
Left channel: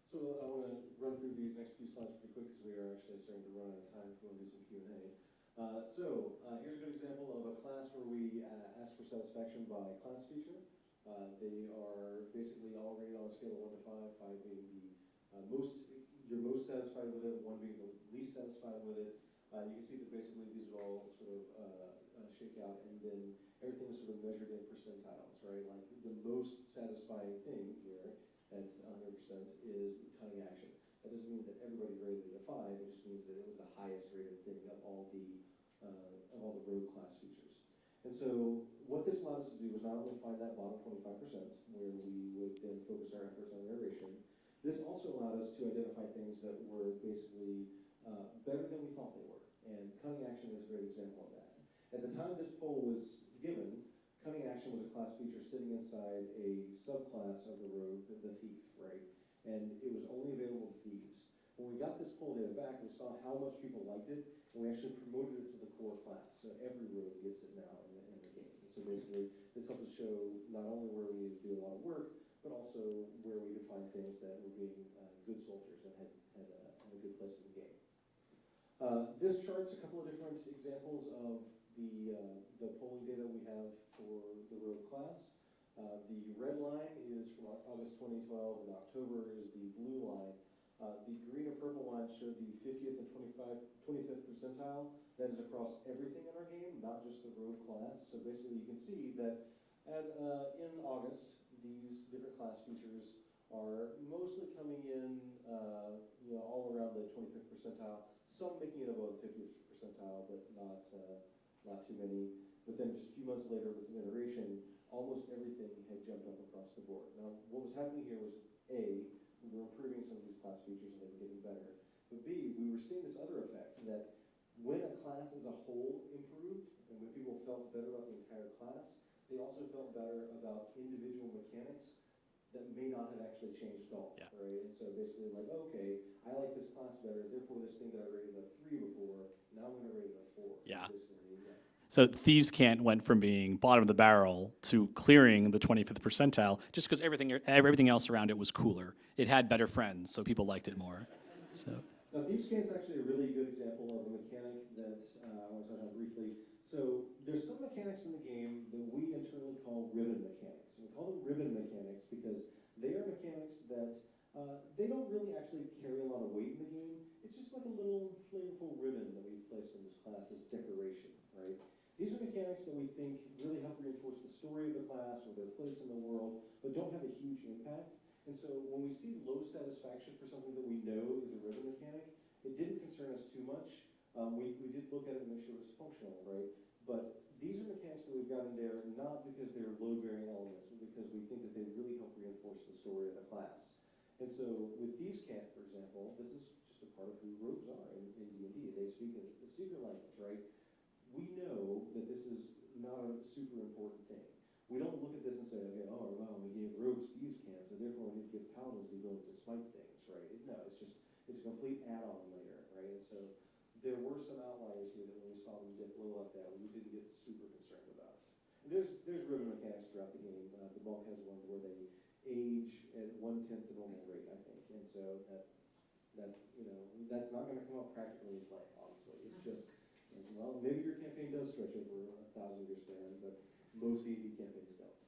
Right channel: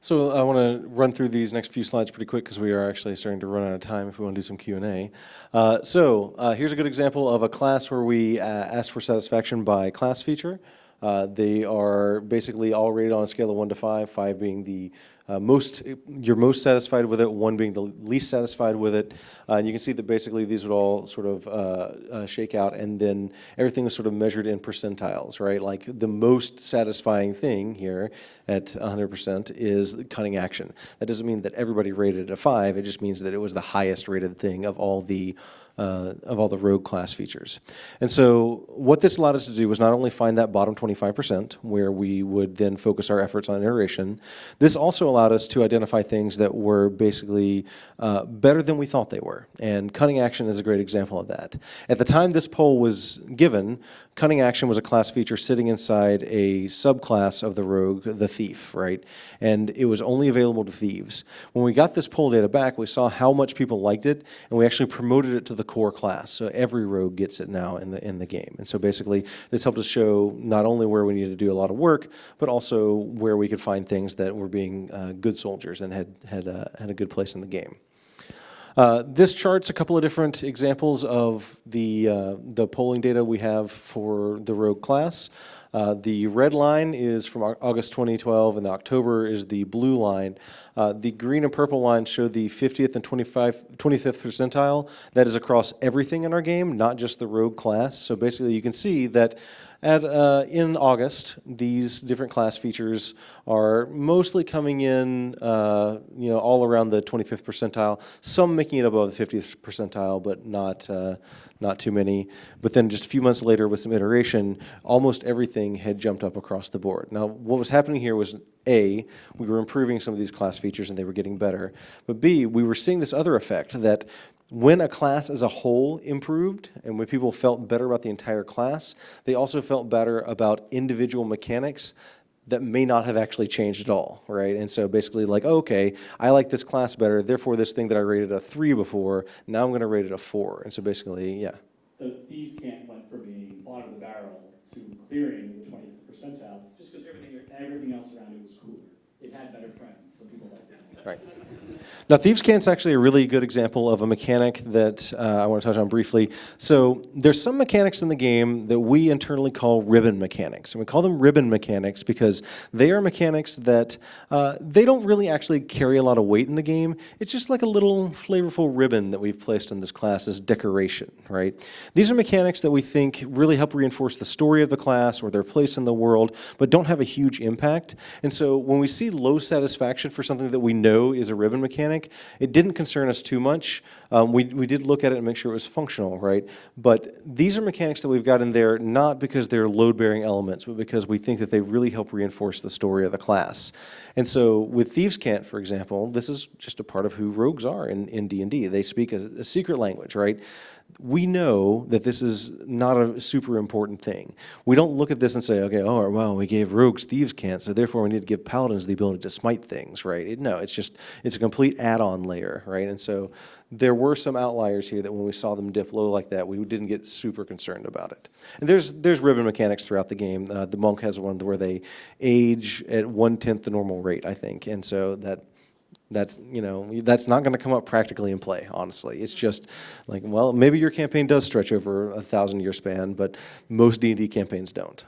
So I want to run through these next few slides pretty quick, because we are actually starting to run out of time if we want to do some Q&A. Here's a good example of a class where we asked for satisfaction by class feature. They are basically all rated on a scale of 1 to 5, 5 being the you're most satisfied with it, one being the least satisfied with it. And you can see that basically these would all sort of shake out, and then everything was sort of measured in percentiles, right? Like the most satisfying thing here at 100% is cunning action. That doesn't mean that everybody rated it a 5, it just means that it was the highest rated thing of all the rogue class features. And so what this allowed us to do was not only find that bottom 25% where we would then focus our efforts on iteration, this also allowed us to identify things that were basically better than we thought they were. And cunning action is a great example of that. At the time this poll was given, cunning action was a class feature sitting inside a subclass of the rogue, the thief, right? And it was only available to thieves. When we got this poll data back, we saw how much people liked it, and we actually promoted it to the core class. So every rogue gets it now in the game. And so basically, this helped us show not only where we needed to do a lot of work, but also where we could find things that were being good soldiers and had a good place in the game. This chart's a couple of different examples of the polling data we have for the rogue class. The red line is from August 2012, and the October is the blue line. The green and purple lines show the 50th and 25th percentile. That is across everything in our game, not just the rogue class. So basically you can see that in August, these different class features are mostly coming in, all around the 25th percentile. Some making it above the 50th percentile, but not too many. But then just a few months later, with some iteration, almost everything had jumped up across the board. Now, what was happening here was A, we were improving some of these class features and they were getting better. But B, we were seeing this other effect that when a class as a whole improved and when people felt better about the entire class, they also felt better about individual mechanics that may not have actually changed at all, right? And so basically like, oh, okay, I like this class better, therefore this thing that I rated a 3 before, now I'm gonna rate it a 4. And so basically, yeah. So Thieves' Cant went from being bottom of the barrel to clearing the 25th percentile just because everything else around it was cooler. It had better friends, so people liked it more. Right. Now, Thieves' Cant's actually a really good example of a mechanic that I want to touch on briefly. So there's some mechanics in the game that we internally call ribbon mechanics. And we call them ribbon mechanics because they are mechanics that they don't really actually carry a lot of weight in the game. It's just like a little flavorful ribbon that we've placed in this class as decoration, right? These are mechanics that we think really help reinforce the story of the class or their place in the world, but don't have a huge impact. And so when we see low satisfaction for something that we know is a ribbon mechanic, it didn't concern us too much. We did look at it and make sure it was functional, right? But these are mechanics that we've got in there not because they're load-bearing elements, but because we think that they really help reinforce the story of the class. And so with Thieves' Cant, for example, this is just a part of who rogues are in D&D. They speak a secret language, right? We know that this is not a super important thing. We don't look at this and say, okay, oh, well, we gave rogues Thieves' Cant, so therefore we need to give paladins the ability to smite things, right? No, it's a complete add-on layer, right? And so there were some outliers here that when we saw them dip low like that, we didn't get super concerned about it. And there's ribbon mechanics throughout the game. The monk has one where they age at 1/10 the normal rate, I think, and so that's not going to come up practically in play, honestly. It's just like, well, maybe your campaign does stretch over a 1,000-year span, but most D&D campaigns don't.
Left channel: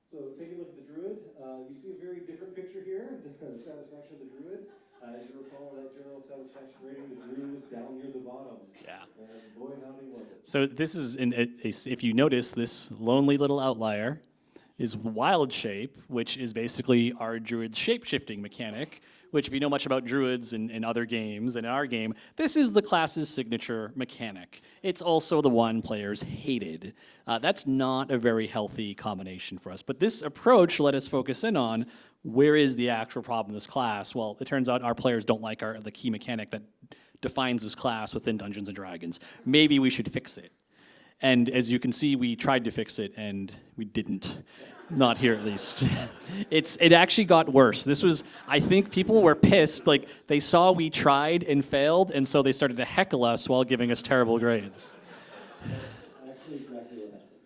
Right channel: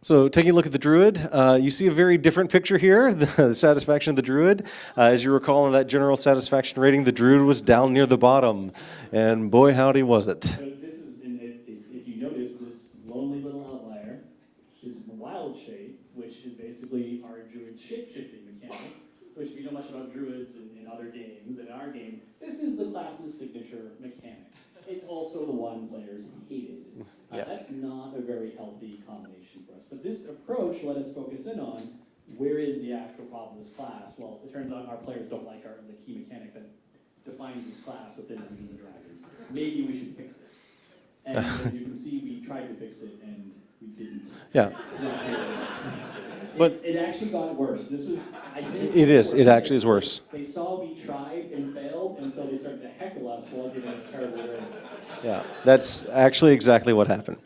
So taking a look at the Druid, you see a very different picture here, the satisfaction of the Druid. As you recall in that general satisfaction rating, the Druid was down near the bottom, and boy howdy was it. So this is, if you notice, this lonely little outlier is Wild Shape, which is basically our Druid shape-shifting mechanic, which if you know much about Druids in other games, in our game, this is the class's signature mechanic. It's also the one players hated. That's not a very healthy combination for us. But this approach let us focus in on where is the actual problem in this class. Well, it turns out our players don't like the key mechanic that defines this class within Dungeons & Dragons. Maybe we should fix it. And as you can see, we tried to fix it, and we didn't. Yeah. Not here, at least. It actually got worse. This was, I think people were pissed. It actually is worse. They saw we tried and failed, and so they started to heckle us while giving us terrible grades. Yeah, that's actually exactly what happened.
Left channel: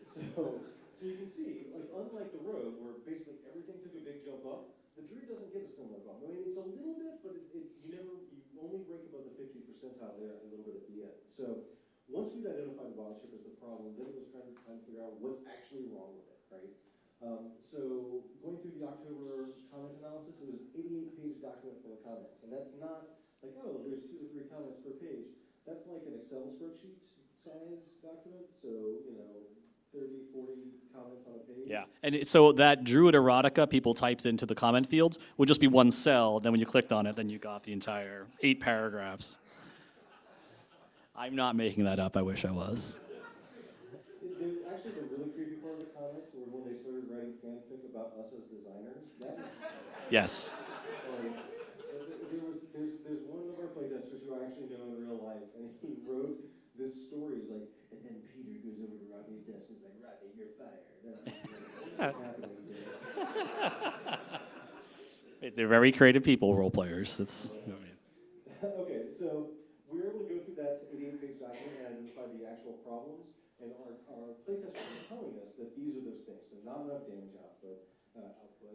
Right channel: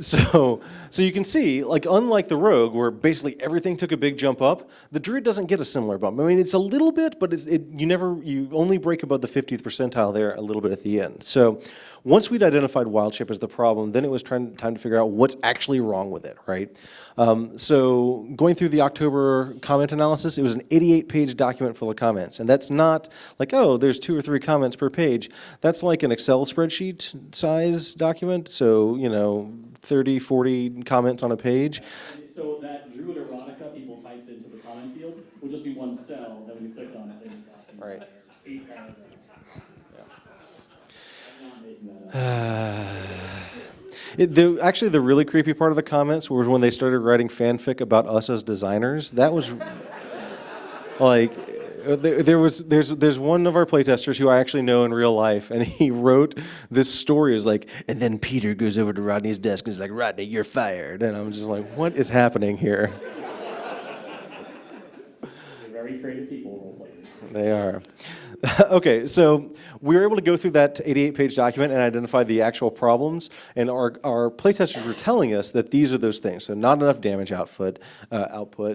So you can see, like, unlike the Rogue, where basically everything took a big jump up, the Druid doesn't get a similar bump. I mean, it's a little bit, but you only break above the 50th percentile there a little bit at the end. So once we'd identified Wild Shape as the problem, then it was time to figure out what's actually wrong with it, right? So going through the October comment analysis, it was an 88-page document full of comments. And that's not like, oh, there's 2 or 3 comments per page. That's like an Excel spreadsheet size document. So, 30, 40 comments on a page. Yeah. And so that Druid erotica people typed into the comment fields would just be one cell. Then when you clicked on it, then you got the entire 8 paragraphs. I'm not making that up. Actually, the really creepy part of the comments was when they started writing fanfic about us as designers. That was Yes. like, there's one of our playtesters who I actually know in real life, and he wrote this story. It was like, and then Peter goes over to Rodney's desk and he's like, Rodney, you're fired. And I'm just like, what is happening here? They're very creative people, role players. They are. Okay, so we were able to go through that 88-page document and identify the actual problems, and our playtesters were telling us that these are those things. So not enough damage output,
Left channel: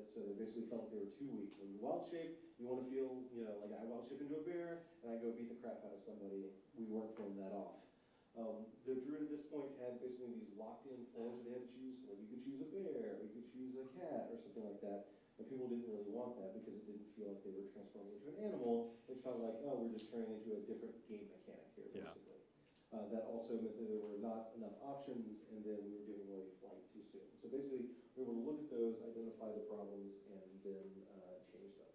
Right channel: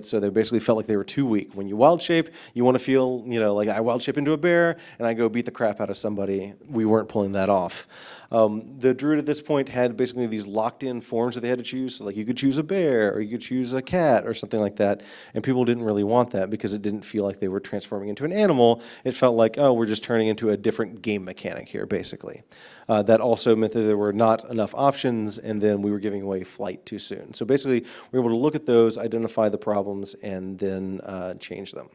so they basically felt like they were too weak. When you wild shape, you want to feel, like I wild shape into a bear and I go beat the crap out of somebody. We weren't pulling that off. The Druid at this point had basically these locked-in forms that they had to choose. So like you could choose a bear, or you could choose a cat, or something like that. And people didn't really want that because it didn't feel like they were transforming into an animal. It felt like, oh, we're just turning into a different game mechanic here, basically. That also meant that there were not enough options, and then we were giving away flight too soon. So basically, we were able to look at those, identify the problems, and then change them.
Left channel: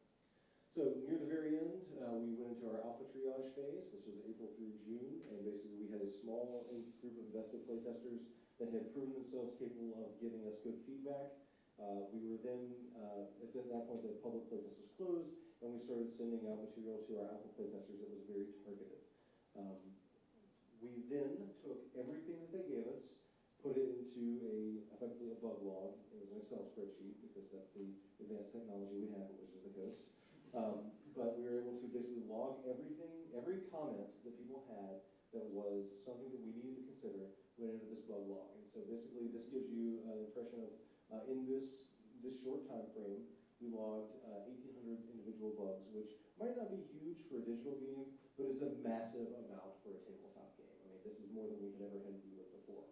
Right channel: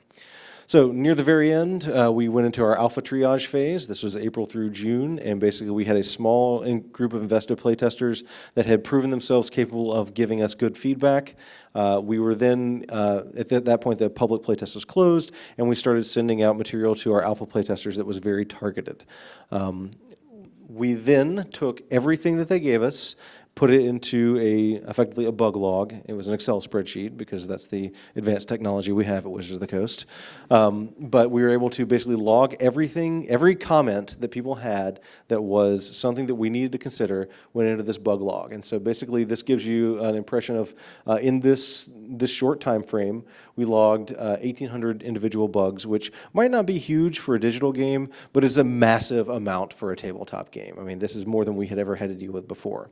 So near the very end, we went into our alpha triage phase. This was April through June, and basically we had a small group of invested playtesters that had proven themselves capable of giving us good feedback. We were then, at that point, the public playtest was closed, and we started sending out material to our alpha playtesters that was very targeted. We then took everything that they gave us, put it into effectively a bug log. It was an Excel spreadsheet because that's the advanced technology we have at Wizards of the Coast. But we were able to basically log everything, every comment that people had that was something that we needed to consider went into this bug log. And so basically this gives you an impression of, in this short time frame, we logged 1,800 individual bugs, which might not be huge for a digital game, but is a massive amount for a tabletop game. I mean, this is more than we had ever had to deal with before.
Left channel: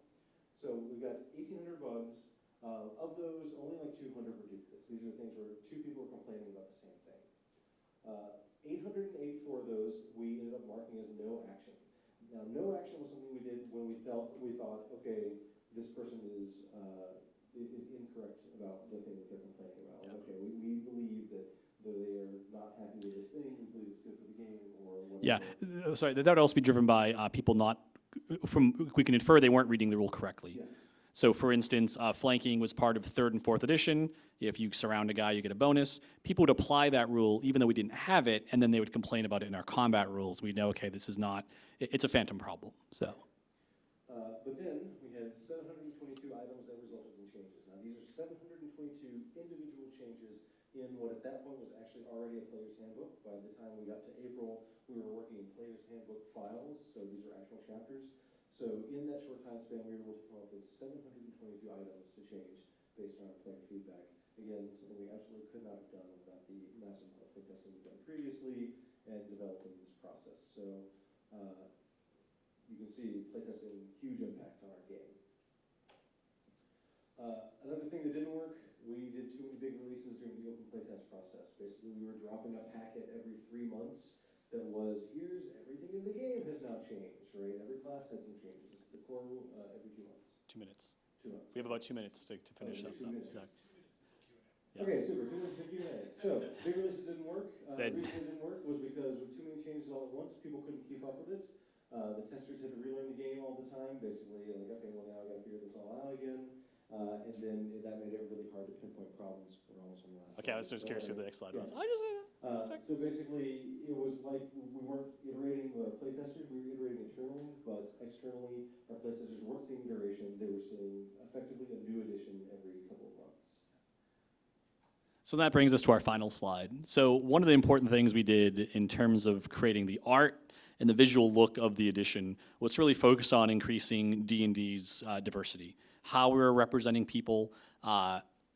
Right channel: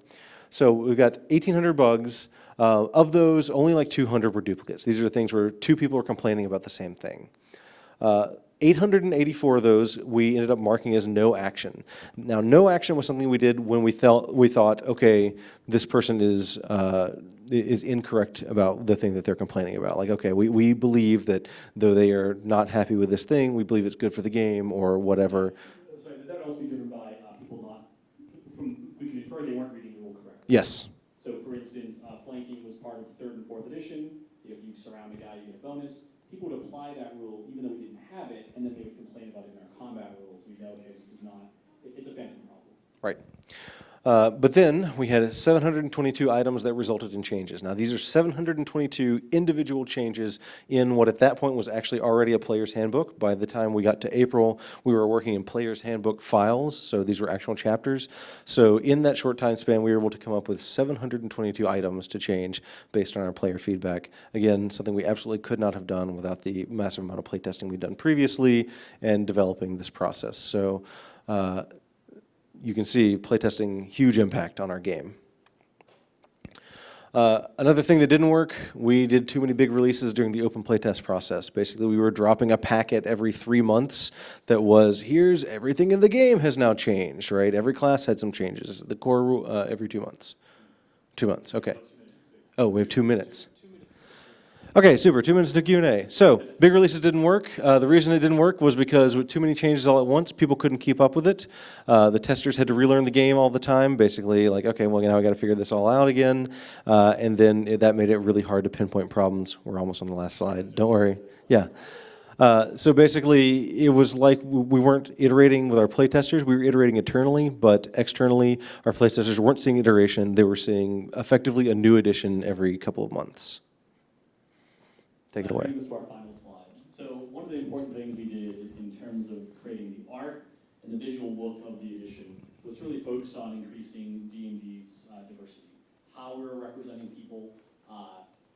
So we've got 1,800 bugs. Of those, only like 200 were duplicates. These are things where 2 people are complaining about the same thing. 884 of those we ended up marking as no action. Now, no action was something we did when we thought, okay, this person is incorrect about the thing that they're complaining about. Like, okay, we believe that though they are not happy with this thing, we believe it's good for the game or whatever. Yeah. Sorry, that would also be driven by people not. We can infer they weren't reading the rule correctly. Yes. So for instance, flanking was part of 3rd and 4th edition. If you surround a guy, you get a bonus. People would apply that rule even though we didn't have it, and then they would complain about it in our combat rules. We'd know, okay, this is not, it's a phantom problem. So. Right. But then we had 722 items that resulted in changes. Now, these are 722 individual changes in what at that point was actually already a player's handbook. By the time we got to April, we were working in player's handbook files, so these were actual chapters. So in that short time span, we were able to come up with 722 items to change based on our player feedback. Again, something we absolutely could not have done without the massive amount of playtesting we'd done previously and developing this process. So you can see playtesting, huge impact on our game. Another thing that didn't work, we did too many big releases during the open playtest process. Basically, we were dropping a packet every 3 months that was, here's everything in the game has now changed, right? Every class had some changes. The core rule, every 2 months. 2 minutes. 2 months, okay. 2 minutes. Oh, we have 2 minutes. Okay, super, 2 minutes to Q&A. So, big releases didn't work. The reason it didn't work was because with too many changes all at once, people couldn't keep up with it. The testers had to relearn the game all the time, basically like, okay, well, now I gotta figure this all out again. And then that made it really hard to pinpoint problems. We're almost on the last slide, don't worry. Yeah. So basically, it was like we weren't iterating with our playtesters. We were iterating internally, but externally, our playtesters weren't seeing iteration. They were seeing effectively a new edition every couple of months. So that brings us to our final slide. So one of the important things we did in terms of creating the art and the visual look of the edition was to really focus on increasing D&D's diversity, how we were representing people,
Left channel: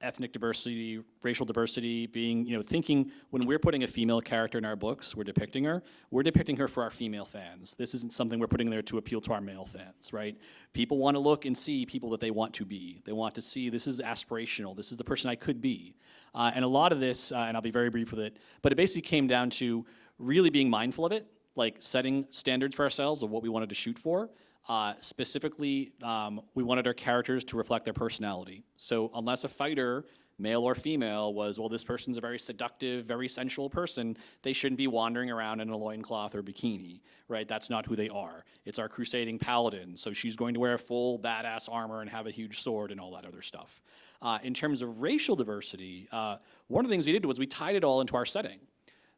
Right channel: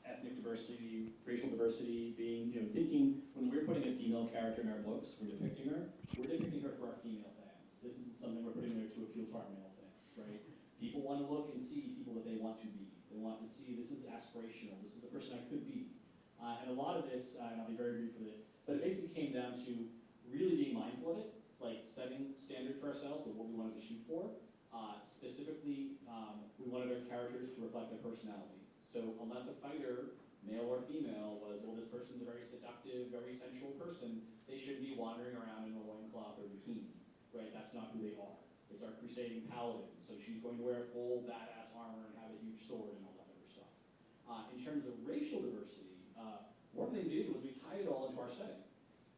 ethnic diversity, racial diversity, being, thinking when we're putting a female character in our books, we're depicting her for our female fans. This isn't something we're putting there to appeal to our male fans, right? People want to look and see people that they want to be. They want to see, this is aspirational, this is the person I could be. And a lot of this, and I'll be very brief with it, but it basically came down to really being mindful of it, like setting standards for ourselves of what we wanted to shoot for. Specifically, we wanted our characters to reflect their personality. So unless a fighter, male or female, was, well, this person's a very seductive, very sensual person, they shouldn't be wandering around in a loincloth or bikini, right? That's not who they are. It's our crusading paladin, so she's going to wear full badass armor and have a huge sword and all that other stuff. In terms of racial diversity, one of the things we did was we tied it all into our setting.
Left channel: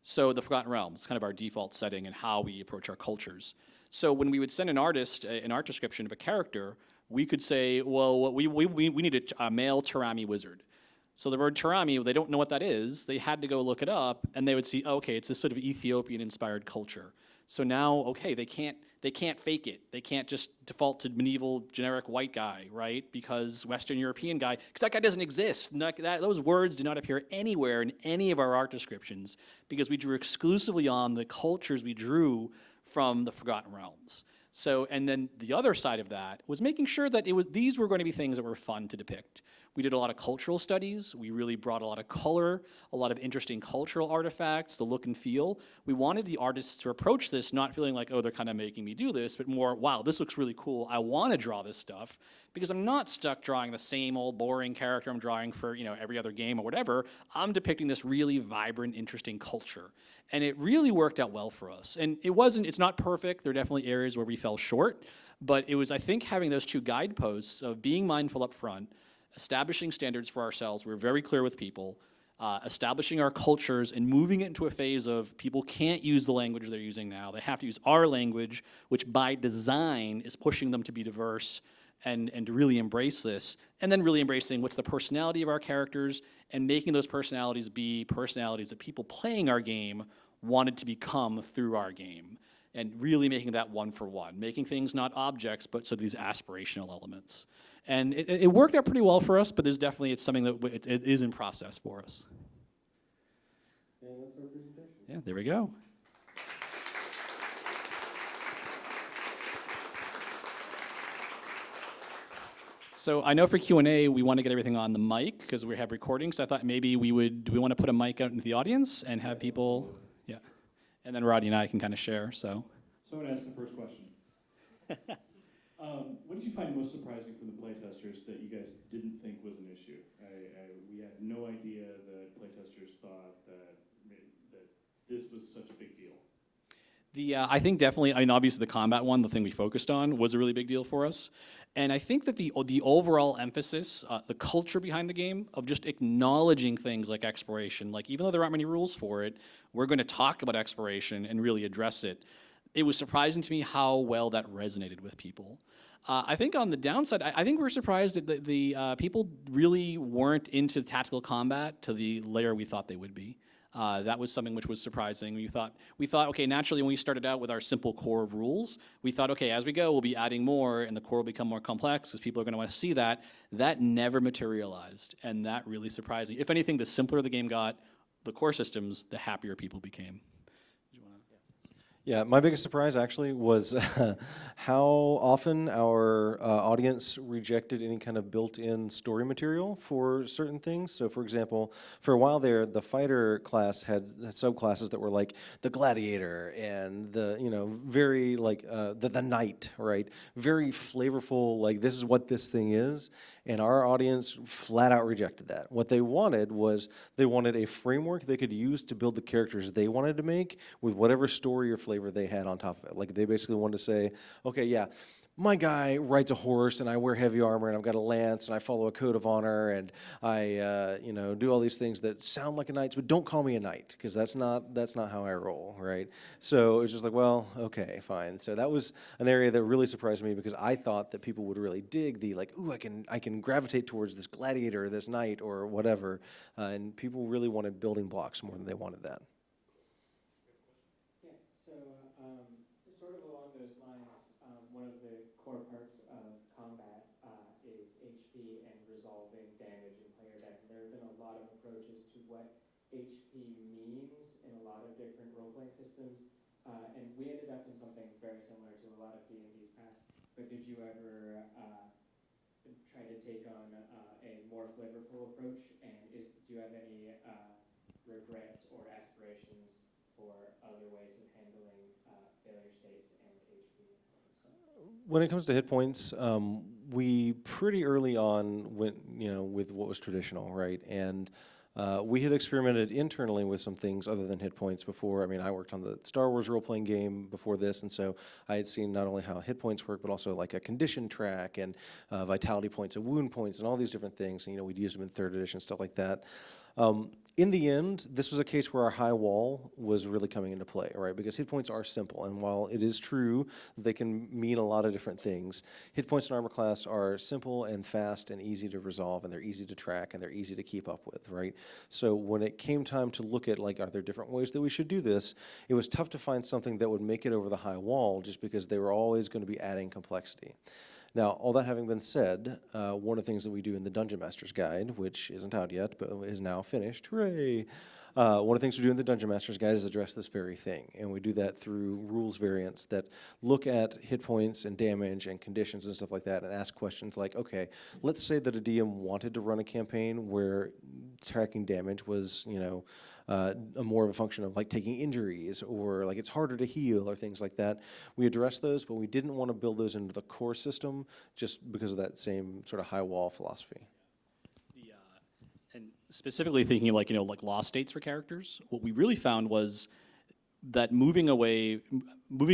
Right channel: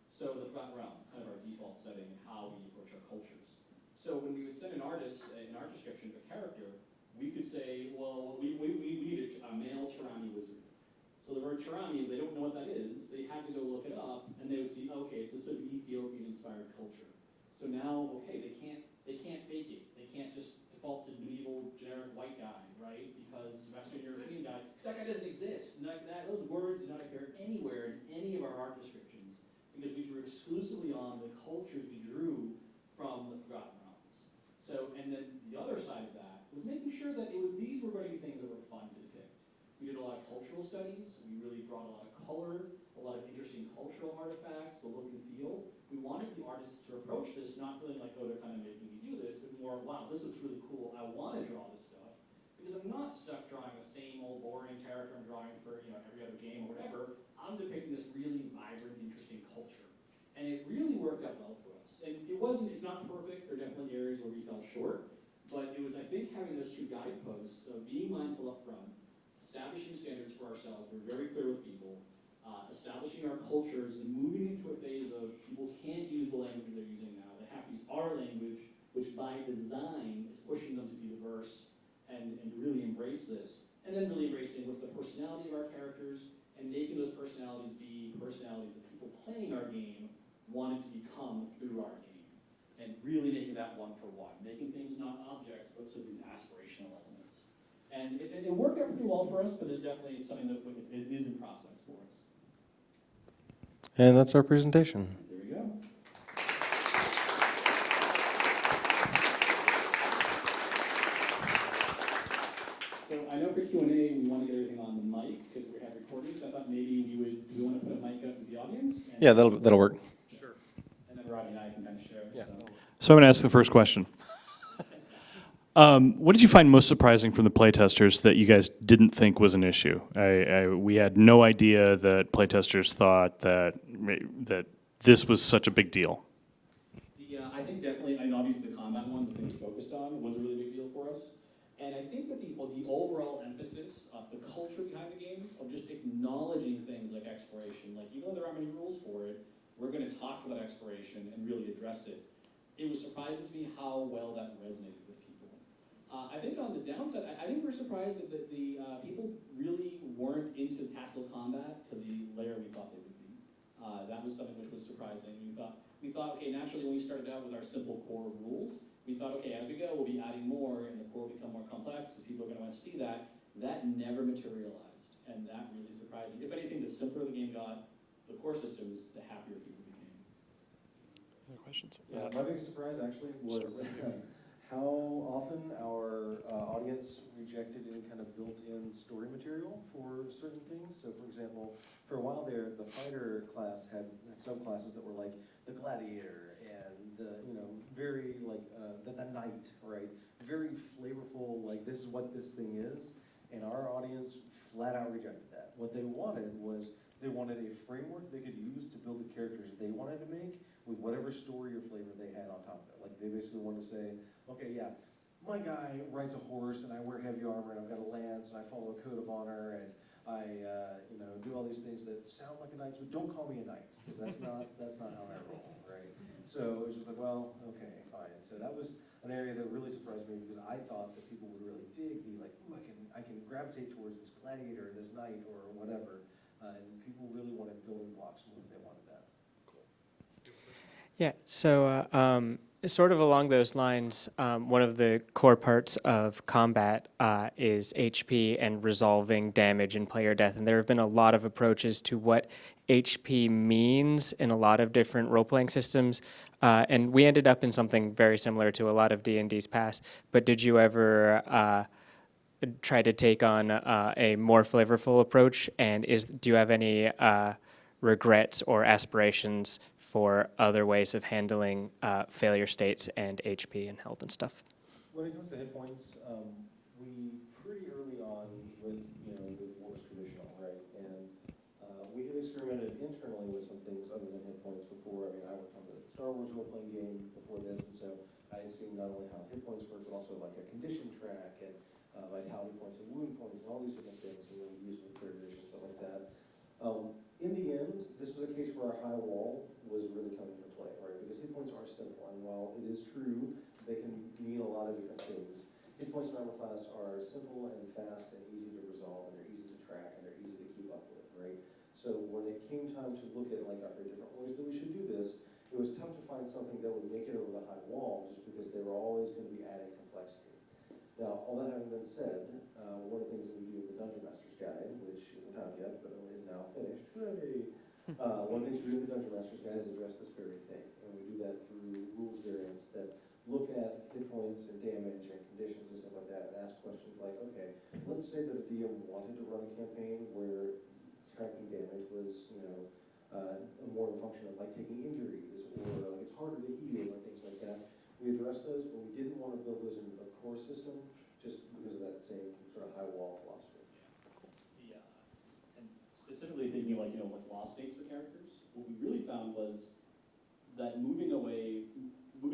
So the Forgotten Realms is kind of our default setting and how we approach our cultures. So when we would send an artist an art description of a character, we could say, well, we need a male Tarami wizard. So the word Tarami, they don't know what that is. They had to go look it up, and they would see, oh, okay, it's this sort of Ethiopian-inspired culture. So now, okay, they can't fake it. They can't just default to medieval generic white guy, right? Because Western European guy, because that guy doesn't exist. Those words do not appear anywhere in any of our art descriptions because we drew exclusively on the cultures we drew from the Forgotten Realms. So, and then the other side of that was making sure that these were going to be things that were fun to depict. We did a lot of cultural studies. We really brought a lot of color, a lot of interesting cultural artifacts, the look and feel. We wanted the artists to approach this not feeling like, oh, they're kind of making me do this, but more, wow, this looks really cool. I want to draw this stuff because I'm not stuck drawing the same old boring character I'm drawing for every other game or whatever. I'm depicting this really vibrant, interesting culture. And it really worked out well for us. And it's not perfect. There are definitely areas where we fell short. But it was, I think, having those two guideposts of being mindful up front, establishing standards for ourselves. We're very clear with people. Establishing our cultures and moving it into a phase of people can't use the language they're using now. They have to use our language, which by design is pushing them to be diverse and to really embrace this. And then really embracing what's the personality of our characters and making those personalities be personalities that people playing our game wanted to become through our game. And really making that one for one. Making things not objects, but so these aspirational elements. And it worked out pretty well for us, but it's something that it is in process for us. And that's our presentation. Yeah, there we go. So I know for Q&A, we want to get everything on the mic because we have recordings. So I thought maybe do we want to put a mic out into the audience? And yeah, that'll work. Yeah. Sure. And then Rodney and I can kind of share. Yeah. So I'm going to ask the first question. What did you find most surprising from the playtesters that you guys didn't think was an issue? We had no idea that playtesters thought that this was such a big deal. I think definitely, obviously the combat one, the thing we focused on, was a really big deal for us. And I think that the overall emphasis, the culture behind the game of just acknowledging things like exploration, like even though there aren't many rules for it, we're going to talk about exploration and really address it. It was surprising to me how well that resonated with people. I think on the downside, I think we're surprised that the people really weren't into tactical combat to the layer we thought they would be. That was something which was surprising. We thought, okay, naturally when we started out with our simple core of rules, we thought, okay, as we go, we'll be adding more, and the core will become more complex because people are going to want to see that. That never materialized, and that really surprised me. If anything, the simpler the game got, the core systems, the happier people became. Yeah, my biggest surprise actually was how often our audience rejected any kind of built-in story material for certain things. So for example, for a while there, the fighter class had subclasses that were like the gladiator and the, very like the knight, right? Very flavorful, like this is what this thing is. And our audience flat out rejected that. What they wanted was a framework they could use to build the characters they wanted to make with whatever story or flavor they had on top of it. Like they basically wanted to say, okay, yeah, my guy rides a horse and I wear heavy armor and I've got a lance and I follow a code of honor and I do all these things that sound like a knight, but don't call me a knight because that's not how I roll, right? So it's just like, well, okay, fine. So that was an area that really surprised me because I thought that people would really dig the like, ooh, I can gravitate towards this gladiator or this knight or whatever, and people really wanted building blocks more than they wanted that. Yeah, so Sort of along those lines, one of the core parts of combat is HP and resolving damage and player death. And there have been a lot of approaches to what HP means in a lot of different role-playing systems. And we ended up in something very similar to a lot of D&D's past. But did you ever try to take on a more flavorful approach? And do you have any regrets or aspirations for other ways of handling failure states and HP and health and stuff? When it comes to hit points, we pretty early on went, with what was traditional, right? And we had experimented internally with some things other than hit points before. I mean, I worked on the Star Wars role-playing game before this, and so I had seen not only how hit points work, but also like a condition track and vitality points and wound points and all these different things. And, we'd use them in 3rd edition, stuff like that. In the end, this was a case where our high wall was really coming into play, right? Because hit points are simple, and while it is true that they can mean a lot of different things, hit points in armor class are simple and fast and easy to resolve, and they're easy to track, and they're easy to keep up with, right? So when it came time to look at, like, are there different ways that we should do this, it was tough to find something that would make it over the high wall just because they were always going to be adding complexity. Now, all that having been said, one of the things that we do in the Dungeon Master's Guide, which isn't out yet, but is now finished, hooray! One of the things we do in the Dungeon Master's Guide is address this very thing, and we do that through rules variants that look at hit points and damage and conditions and stuff like that and ask questions like, okay, let's say that a DM wanted to run a campaign where tracking damage was, a more of a function of like taking injuries or like it's harder to heal or things like that. We addressed those, but we didn't want to build those into the core system just because of that same sort of high wall philosophy. And specifically thinking of like lost states for characters, what we really found was that moving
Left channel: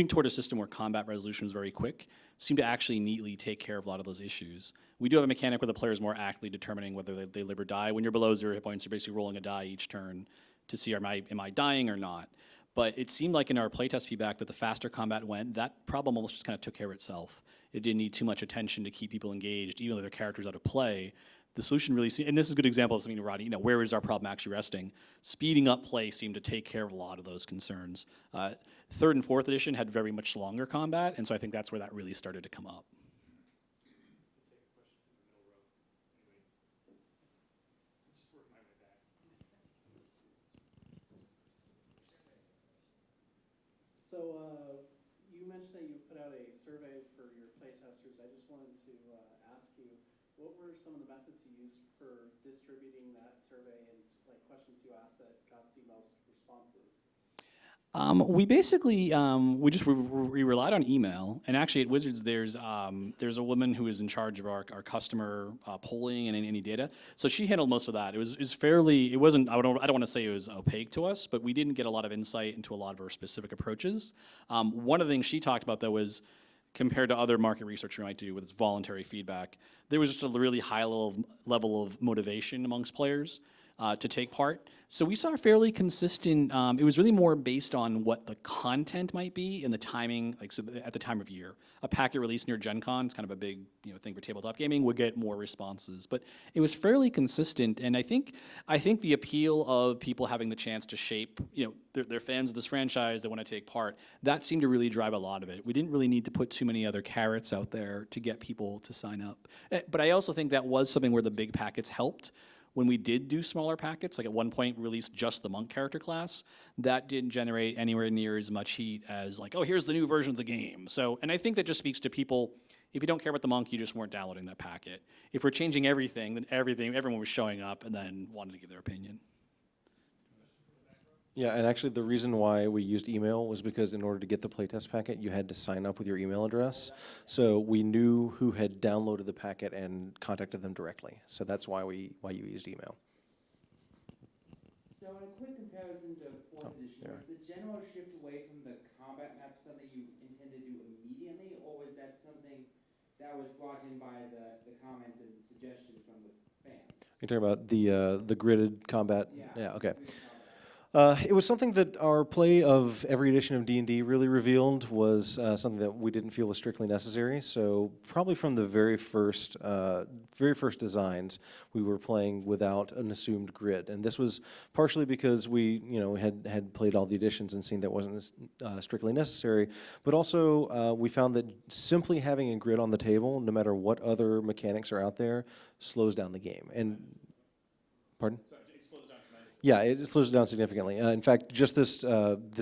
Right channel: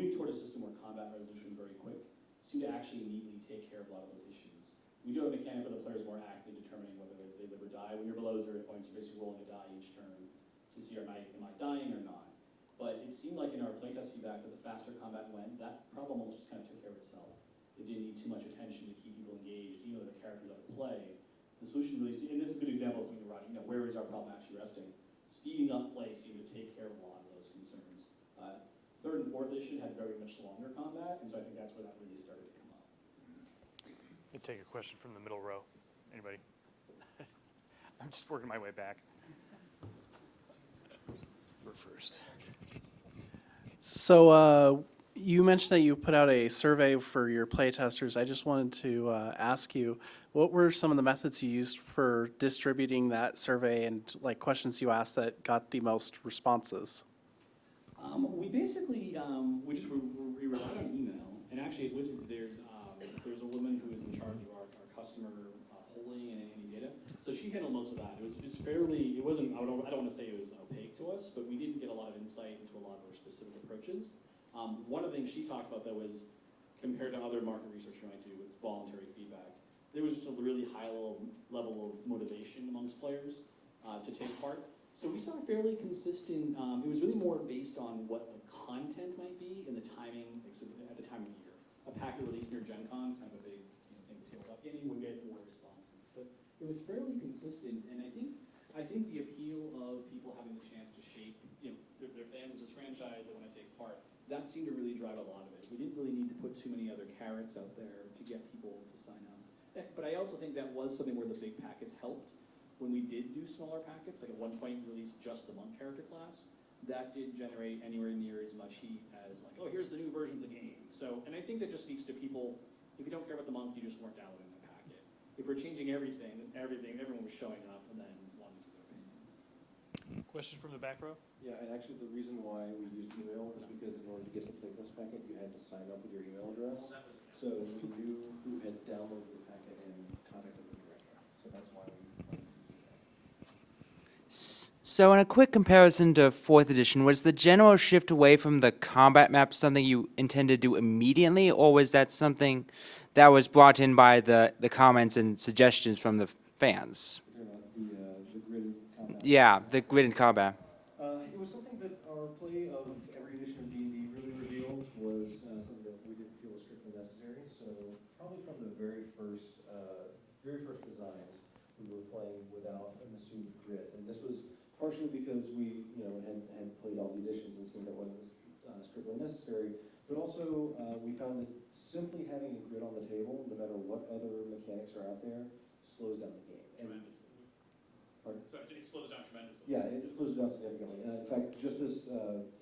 toward a system where combat resolution was very quick seemed to actually neatly take care of a lot of those issues. We do have a mechanic where the player is more actively determining whether they live or die. When you're below 0 hit points, you're basically rolling a die each turn to see am I dying or not. But it seemed like in our playtest feedback that the faster combat went, that problem almost just kind of took care of itself. It didn't need too much attention to keep people engaged, even though their characters out of play. The solution really, and this is a good example of something, Rodney, where is our problem actually resting? Speeding up play seemed to take care of a lot of those concerns. 3rd and 4th edition had very much longer combat, and so I think that's where that really started to come up. I'll take a question from the middle row. Anybody? I'm just working my way back. We're first. So you mentioned that you put out a survey for your playtesters. I just wanted to ask you, what were some of the methods you used for distributing that survey and like questions you asked that got the most responses? We basically we relied on email, and actually at Wizards there's a woman who is in charge of our customer polling and any data. So she handled most of that. It was fairly. It wasn't. I don't want to say it was opaque to us, but we didn't get a lot of insight into a lot of our specific approaches. One of the things she talked about though was compared to other market research we might do with its voluntary feedback, there was just a really high level of motivation amongst players to take part. So we saw a fairly consistent, it was really more based on what the content might be and the timing, so at the time of year. A packet release near Gen Con, it's kind of a big thing for tabletop gaming, would get more responses. But it was fairly consistent, and I think the appeal of people having the chance to shape, they're fans of this franchise, they want to take part, that seemed to really drive a lot of it. We didn't really need to put too many other carrots out there to get people to sign up. But I also think that was something where the big packets helped. When we did do smaller packets, like at one point released just the monk character class, that didn't generate anywhere near as much heat as like, oh, here's the new version of the game. So, and I think that just speaks to people, if you don't care about the monk, you just weren't downloading that packet. If we're changing everything, then everyone was showing up and then wanted to give their opinion. Question from the back row? Yeah, and actually the reason why we used email was because in order to get the playtest packet, you had to sign up with your email address. So we knew who had downloaded the packet and contacted them directly. So that's why you used email. So in a quick comparison to 4th edition, was the general shift away from the combat map something you intended to do immediately, or was that something that was brought in by the comments and suggestions from the fans? You're talking about the gridded combat? Yeah, the okay. grid and combat. It was something that our play of every edition of D&D really revealed was something that we didn't feel was strictly necessary. So probably from the very first designs, we were playing without an assumed grid, and this was partially because we, had played all the editions and seen that wasn't strictly necessary. But also, we found that simply having a grid on the table, no matter what other mechanics are out there, slows down the game. And pardon? Yeah, it slows it down significantly. In fact, just this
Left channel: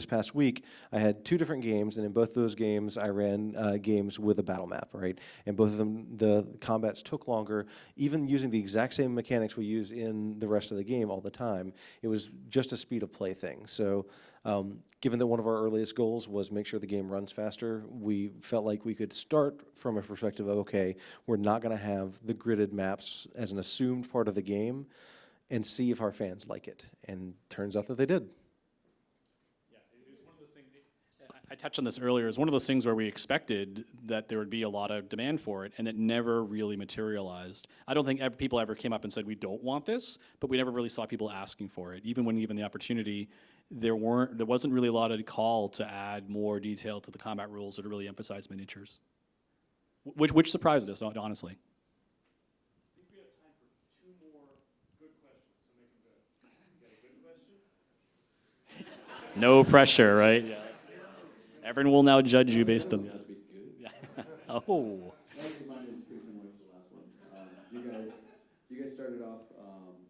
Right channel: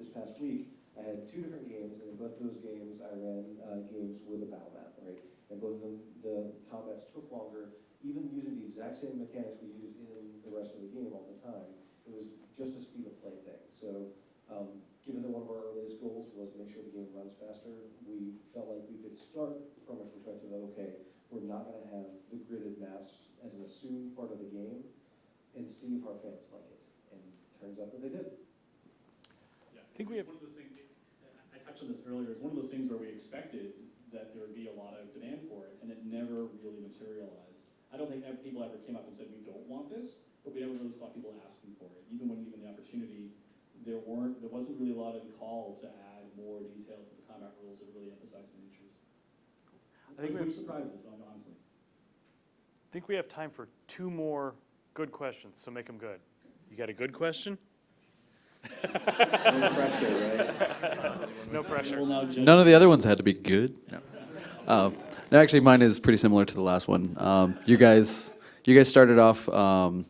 past week, I had 2 different games, and in both those games, I ran games with a battle map, right? And both of them, the combats took longer. Even using the exact same mechanics we use in the rest of the game all the time, it was just a speed of play thing. So, given that one of our earliest goals was make sure the game runs faster, we felt like we could start from a perspective of, okay, we're not going to have the gridded maps as an assumed part of the game, and see if our fans like it. And turns out that they did. I think we have one of those things, I touched on this earlier, it's one of those things where we expected that there would be a lot of demand for it, and it never really materialized. I don't think people ever came up and said, we don't want this, but we never really saw people asking for it. Even when given the opportunity, there wasn't really a lot of call to add more detail to the combat rules or to really emphasize miniatures. Which surprised us, honestly. I think we have time for 2 more good questions, so make them good. You got a good question? No pressure, right? No And pressure. we'll now judge None you of the based other on- ones had to be good. No, actually, mine is pretty similar to the last one. You guys started off, going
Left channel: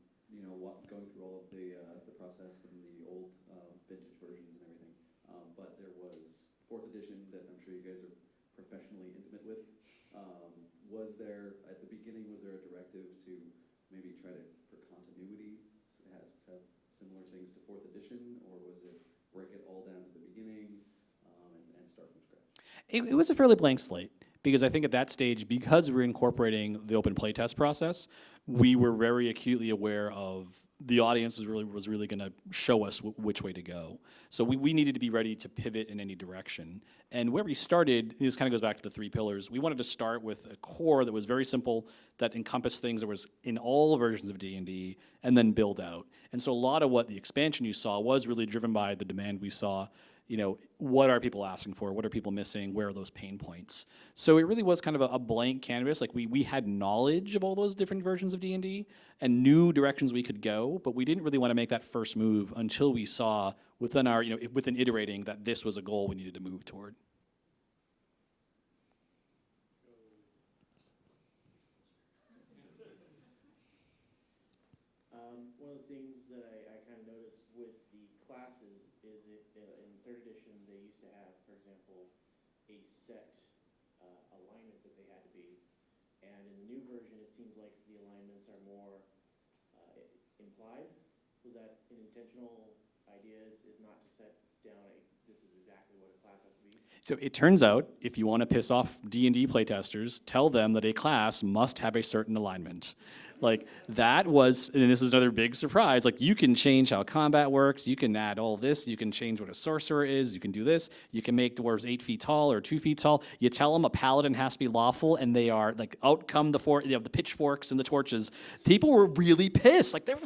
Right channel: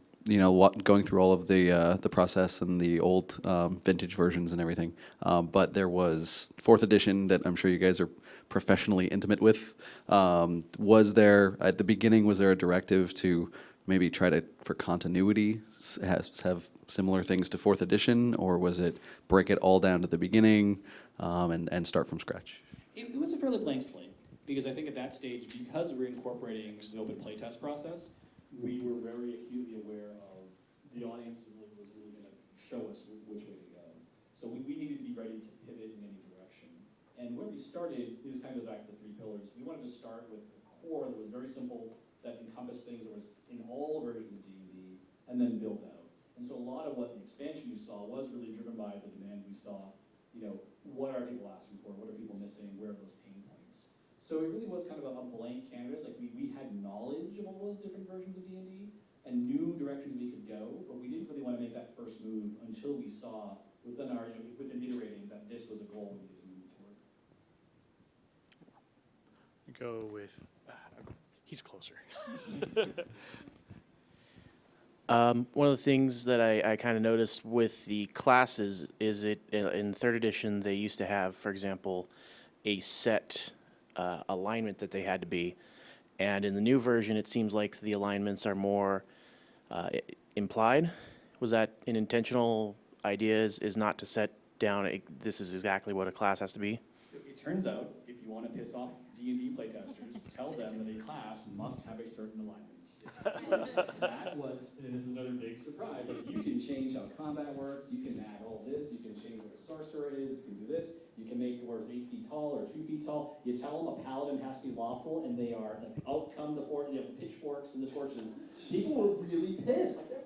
through all of the process and the old vintage versions and everything. But there was 4th edition that I'm sure you guys are professionally intimate with. Was there at the beginning? Was there a directive to maybe try to, for continuity, have similar things to 4th edition, or was it break it all down to the beginning and start from scratch? It was a fairly blank slate, because I think at that stage, because we were incorporating the open playtest process, we were very acutely aware of the audience was really going to show us which way to go. So we needed to be ready to pivot in any direction. And where we started, this kind of goes back to the 3 pillars. We wanted to start with a core that was very simple, that encompassed things that was in all versions of D&D, and then build out. And so a lot of what the expansion you saw was really driven by the demand we saw. What are people asking for? What are people missing? Where are those pain points? So it really was kind of a blank canvas. Like we had knowledge of all those different versions of D&D and knew directions we could go, but we didn't really want to make that first move until we saw within iterating that this was a goal we needed to move toward. Go with, he's closer. One of the things that I kind of noticed with the classes is in 3rd edition they used to have, for example, a set alignment that they had to be, and in the new version it seems like the alignments are more implied. Was that an intentional idea? Is not to set down this is exactly what a class has to be? So it turns out, if you want to piss off D&D playtesters, tell them that a class must have a certain alignment. Like, that was, and this is another big surprise, like, you can change how combat works, you can add all this, you can change what a sorcerer is, you can do this, you can make dwarves 8 feet tall or 2 feet tall. You tell them a paladin has to be lawful, and they are, like, out come the pitchforks and the torches. People were really pissed. Like, they were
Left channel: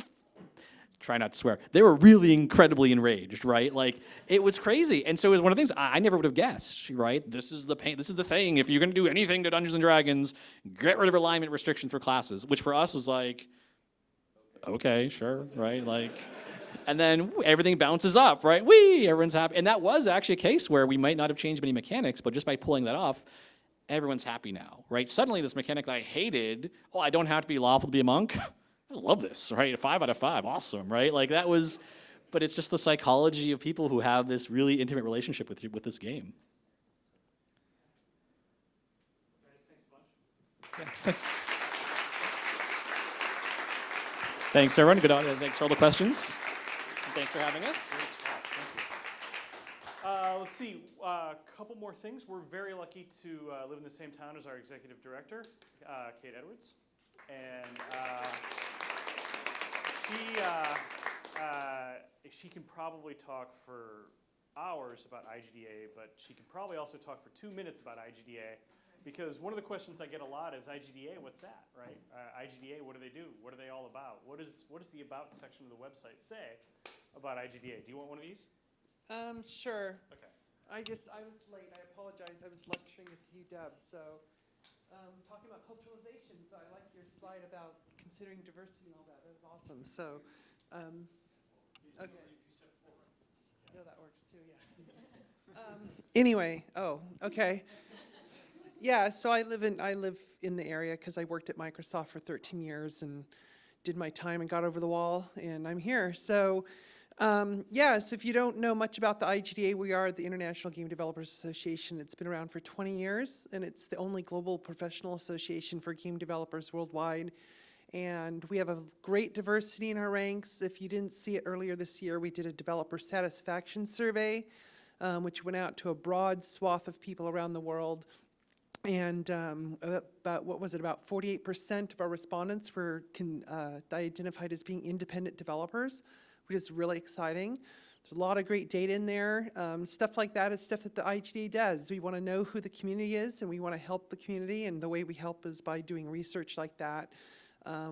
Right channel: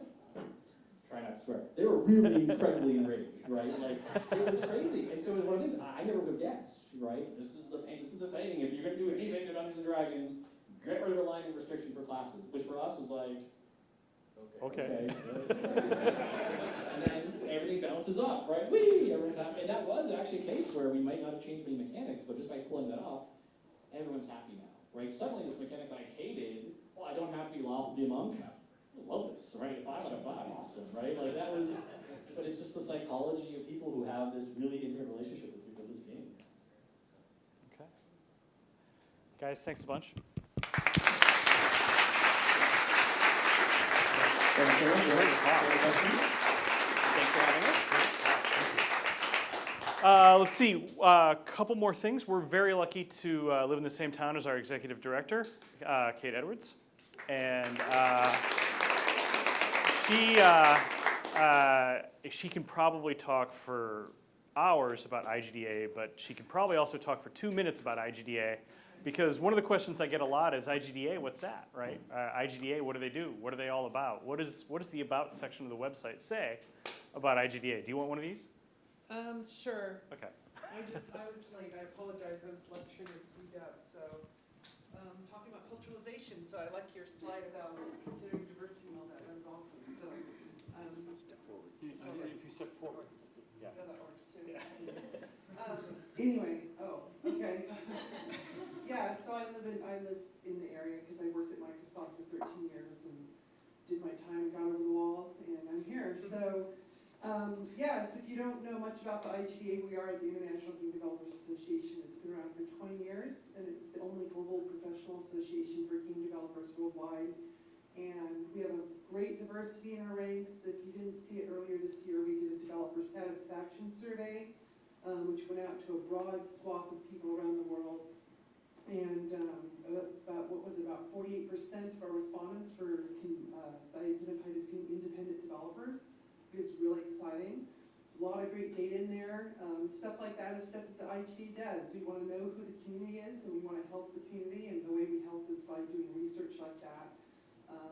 try not to swear. They were really incredibly enraged, right? Like, it was crazy. And so it was one of the things I never would have guessed, right? This is the pain. This is the thing. If you're going to do anything to Dungeons & Dragons, get rid of alignment restriction for classes, which for us was like, okay, sure, right? Like, and then everything bounces up, right? Everyone's happy. And that was actually a case where we might not have changed many mechanics, but just by pulling that off, everyone's happy now, right? Suddenly this mechanic that I hated, I don't have to be lawful to be a monk. I love this, right? 5 out of 5, awesome, right? Like that was, but it's just the psychology of people who have this really intimate relationship with this game. Okay. Guys, thanks a bunch. Thanks, everyone. Good on. That's all the questions. Thanks for having us. Let's see, a couple more things. We're very lucky to live in the same town as our executive director, Kate Edwards. And she can probably talk for hours about IGDA, but she can probably also talk for 2 minutes about IGDA, because one of the questions I get a lot is IGDA, what's that, right? IGDA, what do they do? What are they all about? What does the about section of the website say? about IGDA. Do you want one of these? Sure. Okay. I was late, I apologize, I was lecturing at UW, so, talking about culturalization, so I like your slide about considering diversity and all that, that was awesome, so, If you step forward. no, that works too. Anyway, okay. Yeah, so I live in the area because I worked at Microsoft for 13 years and did my time and got over the wall, and I'm here. So, so if you don't know much about the IGDA, we are the International Game Developers Association. It's been around for 20 years, and it's the only global professional association for game developers worldwide. And we have a great diversity in our ranks. If you didn't see it earlier this year, we did a developer satisfaction survey, which went out to a broad swath of people around the world. And about 48% of our respondents were identified as being independent developers, which is really exciting. There's a lot of great data in there. Stuff like that is stuff that the IGDA does. We want to know who the community is, and we want to help the community, and the way we help is by doing research like that.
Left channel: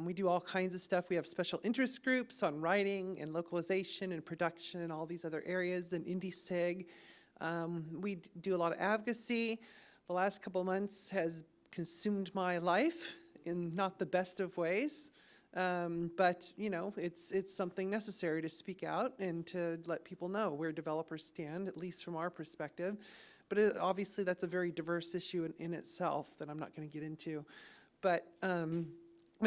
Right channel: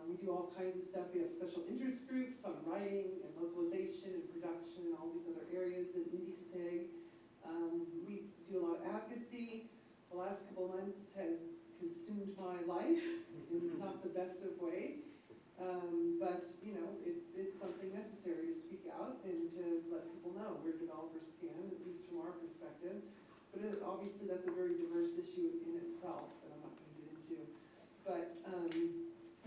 We do all kinds of stuff. We have special interest groups on writing and localization and production and all these other areas, and IndieSig. We do a lot of advocacy. The last couple of months has consumed my life in not the best of ways. But it's something necessary to speak out and to let people know where developers stand, at least from our perspective. But obviously that's a very diverse issue in itself that I'm not going to get into. But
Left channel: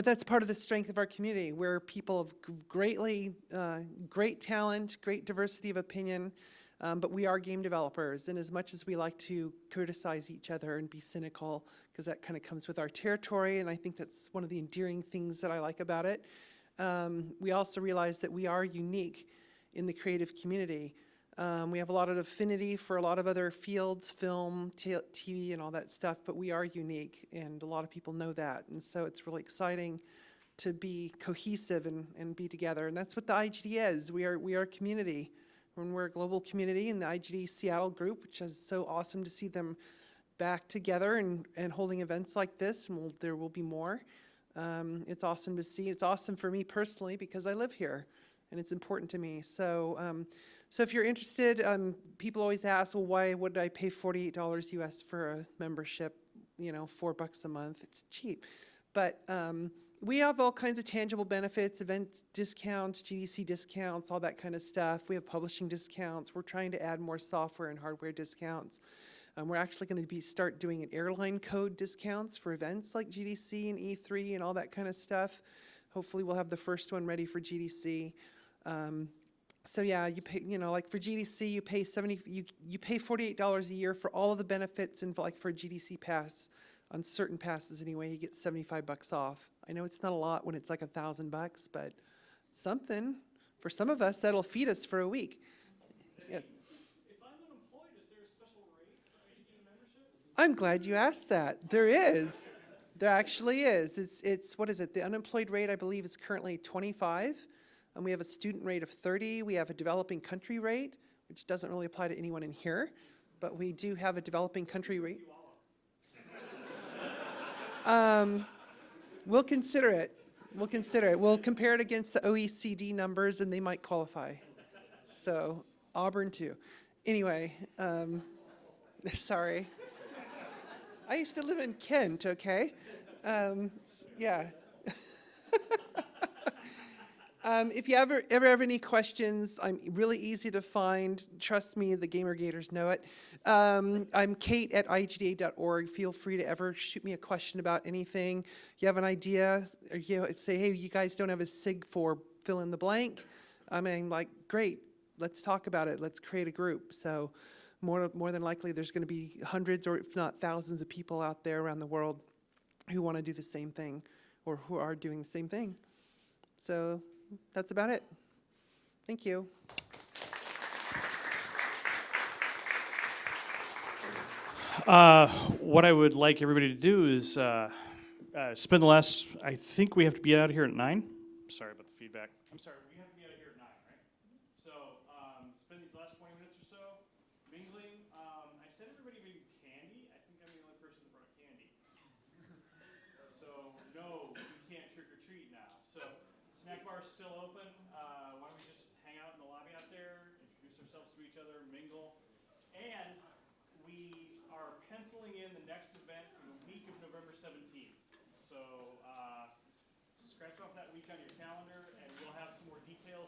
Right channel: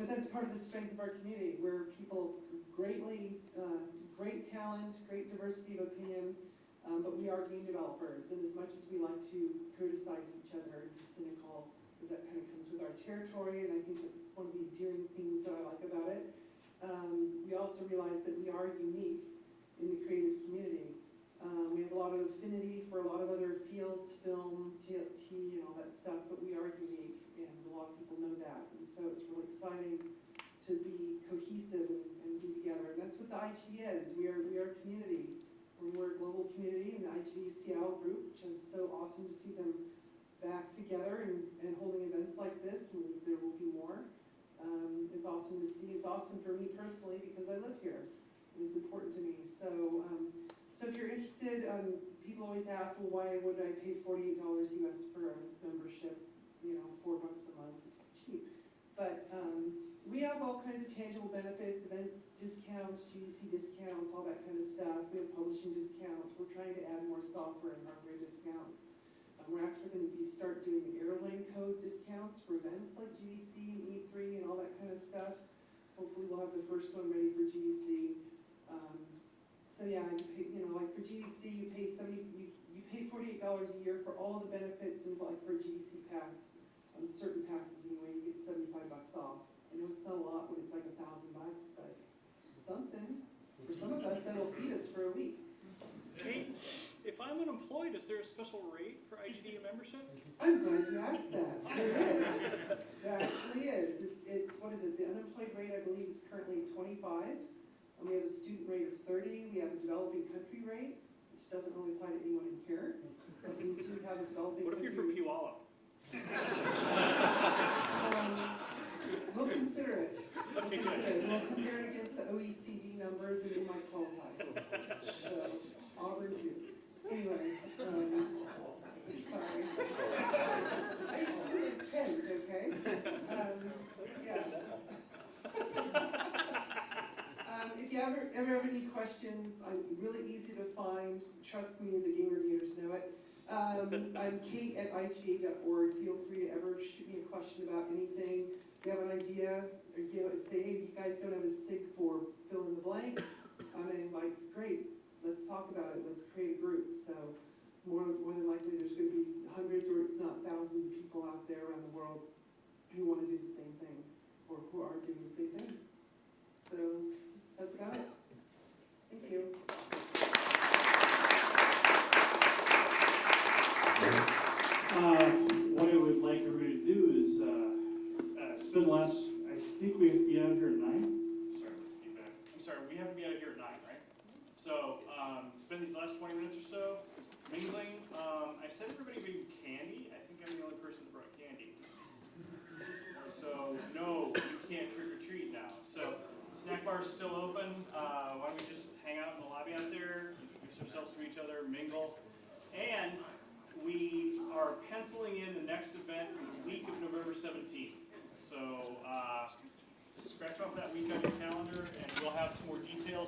that's part of the strength of our community. We're people of great talent, great diversity of opinion, but we are game developers. And as much as we like to criticize each other and be cynical, because that kind of comes with our territory, and I think that's one of the endearing things that I like about it, we also realize that we are unique in the creative community. We have a lot of affinity for a lot of other fields, film, TV, and all that stuff, but we are unique, and a lot of people know that. And so it's really exciting to be cohesive and be together. And that's what the IGD is. We are a community. When we're a global community, and the IGD Seattle group, which is so awesome to see them back together and holding events like this, and there will be more. It's awesome to see. It's awesome for me personally because I live here, and it's important to me. So if you're interested, people always ask, well, why would I pay $48 US for a membership? $4 a month. It's cheap, but we have all kinds of tangible benefits, event discounts, GDC discounts, all that kind of stuff. We have publishing discounts. We're trying to add more software and hardware discounts. We're actually going to start doing an airline code discounts for events like GDC and E3 and all that kind of stuff. Hopefully we'll have the first one ready for GDC. So yeah, you pay, like for GDC, you pay $48 a year for all of the benefits, and like for a GDC pass, on certain passes anyway, you get $75 off. I know it's not a lot when it's like $1,000, but something. For some of us, that'll feed us for a week. If I'm unemployed, is there a special rate for IGDA membership? I'm glad you asked that. There is. There actually is. It's what is it? The unemployed rate, I believe, is currently 25. And we have a student rate of 30. We have a developing country rate, which doesn't really apply to anyone in here. But we do have a developing country rate. We'll consider it. We'll consider it. We'll compare it against the OECD numbers, and they might qualify. So, Auburn too. Anyway, sorry. I used to live in Kent, okay? Yeah. If you ever have any questions, I'm really easy to find. Trust me, the GamerGators know it. I'm Kate at igda.org. Feel free to ever shoot me a question about anything. You have an idea, or say, hey, you guys don't have a SIG for fill in the blank. I mean, like, great. Let's talk about it. Let's create a group. So more than likely, there's going to be hundreds or if not thousands of people out there around the world who want to do the same thing or who are doing the same thing. So that's about it. Thank you. What I would like everybody to do is spend the last, I think we have to be out of here at 9. Sorry about the feedback. I'm sorry, we have to be out of here at 9, right? So spend these last 20 minutes or so mingling. I said everybody bring candy. I think I'm the only person that brought candy. So no, you can't trick or treat now. So Snack bar is still open. Why don't we just hang out in the lobby out there, introduce ourselves to each other, mingle. And we are penciling in the next event for the week of November 17th. So scratch off that week on your calendar, and we'll have some more details